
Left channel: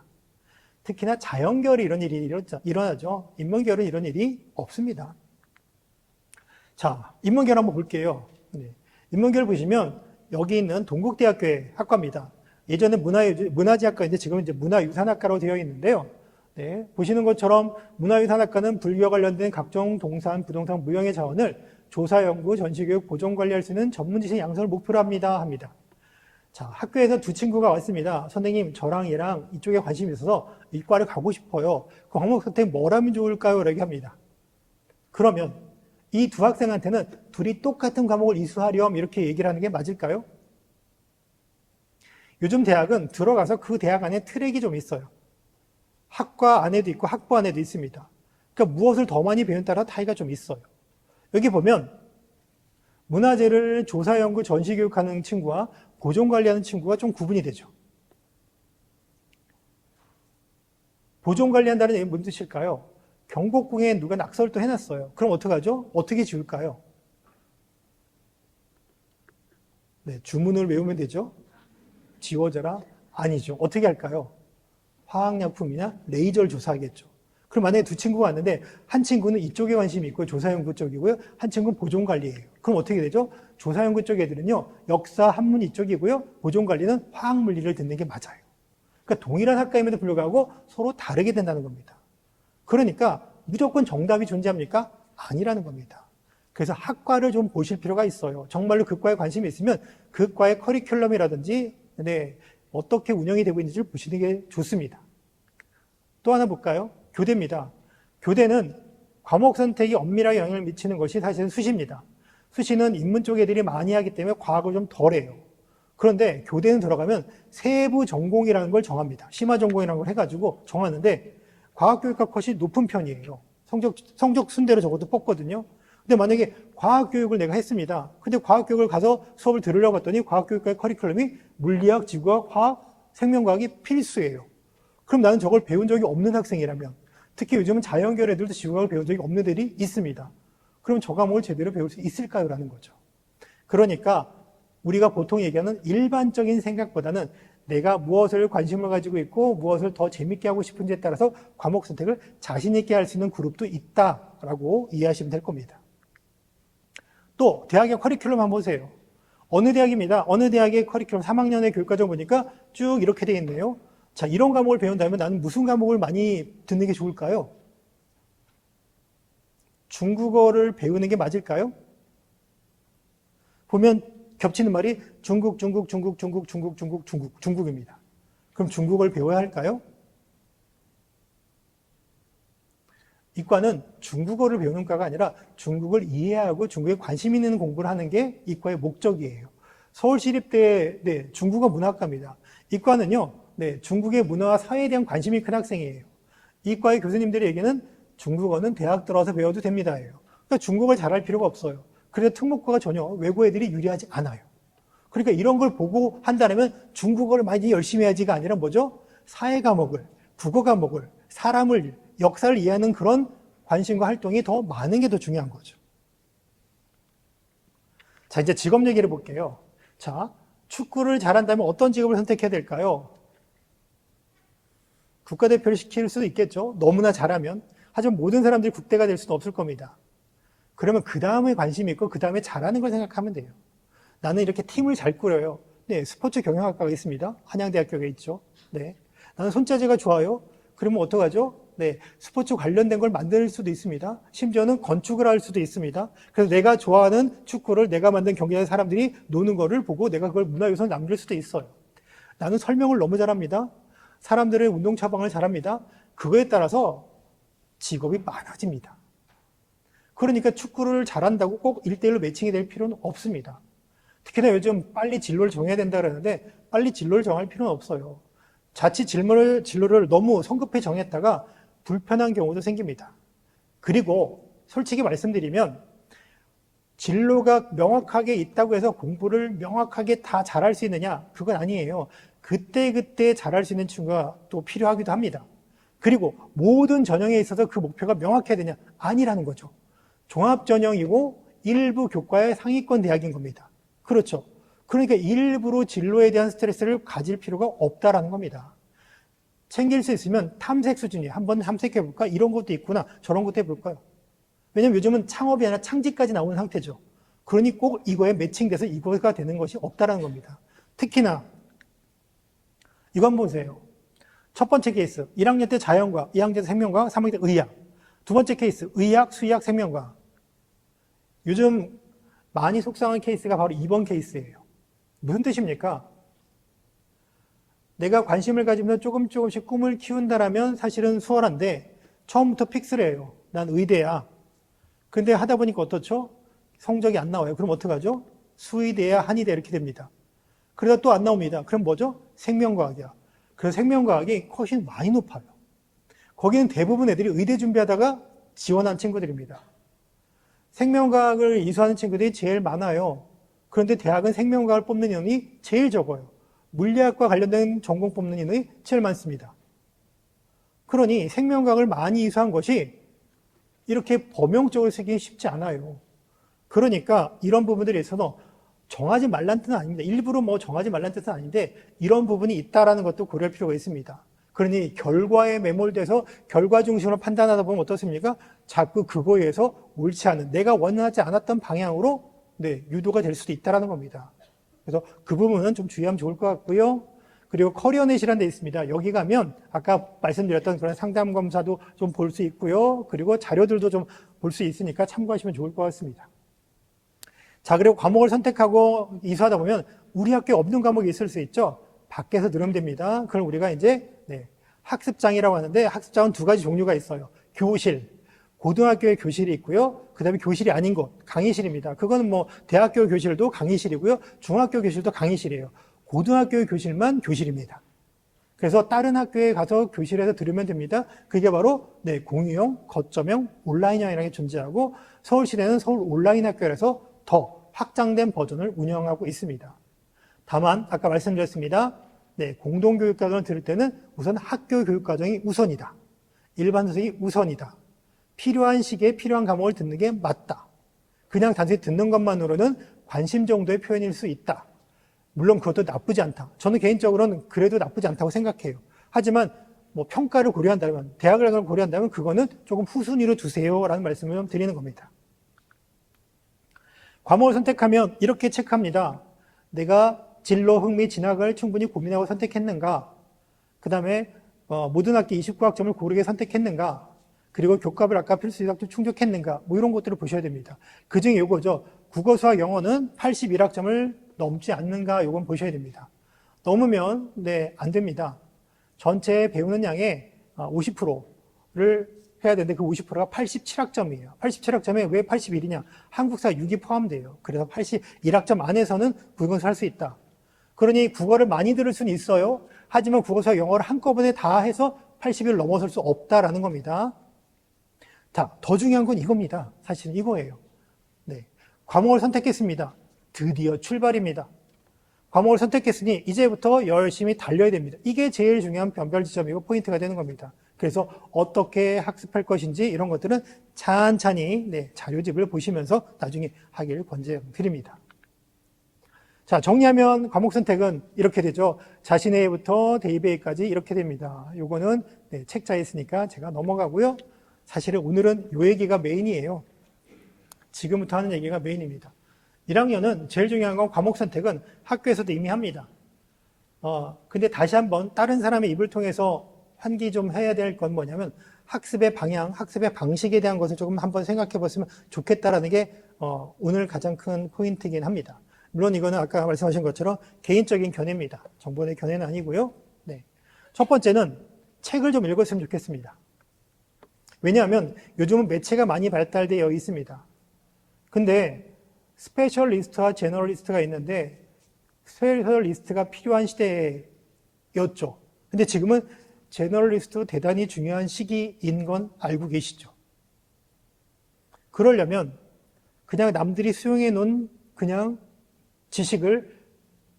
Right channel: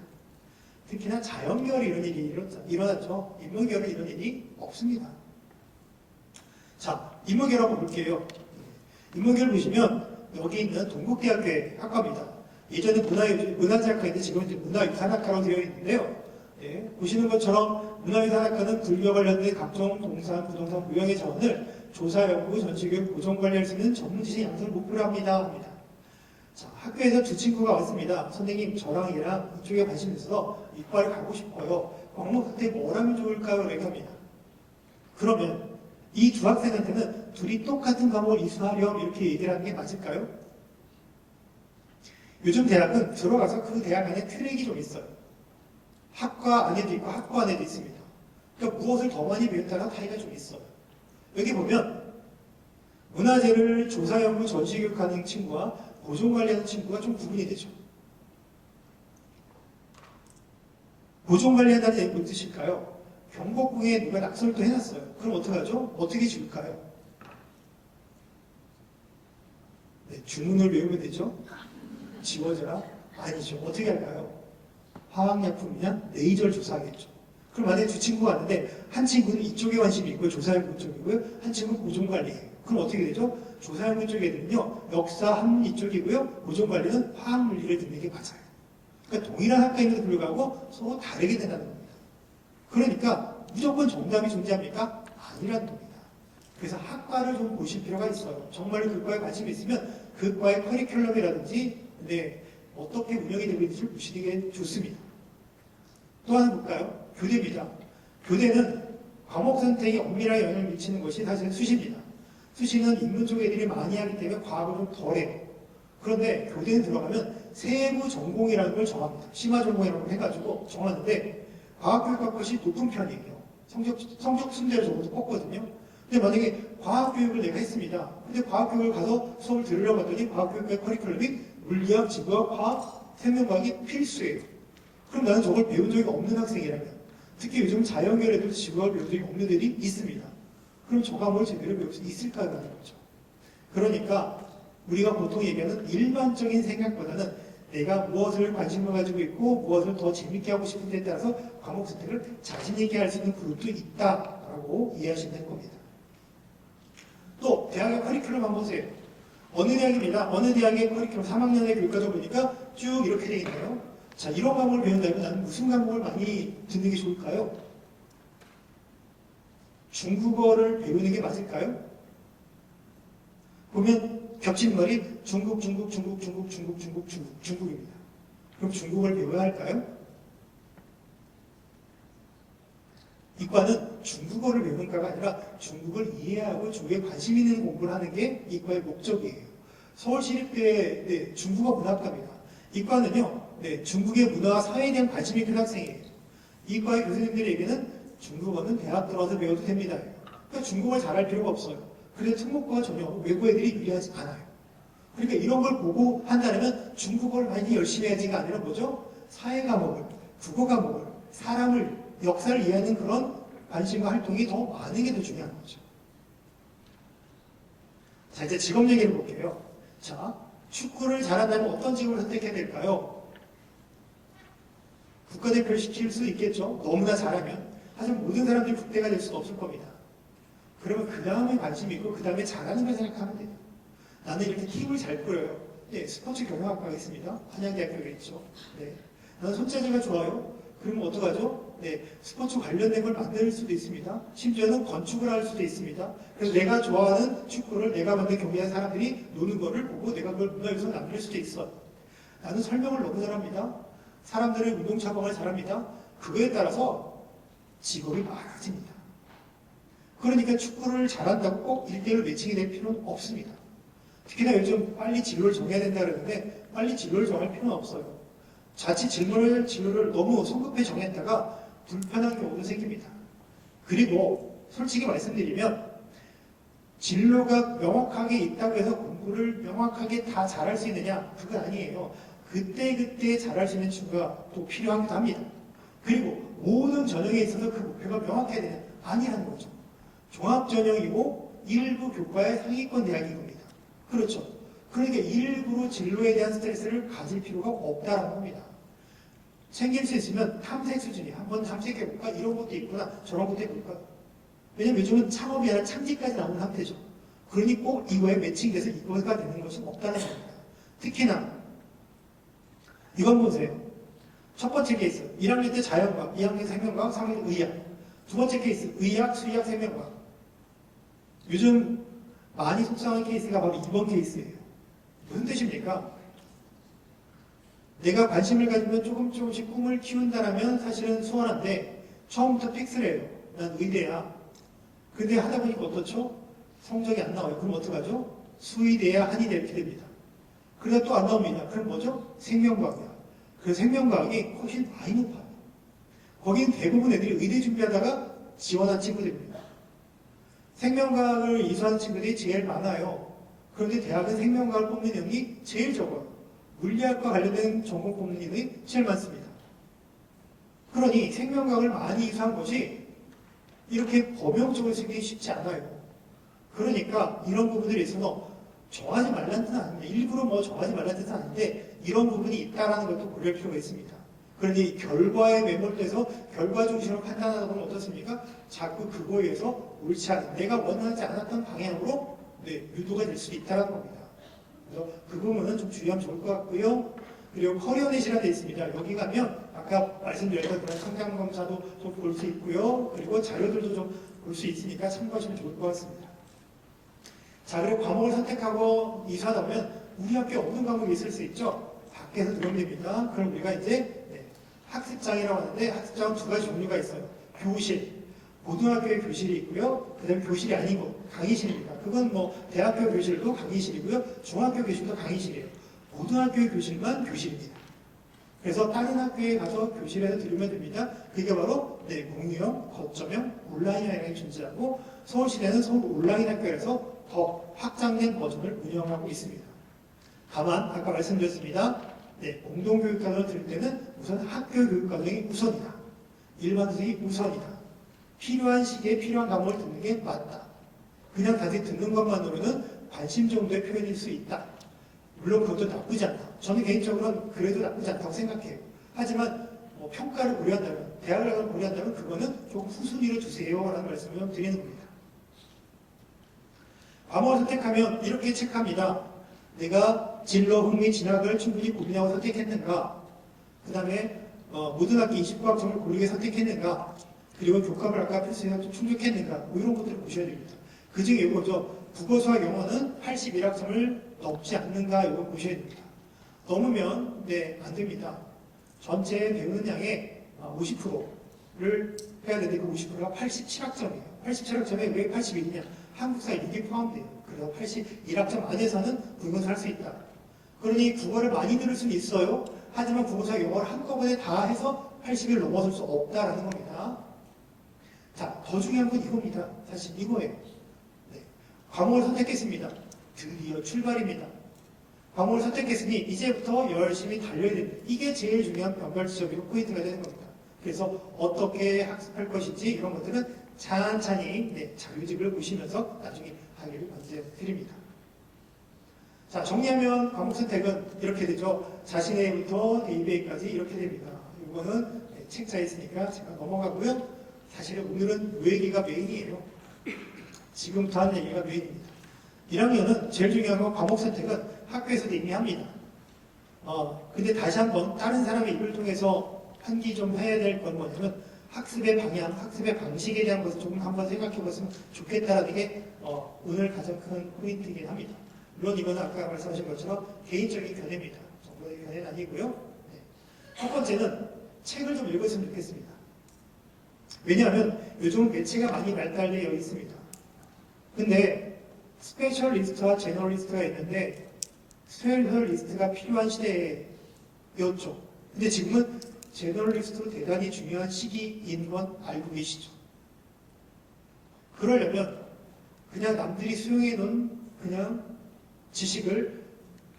특히나 자연계열이 이런 일이 일어나죠. 인문계열은 이런 일이 없습니다. 자, 인문계열 한번 볼게요. 인문계열 보시면 여기 있는 동국대학교의 학과입니다. 예전에 문화지학과인데 지금 이제 문화유산학과라고 되어 있는데요. 네, 보시는 것처럼 문화유산학과는 불교와 관련된 각종 동산, 부동산, 무형의 자원을 조사, 연구, 전시교육, 보존관리할 수 있는 전문지식 양성을 목표로 합니다. 자, 학교에서 두 친구가 왔습니다. 선생님, 저랑 얘랑 이쪽에 관심이 있어서 이과를 가고 싶어요. 그 과목 선택 뭘 하면 좋을까요? 이렇게 합니다. 그러면 이 두 학생한테는 둘이 똑같은 과목을 이수하렴 이렇게 얘기를 하는 게 맞을까요? 요즘 대학은 들어가서 그 대학 안에 트랙이 좀 있어요. 학과 안에도 있고 학부 안에도 있습니다. 그러니까 무엇을 더 많이 배운 따라 차이가 좀 있어요. 여기 보면 문화재를 조사, 연구, 전시 교육하는 친구와 보존 관리하는 친구가 좀 구분이 되죠. 보존 관리한다는 얘기 무슨 뜻일까요? 경복궁에 누가 낙서를 또 해놨어요. 그럼 어떡하죠? 어떻게 지울까요? 네, 주문을 외우면 되죠. 지워져라? 아니죠. 어떻게 할까요? 화학약품이나 레이저를 조사하겠죠. 그럼 만약에 두 친구가 왔는데 한 친구는 이쪽에 관심이 있고 조사연구 쪽이고요. 한 친구는 보존관리예요. 그럼 어떻게 되죠? 조사연구 쪽 애들은요. 역사, 한문 이쪽이고요. 보존관리는 화학물리를 듣는 게 맞아요. 그러니까 동일한 학과임에도 불구하고 서로 다르게 된다는 겁니다. 그러니까 무조건 정답이 존재합니까? 아니라는 겁니다. 그래서 학과를 좀 보실 필요가 있어요. 정말로 그 과에 관심이 있으면 그 과의 커리큘럼이라든지 어떻게 운영이 되고 있는지를 보시는 게 좋습니다. 또 하나 볼까요? 교대입니다. 교대는 과목 선택이 엄밀하게 영향을 미치는 것이 사실은 수시입니다. 수시는 인문 쪽 애들이 많이 하기 때문에 과학을 좀 덜해요. 그런데 교대는 들어가면 세부 전공이라는 걸 정합니다. 심화 전공이라는 걸 해가지고 정하는데 과학교육과 컷이 높은 편이에요. 성적 순대로 저것도 뽑거든요. 근데 만약에 과학교육을 내가 했습니다. 근데 과학교육을 가서 수업을 들으려고 했더니 과학교육과의 커리큘럼이 물리학, 지구학, 화학, 생명과학이 필수예요. 그럼 나는 저걸 배운 적이 없는 학생이라면, 특히 요즘은 자연계열 애들도 지구학을 배운 적이 없는 애들이 있습니다. 그럼 저 과목을 제대로 배울 수 있을까요? 라는 거죠. 그러니까 우리가 보통 얘기하는 일반적인 생각보다는 내가 무엇을 관심을 가지고 있고 무엇을 더 재밌게 하고 싶은지에 따라서 과목 선택을 자신 있게 할 수 있는 그룹도 있다라고 이해하시면 될 겁니다. 또 대학의 커리큘럼 한번 보세요. 어느 대학입니다. 어느 대학의 커리큘럼 3학년의 교육과정 보니까 쭉 이렇게 되어 있네요. 자, 이런 과목을 배운다면 나는 무슨 과목을 많이 듣는 게 좋을까요? 중국어를 배우는 게 맞을까요? 보면 겹치는 말이 중국입니다. 그럼 중국어를 배워야 할까요? 이과는 중국어를 배우는 과가 아니라 중국을 이해하고 중국에 관심 있는 공부를 하는 게 이과의 목적이에요. 서울시립대 중국어 문학과입니다. 이과는요, 중국의 문화와 사회에 대한 관심이 큰 학생이에요. 이과의 교수님들이 얘기는 중국어는 대학 들어서 배워도 됩니다. 그러니까 중국어를 잘할 필요가 없어요. 그래서 특목고가 전혀 외고 애들이 유리하지 않아요. 그러니까 이런 걸 보고 한다면 중국어를 많이 열심히 해야지가 아니라 뭐죠? 사회 과목을, 국어 과목을, 사람을, 역사를 이해하는 그런 관심과 활동이 더 많은 게 더 중요한 거죠. 자, 이제 직업 얘기를 볼게요. 자, 축구를 잘한다면 어떤 직업을 선택해야 될까요? 국가대표를 시킬 수도 있겠죠. 너무나 잘하면. 하지만 모든 사람들이 국대가 될 수는 없을 겁니다. 그러면 그 다음에 관심이 있고 그 다음에 잘하는 걸 생각하면 돼요. 나는 이렇게 팀을 잘 꾸려요. 네, 스포츠 경영학과가 있습니다. 한양대학교에 있죠. 네. 나는 손재주가 좋아요. 그러면 어떡하죠? 네, 스포츠 관련된 걸 만들 수도 있습니다. 심지어는 건축을 할 수도 있습니다. 그래서 내가 좋아하는 축구를 내가 만든 경기장 사람들이 노는 거를 보고 내가 그걸 문화유산 남길 수도 있어요. 나는 설명을 너무 잘합니다. 사람들의 운동 처방을 잘합니다. 그거에 따라서 직업이 많아집니다. 그러니까 축구를 잘한다고 꼭 1대1로 매칭이 될 필요는 없습니다. 특히나 요즘 빨리 진로를 정해야 된다 그러는데 빨리 진로를 정할 필요는 없어요. 자칫 진로를 너무 성급히 정했다가 불편한 경우도 생깁니다. 그리고 솔직히 말씀드리면 진로가 명확하게 있다고 해서 공부를 명확하게 다 잘할 수 있느냐? 그건 아니에요. 그때그때 잘할 수 있는 친구가 또 필요하기도 합니다. 그리고 모든 전형에 있어서 그 목표가 명확해야 되냐? 아니라는 거죠. 종합전형이고 일부 교과의 상위권 대학인 겁니다. 그렇죠. 그러니까 일부러 진로에 대한 스트레스를 가질 필요가 없다라는 겁니다. 챙길 수 있으면 탐색 수준이 한번 탐색해볼까? 이런 것도 있구나. 저런 것도 해볼까요? 왜냐면 요즘은 창업이 아니라 창직까지 나오는 상태죠. 그러니 꼭 이거에 매칭돼서 이거가 되는 것이 없다는 겁니다. 특히나 이거 한번 보세요. 첫 번째 케이스 1학년 때 자연과학, 2학년 때 생명과학, 3학년 때 의학. 두 번째 케이스 의학, 수의학, 생명과학. 요즘 많이 속상한 케이스가 바로 2번 케이스예요. 무슨 뜻입니까? 내가 관심을 가지면 조금씩 꿈을 키운다라면 사실은 수월한데 처음부터 픽스를 해요. 난 의대야. 근데 하다 보니까 어떻죠? 성적이 안 나와요. 그럼 어떡하죠? 수의대야 한의대 이렇게 됩니다. 그러다 또 안 나옵니다. 그럼 뭐죠? 생명과학이야. 그래서 생명과학이 훨씬 많이 높아요. 거기는 대부분 애들이 의대 준비하다가 지원한 친구들입니다. 생명과학을 이수하는 친구들이 제일 많아요. 그런데 대학은 생명과학을 뽑는 인원이 제일 적어요. 물리학과 관련된 전공 뽑는 인원이 제일 많습니다. 그러니 생명과학을 많이 이수한 것이 이렇게 범용적으로 쓰기 쉽지 않아요. 그러니까 이런 부분들에 있어서 정하지 말라는 뜻은 아닙니다. 일부러 뭐 정하지 말라는 뜻은 아닌데 이런 부분이 있다는 것도 고려할 필요가 있습니다. 그러니 결과에 매몰돼서 결과 중심으로 판단하다 보면 어떻습니까? 자꾸 그거에 의해서 옳지 않은 내가 원하지 않았던 방향으로 유도가 될 수도 있다는 겁니다. 그래서 그 부분은 좀 주의하면 좋을 것 같고요. 그리고 커리어넷이라는 데 있습니다. 여기 가면 아까 말씀드렸던 그런 상담 검사도 좀 볼 수 있고요. 그리고 자료들도 좀 볼 수 있으니까 참고하시면 좋을 것 같습니다. 자, 그리고 과목을 선택하고 이수하다 보면 우리 학교에 없는 과목이 있을 수 있죠. 밖에서 들으면 됩니다. 그럼 우리가 이제 학습장이라고 하는데 학습장은 두 가지 종류가 있어요. 교실, 고등학교에 교실이 있고요. 그 다음에 교실이 아닌 곳, 강의실입니다. 그건 뭐 대학교 교실도 강의실이고요. 중학교 교실도 강의실이에요. 고등학교의 교실만 교실입니다. 그래서 다른 학교에 가서 교실에서 들으면 됩니다. 그게 바로 공유형, 거점형, 온라인형이라는 게 존재하고 서울시내는 서울 온라인 학교에서 더 확장된 버전을 운영하고 있습니다. 다만 아까 말씀드렸습니다. 공동교육과정을 들을 때는 우선 학교 교육과정이 우선이다. 일반 선생이 우선이다. 필요한 시기에 필요한 과목을 듣는 게 맞다. 그냥 단순히 듣는 것만으로는 관심 정도의 표현일 수 있다. 물론 그것도 나쁘지 않다. 저는 개인적으로는 그래도 나쁘지 않다고 생각해요. 하지만 뭐 평가를 고려한다면, 대학을 고려한다면 그거는 조금 후순위로 두세요라는 말씀을 좀 드리는 겁니다. 과목을 선택하면 이렇게 체크합니다. 내가 진로, 흥미, 진학을 충분히 고민하고 선택했는가? 그 다음에 모든 학기 29학점을 고르게 선택했는가? 그리고 교과를 아까 필수 이상도 충족했는가? 뭐 이런 것들을 보셔야 됩니다. 그 중에 요거죠. 국어, 수학, 영어는 81학점을 넘지 않는가? 요건 보셔야 됩니다. 넘으면 안 됩니다. 전체 배우는 양의 50%를 해야 되는데 그 50%가 87학점이에요. 87학점에 왜 81이냐? 한국사 6이 포함돼요. 그래서 81학점 안에서는 국어를 할 수 있다. 그러니 국어를 많이 들을 수는 있어요. 하지만 국어사 영어를 한꺼번에 다 해서 80을 넘어설 수 없다라는 겁니다. 자, 더 중요한 건 이겁니다. 사실 이거예요. 과목을 선택했습니다. 드디어 출발입니다. 과목을 선택했으니 이제부터 열심히 달려야 됩니다. 이게 제일 중요한 변별 지점이고 포인트가 되는 겁니다. 그래서 어떻게 학습할 것인지 이런 것들은 찬찬히 자료집을 보시면서 나중에 하길 권장드립니다. 자, 정리하면 과목 선택은 이렇게 되죠. 자신의부터 대입에까지 이렇게 됩니다. 요거는 네, 책자에 있으니까 제가 넘어가고요. 사실은 오늘은 요 얘기가 메인이에요. 지금부터 하는 얘기가 메인입니다. 1학년은 제일 중요한 건 과목 선택은 학교에서도 이미 합니다. 근데 다시 한번 다른 사람의 입을 통해서 환기 좀 해야 될 건 뭐냐면 학습의 방향, 학습의 방식에 대한 것을 조금 한번 생각해 봤으면 좋겠다라는 게 오늘 가장 큰 포인트이긴 합니다. 물론 이거는 아까 말씀하신 것처럼 개인적인 견해입니다. 정보의 견해는 아니고요. 네. 첫 번째는 책을 좀 읽었으면 좋겠습니다. 왜냐하면 요즘은 매체가 많이 발달되어 있습니다. 근데 스페셜리스트와 제너럴리스트가 있는데 스페셜리스트가 필요한 시대였죠. 근데 지금은 제너럴리스트도 대단히 중요한 시기인 건 알고 계시죠. 그러려면 그냥 남들이 수용해 놓은 그냥 지식을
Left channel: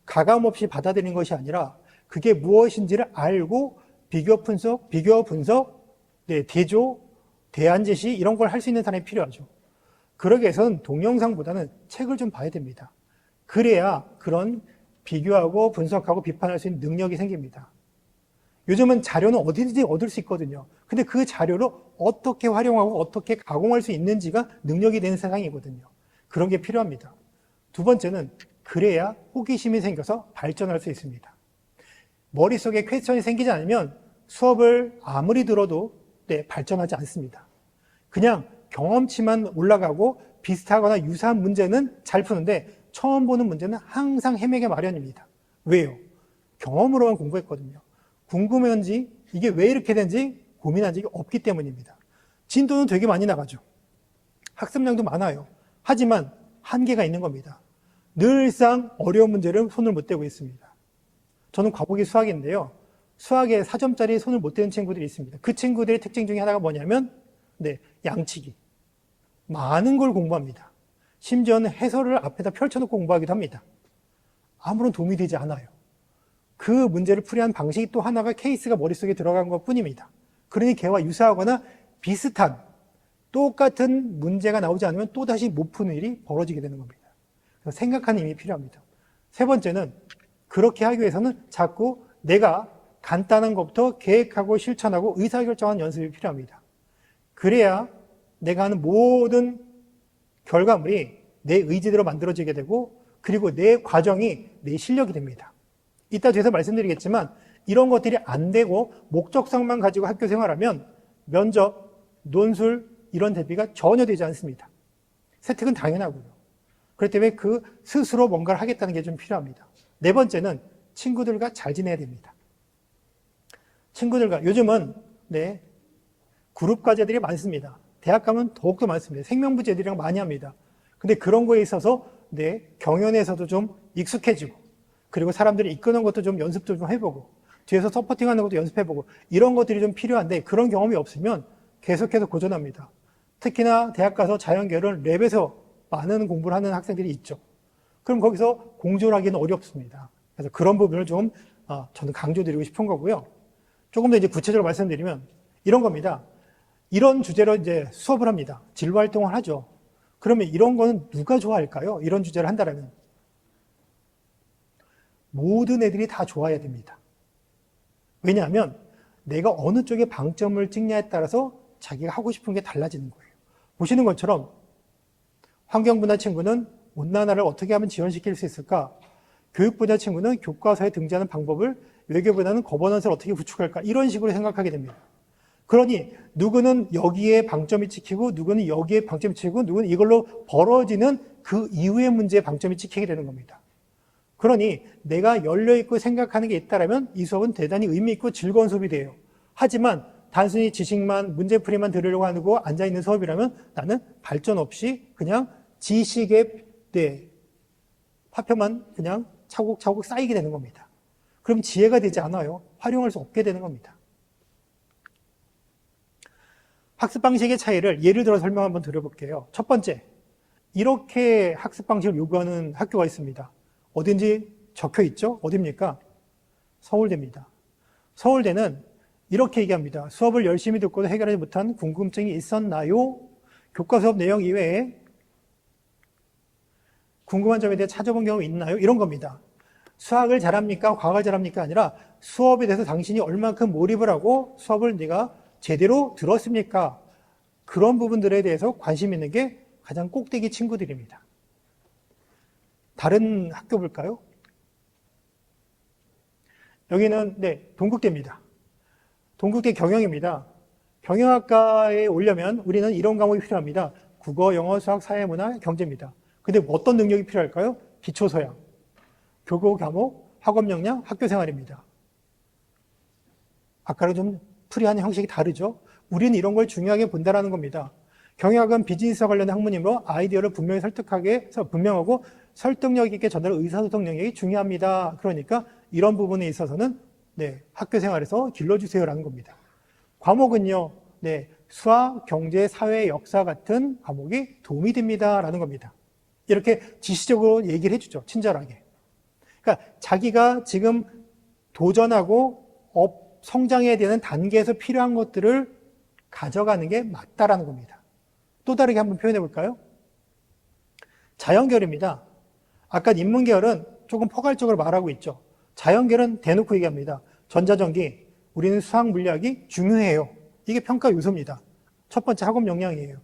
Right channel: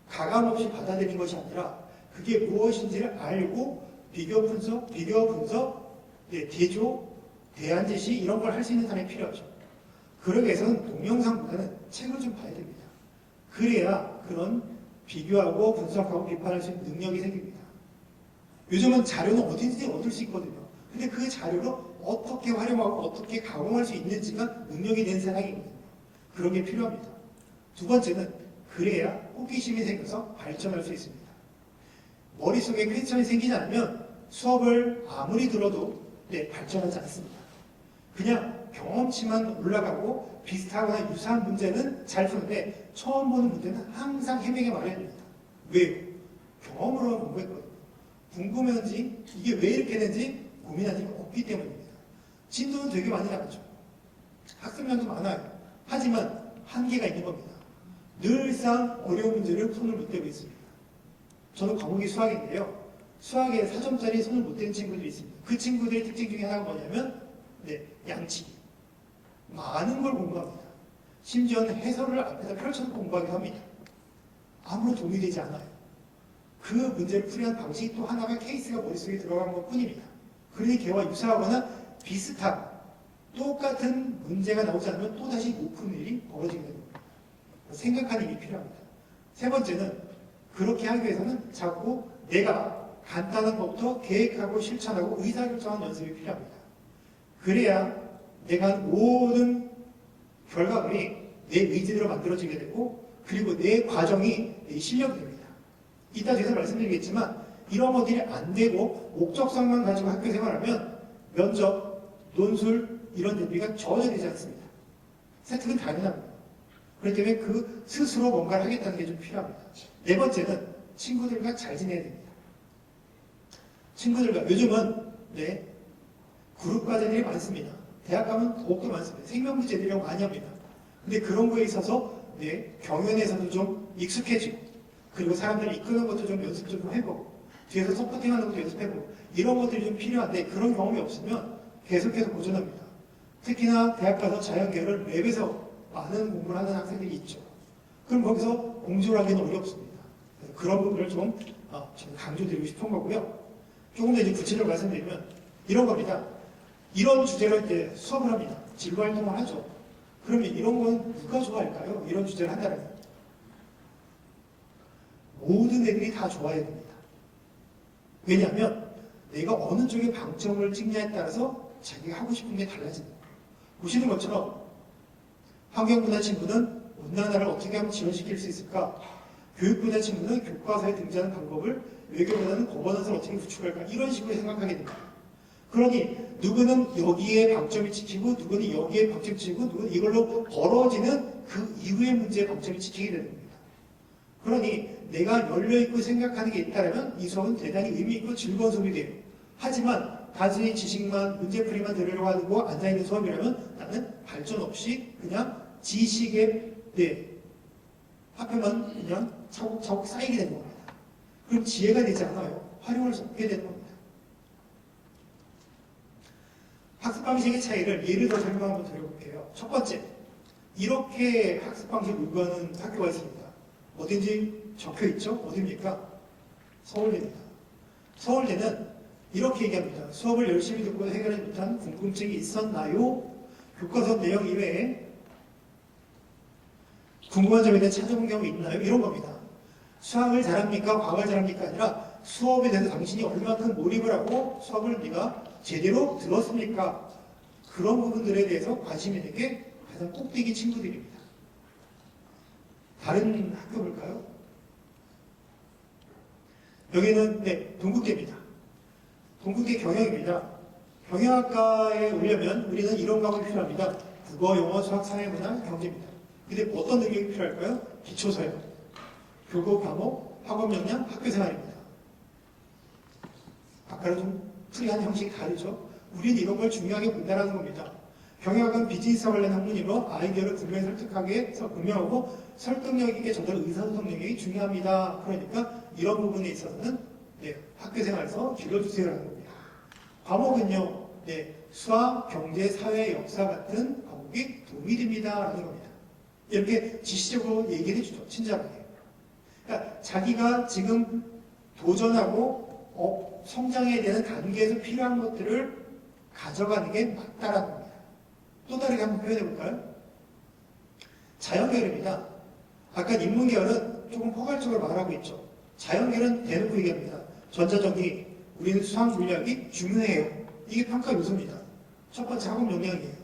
가감없이 받아들이는 것이 아니라 그게 무엇인지를 알고 비교 분석, 네, 대조, 대안 제시 이런 걸 할 수 있는 사람이 필요하죠. 그러기 위해서는 동영상보다는 책을 좀 봐야 됩니다. 그래야 그런 비교하고 분석하고 비판할 수 있는 능력이 생깁니다. 요즘은 자료는 어디든지 얻을 수 있거든요. 근데 그 자료를 어떻게 활용하고 어떻게 가공할 수 있는지가 능력이 되는 세상이거든요. 그런 게 필요합니다. 두 번째는 그래야 호기심이 생겨서 발전할 수 있습니다. 머릿속에 퀘스천이 생기지 않으면 수업을 아무리 들어도 발전하지 않습니다. 그냥 경험치만 올라가고 비슷하거나 유사한 문제는 잘 푸는데 처음 보는 문제는 항상 헤매게 마련입니다. 왜요? 경험으로만 공부했거든요. 궁금한지 이게 왜 이렇게 된지 고민한 적이 없기 때문입니다. 진도는 되게 많이 나가죠. 학습량도 많아요. 하지만 한계가 있는 겁니다. 늘상 어려운 문제를 손을 못 대고 있습니다. 저는 과목이 수학인데요. 수학에 4점짜리 손을 못 대는 친구들이 있습니다. 그 친구들의 특징 중에 하나가 뭐냐면 양치기. 많은 걸 공부합니다. 심지어는 해설을 앞에다 펼쳐놓고 공부하기도 합니다. 아무런 도움이 되지 않아요. 그 문제를 풀이한 방식이 또 하나가 케이스가 머릿속에 들어간 것 뿐입니다. 그러니 걔와 유사하거나 비슷한 똑같은 문제가 나오지 않으면 또다시 못 푸는 일이 벌어지게 되는 겁니다. 생각하는 힘이 필요합니다. 세 번째는 그렇게 하기 위해서는 자꾸 내가 간단한 것부터 계획하고 실천하고 의사결정하는 연습이 필요합니다. 그래야 내가 하는 모든 결과물이 내 의지대로 만들어지게 되고 그리고 내 과정이 내 실력이 됩니다. 이따 뒤에서 말씀드리겠지만 이런 것들이 안 되고 목적성만 가지고 학교 생활하면 면접, 논술 이런 대비가 전혀 되지 않습니다. 세특은 당연하고요. 그렇기 때문에 그 스스로 뭔가를 하겠다는 게 좀 필요합니다. 네 번째는 친구들과 잘 지내야 됩니다. 친구들과 요즘은 그룹 과제들이 많습니다. 대학 가면 더욱더 많습니다. 생명부제들이랑 많이 합니다. 근데 그런 거에 있어서 경연에서도 좀 익숙해지고 그리고 사람들이 이끄는 것도 좀 연습도 좀 해보고 뒤에서 서포팅하는 것도 연습해보고 이런 것들이 좀 필요한데 그런 경험이 없으면 계속해서 고전합니다. 특히나 대학 가서 자연계를 랩에서 많은 공부를 하는 학생들이 있죠. 그럼 거기서 공조를 하기는 어렵습니다. 그래서 그런 부분을 좀 저는 강조드리고 싶은 거고요. 조금 더 이제 구체적으로 말씀드리면 이런 겁니다. 이런 주제로 이제 수업을 합니다. 진로 활동을 하죠. 그러면 이런 거는 누가 좋아할까요? 이런 주제를 한다면 모든 애들이 다 좋아해야 됩니다. 왜냐하면 내가 어느 쪽에 방점을 찍냐에 따라서 자기가 하고 싶은 게 달라지는 거예요. 보시는 것처럼 환경분야 친구는 온난화를 어떻게 하면 지원시킬 수 있을까? 교육분야 친구는 교과서에 등장하는 방법을 외교보다는 거버넌스를 어떻게 구축할까? 이런 식으로 생각하게 됩니다. 그러니 누구는 여기에 방점이 찍히고 누구는 여기에 방점이 찍히고 누구는 이걸로 벌어지는 그 이후의 문제에 방점이 찍히게 되는 겁니다. 그러니 내가 열려있고 생각하는 게 있다면 이 수업은 대단히 의미있고 즐거운 수업이 돼요. 하지만 단순히 지식만 문제풀이만 들으려고 하고 앉아있는 수업이라면 나는 발전 없이 그냥 지식의 파편만 그냥 차곡차곡 쌓이게 되는 겁니다. 그럼 지혜가 되지 않아요. 활용할 수 없게 되는 겁니다. 학습 방식의 차이를 예를 들어 설명 한번 드려볼게요. 첫 번째, 이렇게 학습 방식을 요구하는 학교가 있습니다. 어딘지 적혀 있죠? 어딥니까? 서울대입니다. 서울대는 이렇게 얘기합니다. 수업을 열심히 듣고도 해결하지 못한 궁금증이 있었나요? 교과 수업 내용 이외에 궁금한 점에 대해 찾아본 경우 있나요? 이런 겁니다. 수학을 잘합니까? 과학을 잘합니까? 아니라 수업에 대해서 당신이 얼마큼 몰입을 하고 수업을 네가 제대로 들었습니까? 그런 부분들에 대해서 관심 있는 게 가장 꼭대기 친구들입니다. 다른 학교 볼까요? 여기는 동국대입니다. 동국대 경영입니다. 경영학과에 오려면 우리는 이런 과목이 필요합니다. 국어, 영어, 수학, 사회문화, 경제입니다. 근데 어떤 능력이 필요할까요? 기초서야, 교과 과목, 학업 역량, 학교 생활입니다. 아까랑 좀 풀이하는 형식이 다르죠? 우리는 이런 걸 중요하게 본다는 겁니다. 경영학은 비즈니스와 관련된 학문이므로 아이디어를 분명히 분명하고 설득력 있게 전달하는 의사소통 능력이 중요합니다. 그러니까 이런 부분에 있어서는 학교 생활에서 길러주세요라는 겁니다. 과목은요, 수학, 경제, 사회, 역사 같은 과목이 도움이 됩니다라는 겁니다. 이렇게 지시적으로 얘기를 해주죠. 친절하게. 그러니까 자기가 지금 도전하고 성장해야 되는 단계에서 필요한 것들을 가져가는 게 맞다라는 겁니다. 또 다르게 한번 표현해 볼까요? 자연계열입니다. 아까 인문계열은 조금 포괄적으로 말하고 있죠. 자연계열은 대놓고 얘기합니다. 전자전기, 우리는 수학 물리학이 중요해요. 이게 평가 요소입니다. 첫 번째 학업 역량이에요.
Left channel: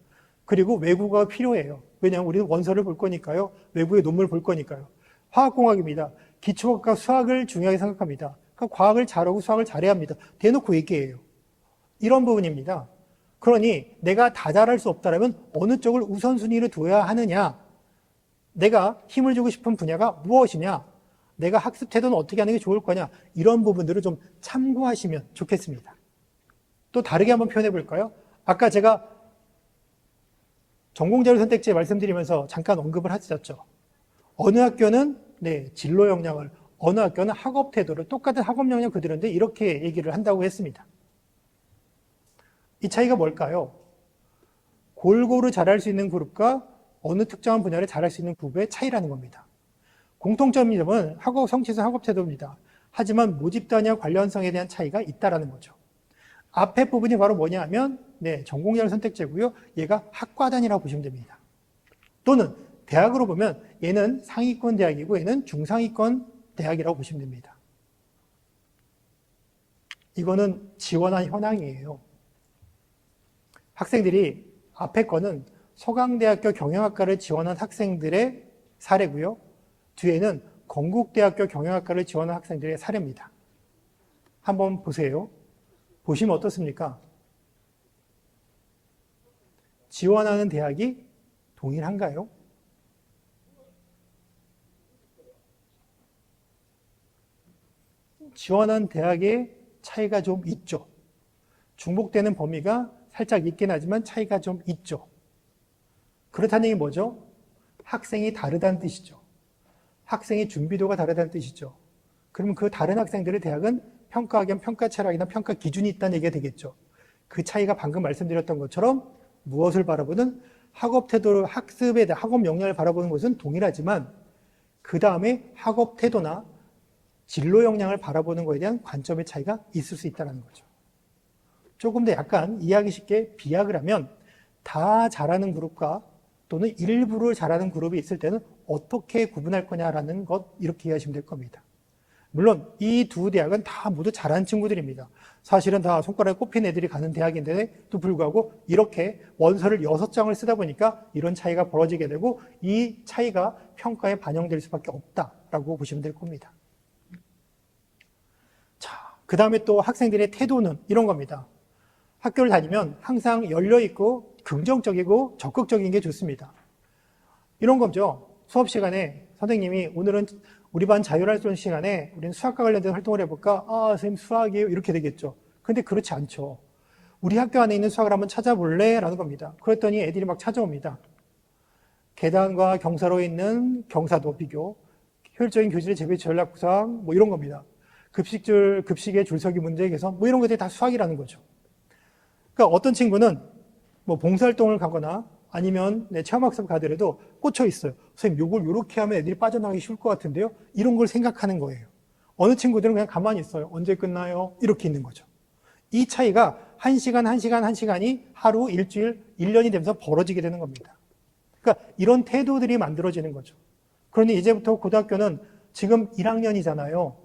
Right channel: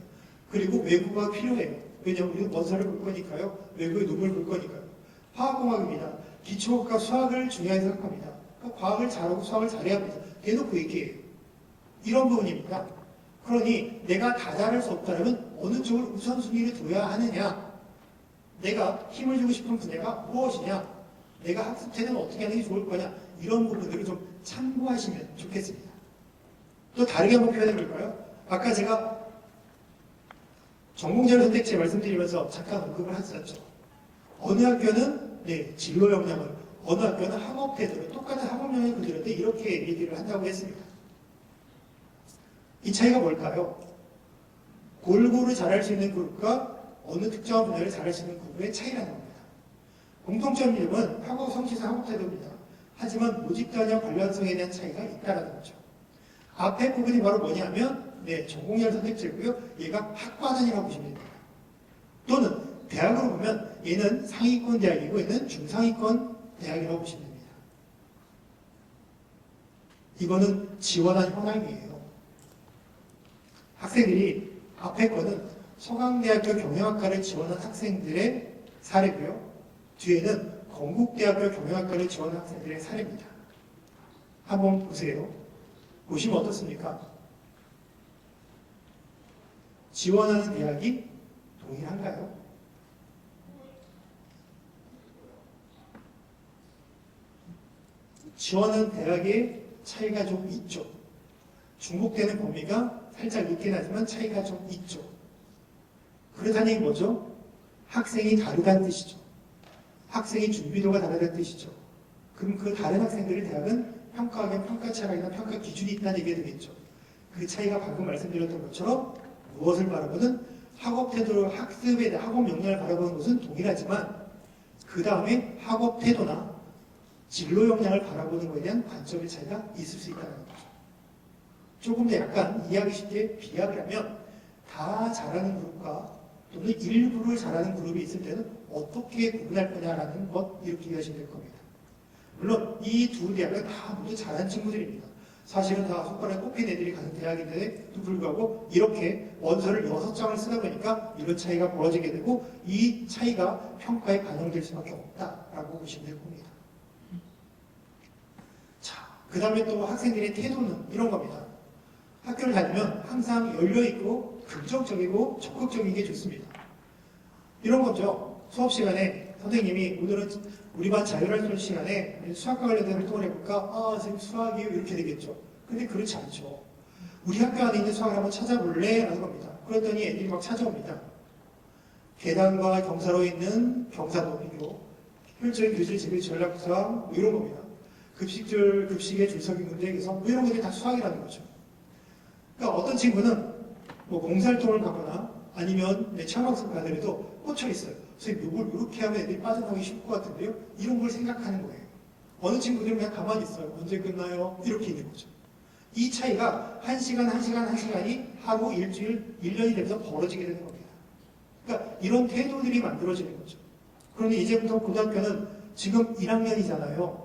그리고 외국어가 필요해요. 왜냐하면 우리는 원서를 볼 거니까요. 외국의 논문을 볼 거니까요. 화학공학입니다. 기초과학과 수학을 중요하게 생각합니다. 그러니까 과학을 잘하고 수학을 잘해야 합니다. 대놓고 얘기해요. 이런 부분입니다. 그러니 내가 다 잘할 수 없다면 어느 쪽을 우선순위로 둬야 하느냐, 내가 힘을 주고 싶은 분야가 무엇이냐, 내가 학습 태도는 어떻게 하는 게 좋을 거냐, 이런 부분들을 좀 참고하시면 좋겠습니다. 또 다르게 한번 표현해 볼까요? 아까 제가 전공자율 선택지 말씀드리면서 잠깐 언급을 하셨죠. 어느 학교는 진로 역량을, 어느 학교는 학업 태도를, 똑같은 학업 역량 그대로인데 이렇게 얘기를 한다고 했습니다. 이 차이가 뭘까요? 골고루 잘할 수 있는 그룹과 어느 특정한 분야를 잘할 수 있는 그룹의 차이라는 겁니다. 공통점은 학업 성취성 학업 태도입니다. 하지만 모집 단위와 관련성에 대한 차이가 있다는 거죠. 앞에 부분이 바로 뭐냐면 전공자율 선택제고요. 얘가 학과 단위라고 보시면 됩니다. 또는 대학으로 보면 얘는 상위권 대학이고 얘는 중상위권 대학이라고 보시면 됩니다. 이거는 지원한 현황이에요. 학생들이 앞에 거는 서강대학교 경영학과를 지원한 학생들의 사례고요. 뒤에는 건국대학교 경영학과를 지원한 학생들의 사례입니다. 한번 보세요. 보시면 어떻습니까? 지원하는 대학이 동일한가요? 지원하는 대학의 차이가 좀 있죠. 중복되는 범위가 살짝 있긴 하지만 차이가 좀 있죠. 그렇다는 얘기 뭐죠? 학생이 다르다는 뜻이죠. 학생의 준비도가 다르다는 뜻이죠. 그럼 그 다른 학생들을 대학은 평가 겸 평가 철학이나 평가 기준이 있다는 얘기가 되겠죠. 그 차이가 방금 말씀드렸던 것처럼 무엇을 바라보는 학업 태도를 학습에 대한 학업 역량을 바라보는 것은 동일하지만 그 다음에 학업 태도나 진로 역량을 바라보는 것에 대한 관점의 차이가 있을 수 있다는 거죠. 조금 더 약간 이해하기 쉽게 비약을 하면 다 잘하는 그룹과 또는 일부를 잘하는 그룹이 있을 때는 어떻게 구분할 거냐라는 것 이렇게 이해하시면 될 겁니다. 물론 이 두 대학은 다 모두 잘하는 친구들입니다. 사실은 다 손가락에 꼽힌 애들이 가는 대학인데도 불구하고 이렇게 원서를 6장을 쓰다 보니까 이런 차이가 벌어지게 되고 이 차이가 평가에 반영될 수밖에 없다라고 보시면 될 겁니다. 자, 그 다음에 또 학생들의 태도는 이런 겁니다. 학교를 다니면 항상 열려있고 긍정적이고 적극적인 게 좋습니다. 이런 거죠. 수업 시간에 선생님이 오늘은 우리 반 자율활동 시간에 우리 수학과 관련된 활동을 해볼까? 아, 선생님 수학이에요. 이렇게 되겠죠. 근데 그렇지 않죠. 우리 학교 안에 있는 수학을 한번 찾아볼래? 라는 겁니다. 그랬더니 애들이 막 찾아옵니다. 계단과 경사로에 있는 경사도 비교, 효율적인 교실 재배 전략구상, 뭐 이런 겁니다. 급식의 줄서기 문제 개선, 뭐 이런 것들이 다 수학이라는 거죠. 그러니까 어떤 친구는 뭐 봉사활동을 가거나 아니면 체험학습 가더라도 꽂혀 있어요. 선생님, 요걸 요렇게 하면 애들이 빠져나가기 쉬울 것 같은데요? 이런 걸 생각하는 거예요. 어느 친구들은 그냥 가만히 있어요. 언제 끝나요? 이렇게 있는 거죠. 이 차이가 1시간이 하루, 일주일, 1년이 되면서 벌어지게 되는 겁니다. 그러니까 이런 태도들이 만들어지는 거죠. 그러니 이제부터 고등학교는 지금 1학년이잖아요.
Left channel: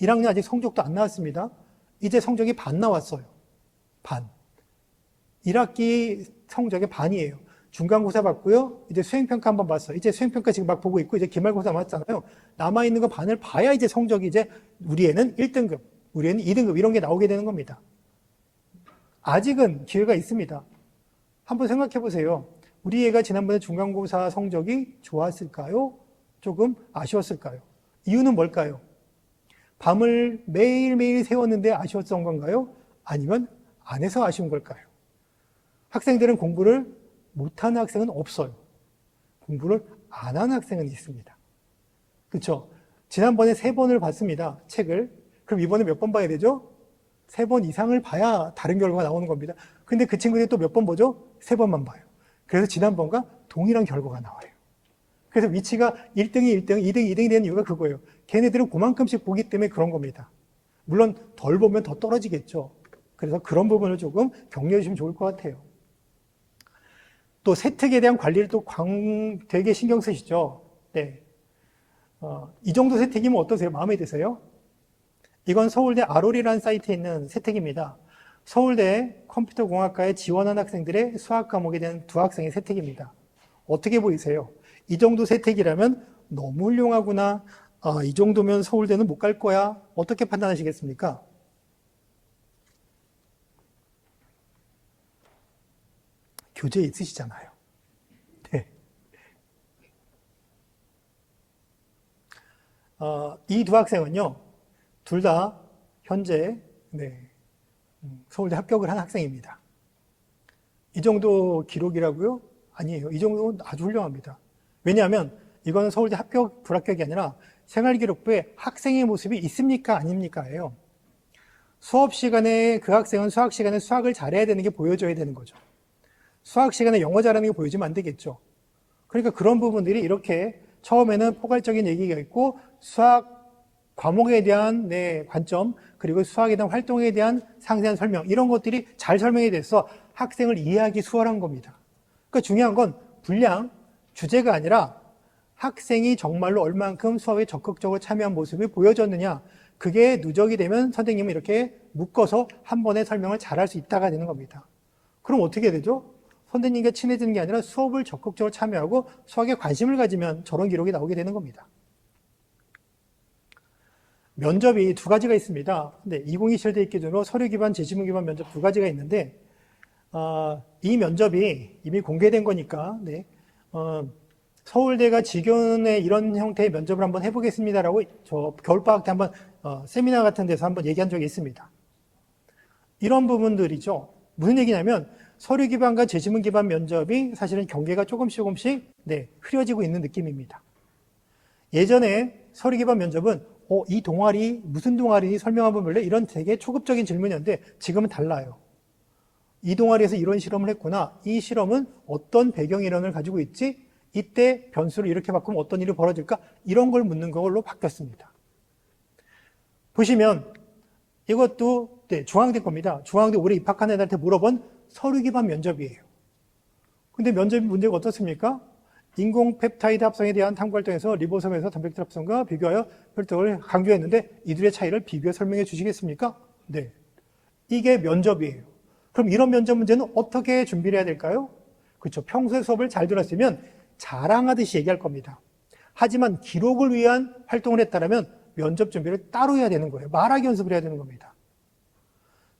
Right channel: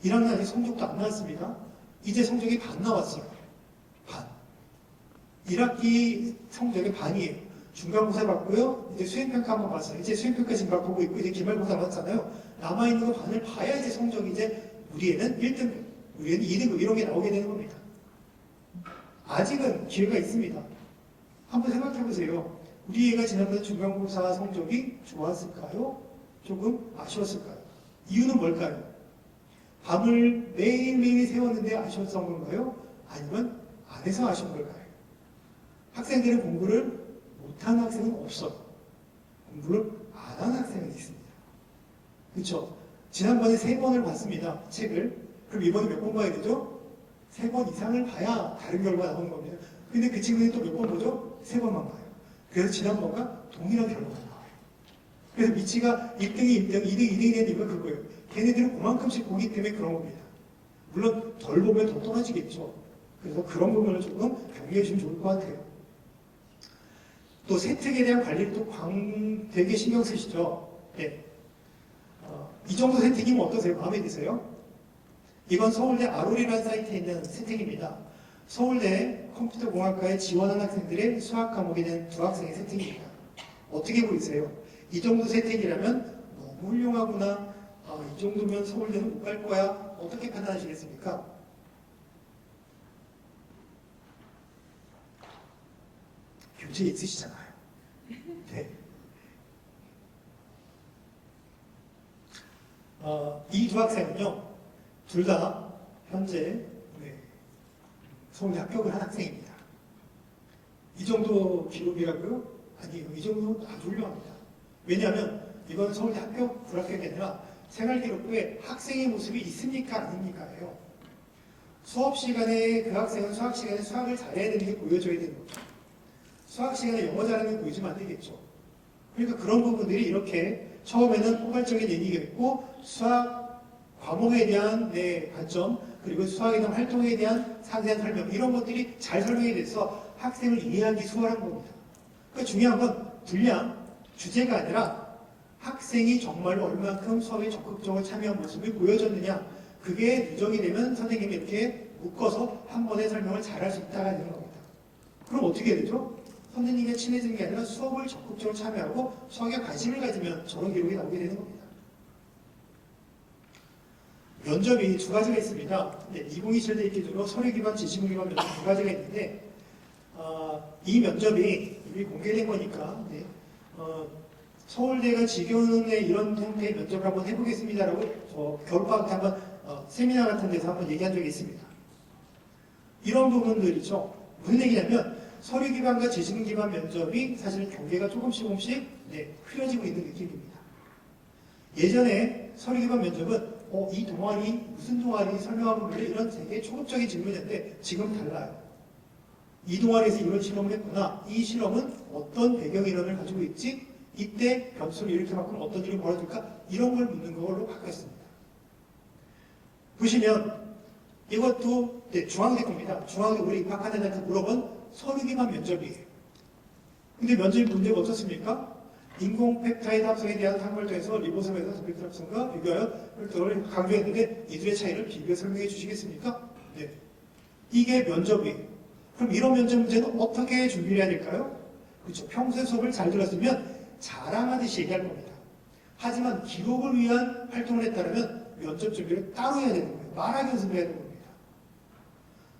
1학년 아직 성적도 안 나왔습니다. 이제 성적이 반 나왔어요. 반. 1학기 성적의 반이에요. 중간고사 봤고요. 이제 수행평가 한번 봤어요. 이제 수행평가 지금 막 보고 있고, 이제 기말고사 봤잖아요. 남아있는 거 반을 봐야 이제 성적이 이제 우리 애는 1등급, 우리 애는 2등급 이런 게 나오게 되는 겁니다. 아직은 기회가 있습니다. 한번 생각해 보세요. 우리 애가 지난번에 중간고사 성적이 좋았을까요? 조금 아쉬웠을까요? 이유는 뭘까요? 밤을 매일매일 세웠는데 아쉬웠던 건가요? 아니면 안 해서 아쉬운 걸까요? 학생들은 공부를 못하는 학생은 없어요. 공부를 안 하는 학생은 있습니다. 그렇죠? 지난번에 3번을 봤습니다. 책을. 그럼 이번에 몇 번 봐야 되죠? 3번 이상을 봐야 다른 결과가 나오는 겁니다. 근데 그 친구들이 또 몇 번 보죠? 3번만 봐요. 그래서 지난번과 동일한 결과가 나와요. 그래서 위치가 1등이 1등, 2등이 2등이 되는 이유가 그거예요. 걔네들은 그만큼씩 보기 때문에 그런 겁니다. 물론 덜 보면 더 떨어지겠죠. 그래서 그런 부분을 조금 격려해 주시면 좋을 것 같아요. 또 세특에 대한 관리를 또 되게 신경 쓰시죠. 네. 이 정도 세특이면 어떠세요? 마음에 드세요? 이건 서울대 아롤이라는 사이트에 있는 세특입니다. 서울대 컴퓨터공학과에 지원한 학생들의 수학 과목에 대한 2학생의 세특입니다. 어떻게 보이세요? 이 정도 세특이라면 너무 훌륭하구나. 이 정도면 서울대는 못 갈 거야. 어떻게 판단하시겠습니까? 교재에 있으시잖아요. 네. 이 2학생은요, 둘 다 현재 서울대 합격을 한 학생입니다. 이 정도 기록이라고요? 아니에요. 이 정도는 아주 훌륭합니다. 왜냐하면 이건 서울대 합격, 불합격이 아니라 생활기록부에 학생의 모습이 있습니까? 아닙니까?예요. 수업 시간에 그 학생은 수학 시간에 수학을 잘해야 되는 게 보여져야 되는 거죠. 수학 시간에 영어 잘하는 게 보여주면 안 되겠죠. 그러니까 그런 부분들이 이렇게 처음에는 포괄적인 얘기가 있고 수학 과목에 대한 관점 그리고 수학에 대한 활동에 대한 상세한 설명 이런 것들이 잘 설명이 돼서 학생을 이해하기 수월한 겁니다. 그러니까 중요한 건 분량, 주제가 아니라 학생이 정말로 얼만큼 수업에 적극적으로 참여한 모습을 보여줬느냐 그게 누적이 되면 선생님이 이렇게 묶어서 한 번에 설명을 잘할 수 있다가 되는 겁니다. 그럼 어떻게 되죠? 선생님과 친해지는 게 아니라 수업을 적극적으로 참여하고 수학에 관심을 가지면 저런 기록이 나오게 되는 겁니다. 면접이 2가지가 있습니다. 근데 2027대 기준으로 서류 기반, 재질문 기반 면접 2가지가 있는데 이 면접이 이미 공개된 거니까 서울대가 지금의 이런 형태의 면접을 한번 해보겠습니다라고 저 겨울방학 때 한번 세미나 같은 데서 한번 얘기한 적이 있습니다. 이런 부분들이죠. 무슨 얘기냐면 서류 기반과 재질문 기반 면접이 사실은 경계가 조금씩 흐려지고 있는 느낌입니다. 예전에 서류 기반 면접은 이 동아리 무슨 동아리니 설명 한번 볼래? 이런 되게 초급적인 질문이었는데 지금은 달라요. 이 동아리에서 이런 실험을 했구나. 이 실험은 어떤 배경 이론을 가지고 있지? 이때 변수를 이렇게 바꾸면 어떤 일이 벌어질까? 이런 걸 묻는 걸로 바뀌었습니다. 보시면 이것도 중앙대 겁니다. 중앙대 올해 입학한 애들한테 물어본 서류 기반 면접이에요. 근데 면접 문제가 어떻습니까? 인공 펩타이드 합성에 대한 탐구 활동에서 리보솜에서 단백질 합성과 비교하여 혈통을 강조했는데 이들의 차이를 비교해 설명해 주시겠습니까? 네. 이게 면접이에요. 그럼 이런 면접 문제는 어떻게 준비를 해야 될까요? 그렇죠. 평소에 수업을 잘 들었으면 자랑하듯이 얘기할 겁니다. 하지만 기록을 위한 활동을 했다면 면접 준비를 따로 해야 되는 거예요. 말하기 연습을 해야 되는 겁니다.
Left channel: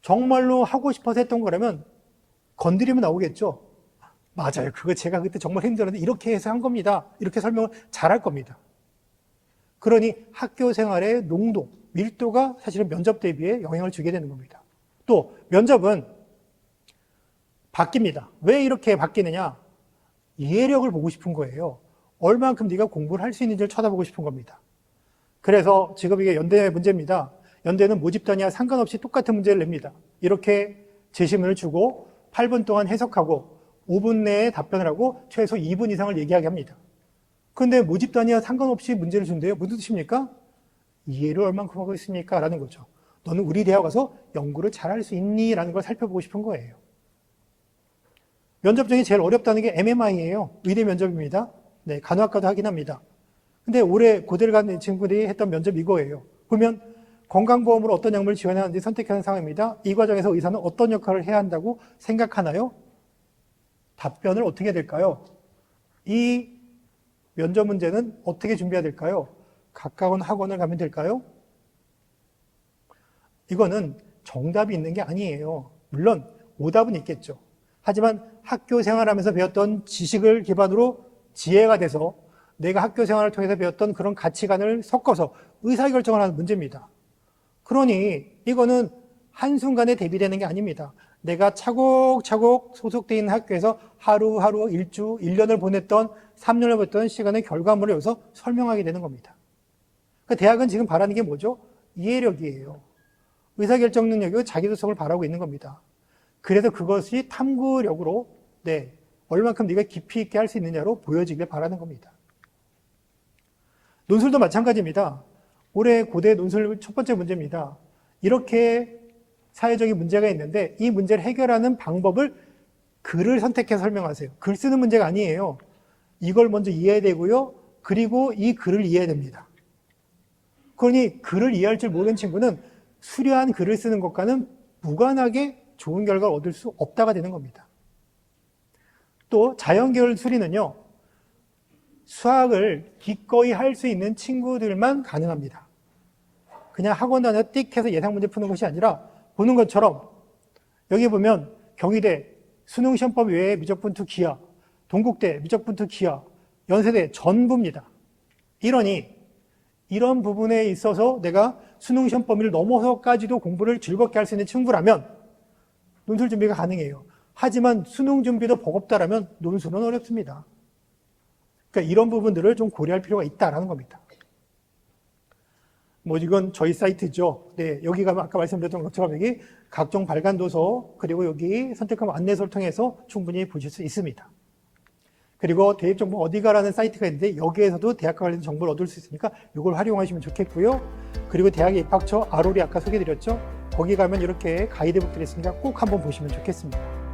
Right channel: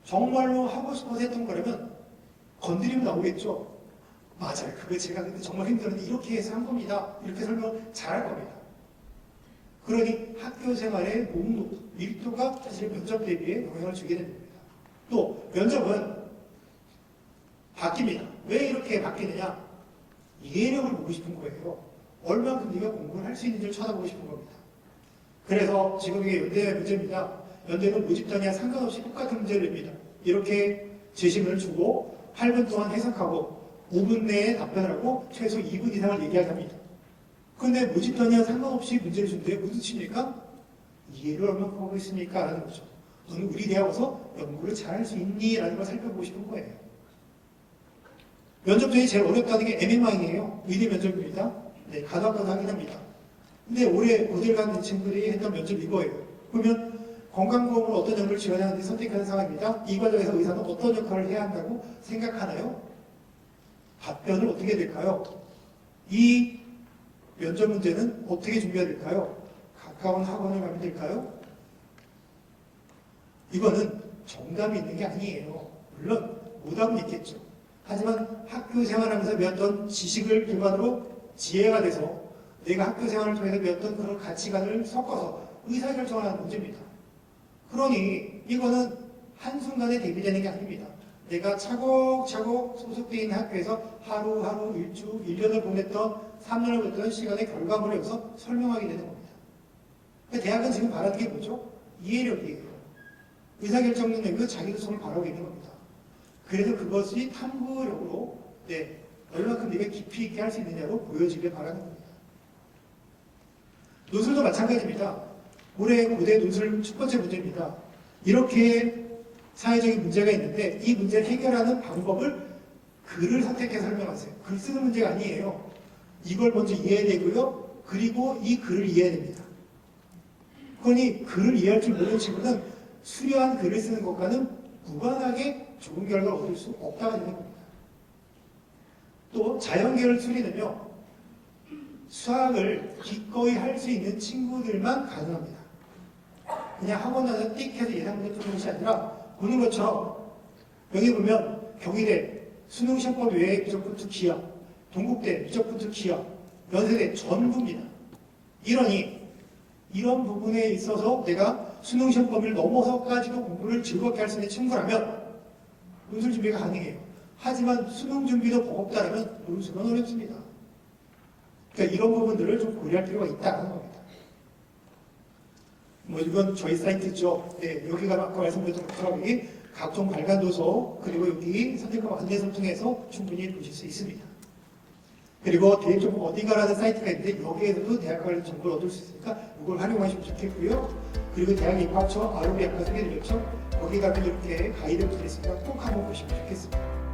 정말로 하고 싶어서 했던 거라면 건드리면 나오겠죠. 맞아요. 그거 제가 그때 정말 힘들었는데 이렇게 해서 한 겁니다. 이렇게 설명을 잘할 겁니다. 그러니 학교 생활의 농도, 밀도가 사실은 면접 대비에 영향을 주게 되는 겁니다. 또 면접은 바뀝니다. 왜 이렇게 바뀌느냐? 이해력을 보고 싶은 거예요. 얼만큼 네가 공부를 할 수 있는지를 쳐다보고 싶은 겁니다. 그래서 지금 이게 연대 문제입니다. 연대는 모집 단위와 상관없이 똑같은 문제를 냅니다. 이렇게 제시문을 주고 8분 동안 해석하고 5분 내에 답변을 하고 최소 2분 이상을 얘기하게 합니다. 그런데 모집 단위와 상관없이 문제를 준대요. 무슨 뜻입니까? 이해를 얼만큼 하고 있습니까? 라는 거죠. 너는 우리 대학 와서 연구를 잘할 수 있니? 라는 걸 살펴보고 싶은 거예요. 면접 중에 제일 어렵다는 게 MMI예요. 의대 면접입니다. 간호학과도 하긴 합니다. 근데 올해 고대를 간 친구들이 했던 면접 이거예요. 보면 건강보험으로 어떤 약물을 지원하는지 선택하는 상황입니다. 이 과정에서 의사는 어떤 역할을 해야 한다고 생각하나요? 답변을 어떻게 해야 될까요? 이 면접 문제는 어떻게 준비해야 될까요? 가까운 학원을 가면 될까요? 이거는 정답이 있는 게 아니에요. 물론 오답은 있겠죠. 하지만 학교 생활하면서 배웠던 지식을 기반으로 지혜가 돼서 내가 학교 생활을 통해서 배웠던 그런 가치관을 섞어서 의사결정을 하는 문제입니다. 그러니 이거는 한순간에 대비되는 게 아닙니다. 내가 차곡차곡 소속되어 있는 학교에서 하루하루 일주, 1년을 보냈던 3년을 보냈던 시간의 결과물을 여기서 설명하게 되는 겁니다. 그러니까 대학은 지금 바라는 게 뭐죠? 이해력이에요. 의사결정 능력이 자기도성을 바라고 있는 겁니다. 그래서 그것이 탐구력으로 얼마큼 네가 깊이 있게 할 수 있느냐로 보여지길 바라는 겁니다. 논술도 마찬가지입니다. 올해 고대 논술 첫 번째 문제입니다. 이렇게 사회적인 문제가 있는데 이 문제를 해결하는 방법을 글을 선택해서 설명하세요. 글 쓰는 문제가 아니에요. 이걸 먼저 이해해야 되고요. 그리고 이 글을 이해해야 됩니다. 그러니 글을 이해할 줄 모르는 친구는 수려한 글을 쓰는 것과는 무관하게 좋은 결과를 얻을 수 없다가 되는 겁니다. 또 자연계열 수리는요. 수학을 기꺼이 할 수 있는 친구들만 가능합니다. 그냥 학원 안에 띡 해서 예상 문제 푸는 것이 아니라 보는 것처럼 여기 보면 경희대 수능시험법 외에 미적분투 기하, 동국대 미적분투 기하, 연세대 전부입니다. 이러니 이런 부분에 있어서 내가 수능시험 범위를 넘어서까지도 공부를 즐겁게 할 수 있는 친구라면 논술 준비가 가능해요. 하지만 수능 준비도 버겁다라면 논술은 어렵습니다. 그러니까 이런 부분들을 좀 고려할 필요가 있다는 겁니다. 이건 저희 사이트죠. 여기 가면 아까 말씀드렸던 것처럼 여기 각종 발간 도서 그리고 여기 선택한 안내서를 통해서 충분히 보실 수 있습니다. 그리고 대학정보 어디 가라는 사이트가 있는데 여기에서도 대학과 관련 정보를 얻을 수 있으니까 이걸 활용하시면 좋겠고요. 그리고 대학의 입학처 ROB 아까 소개해드렸죠. 거기 가면 이렇게 가이드북들이 있으니까 꼭 한번 보시면 좋겠습니다.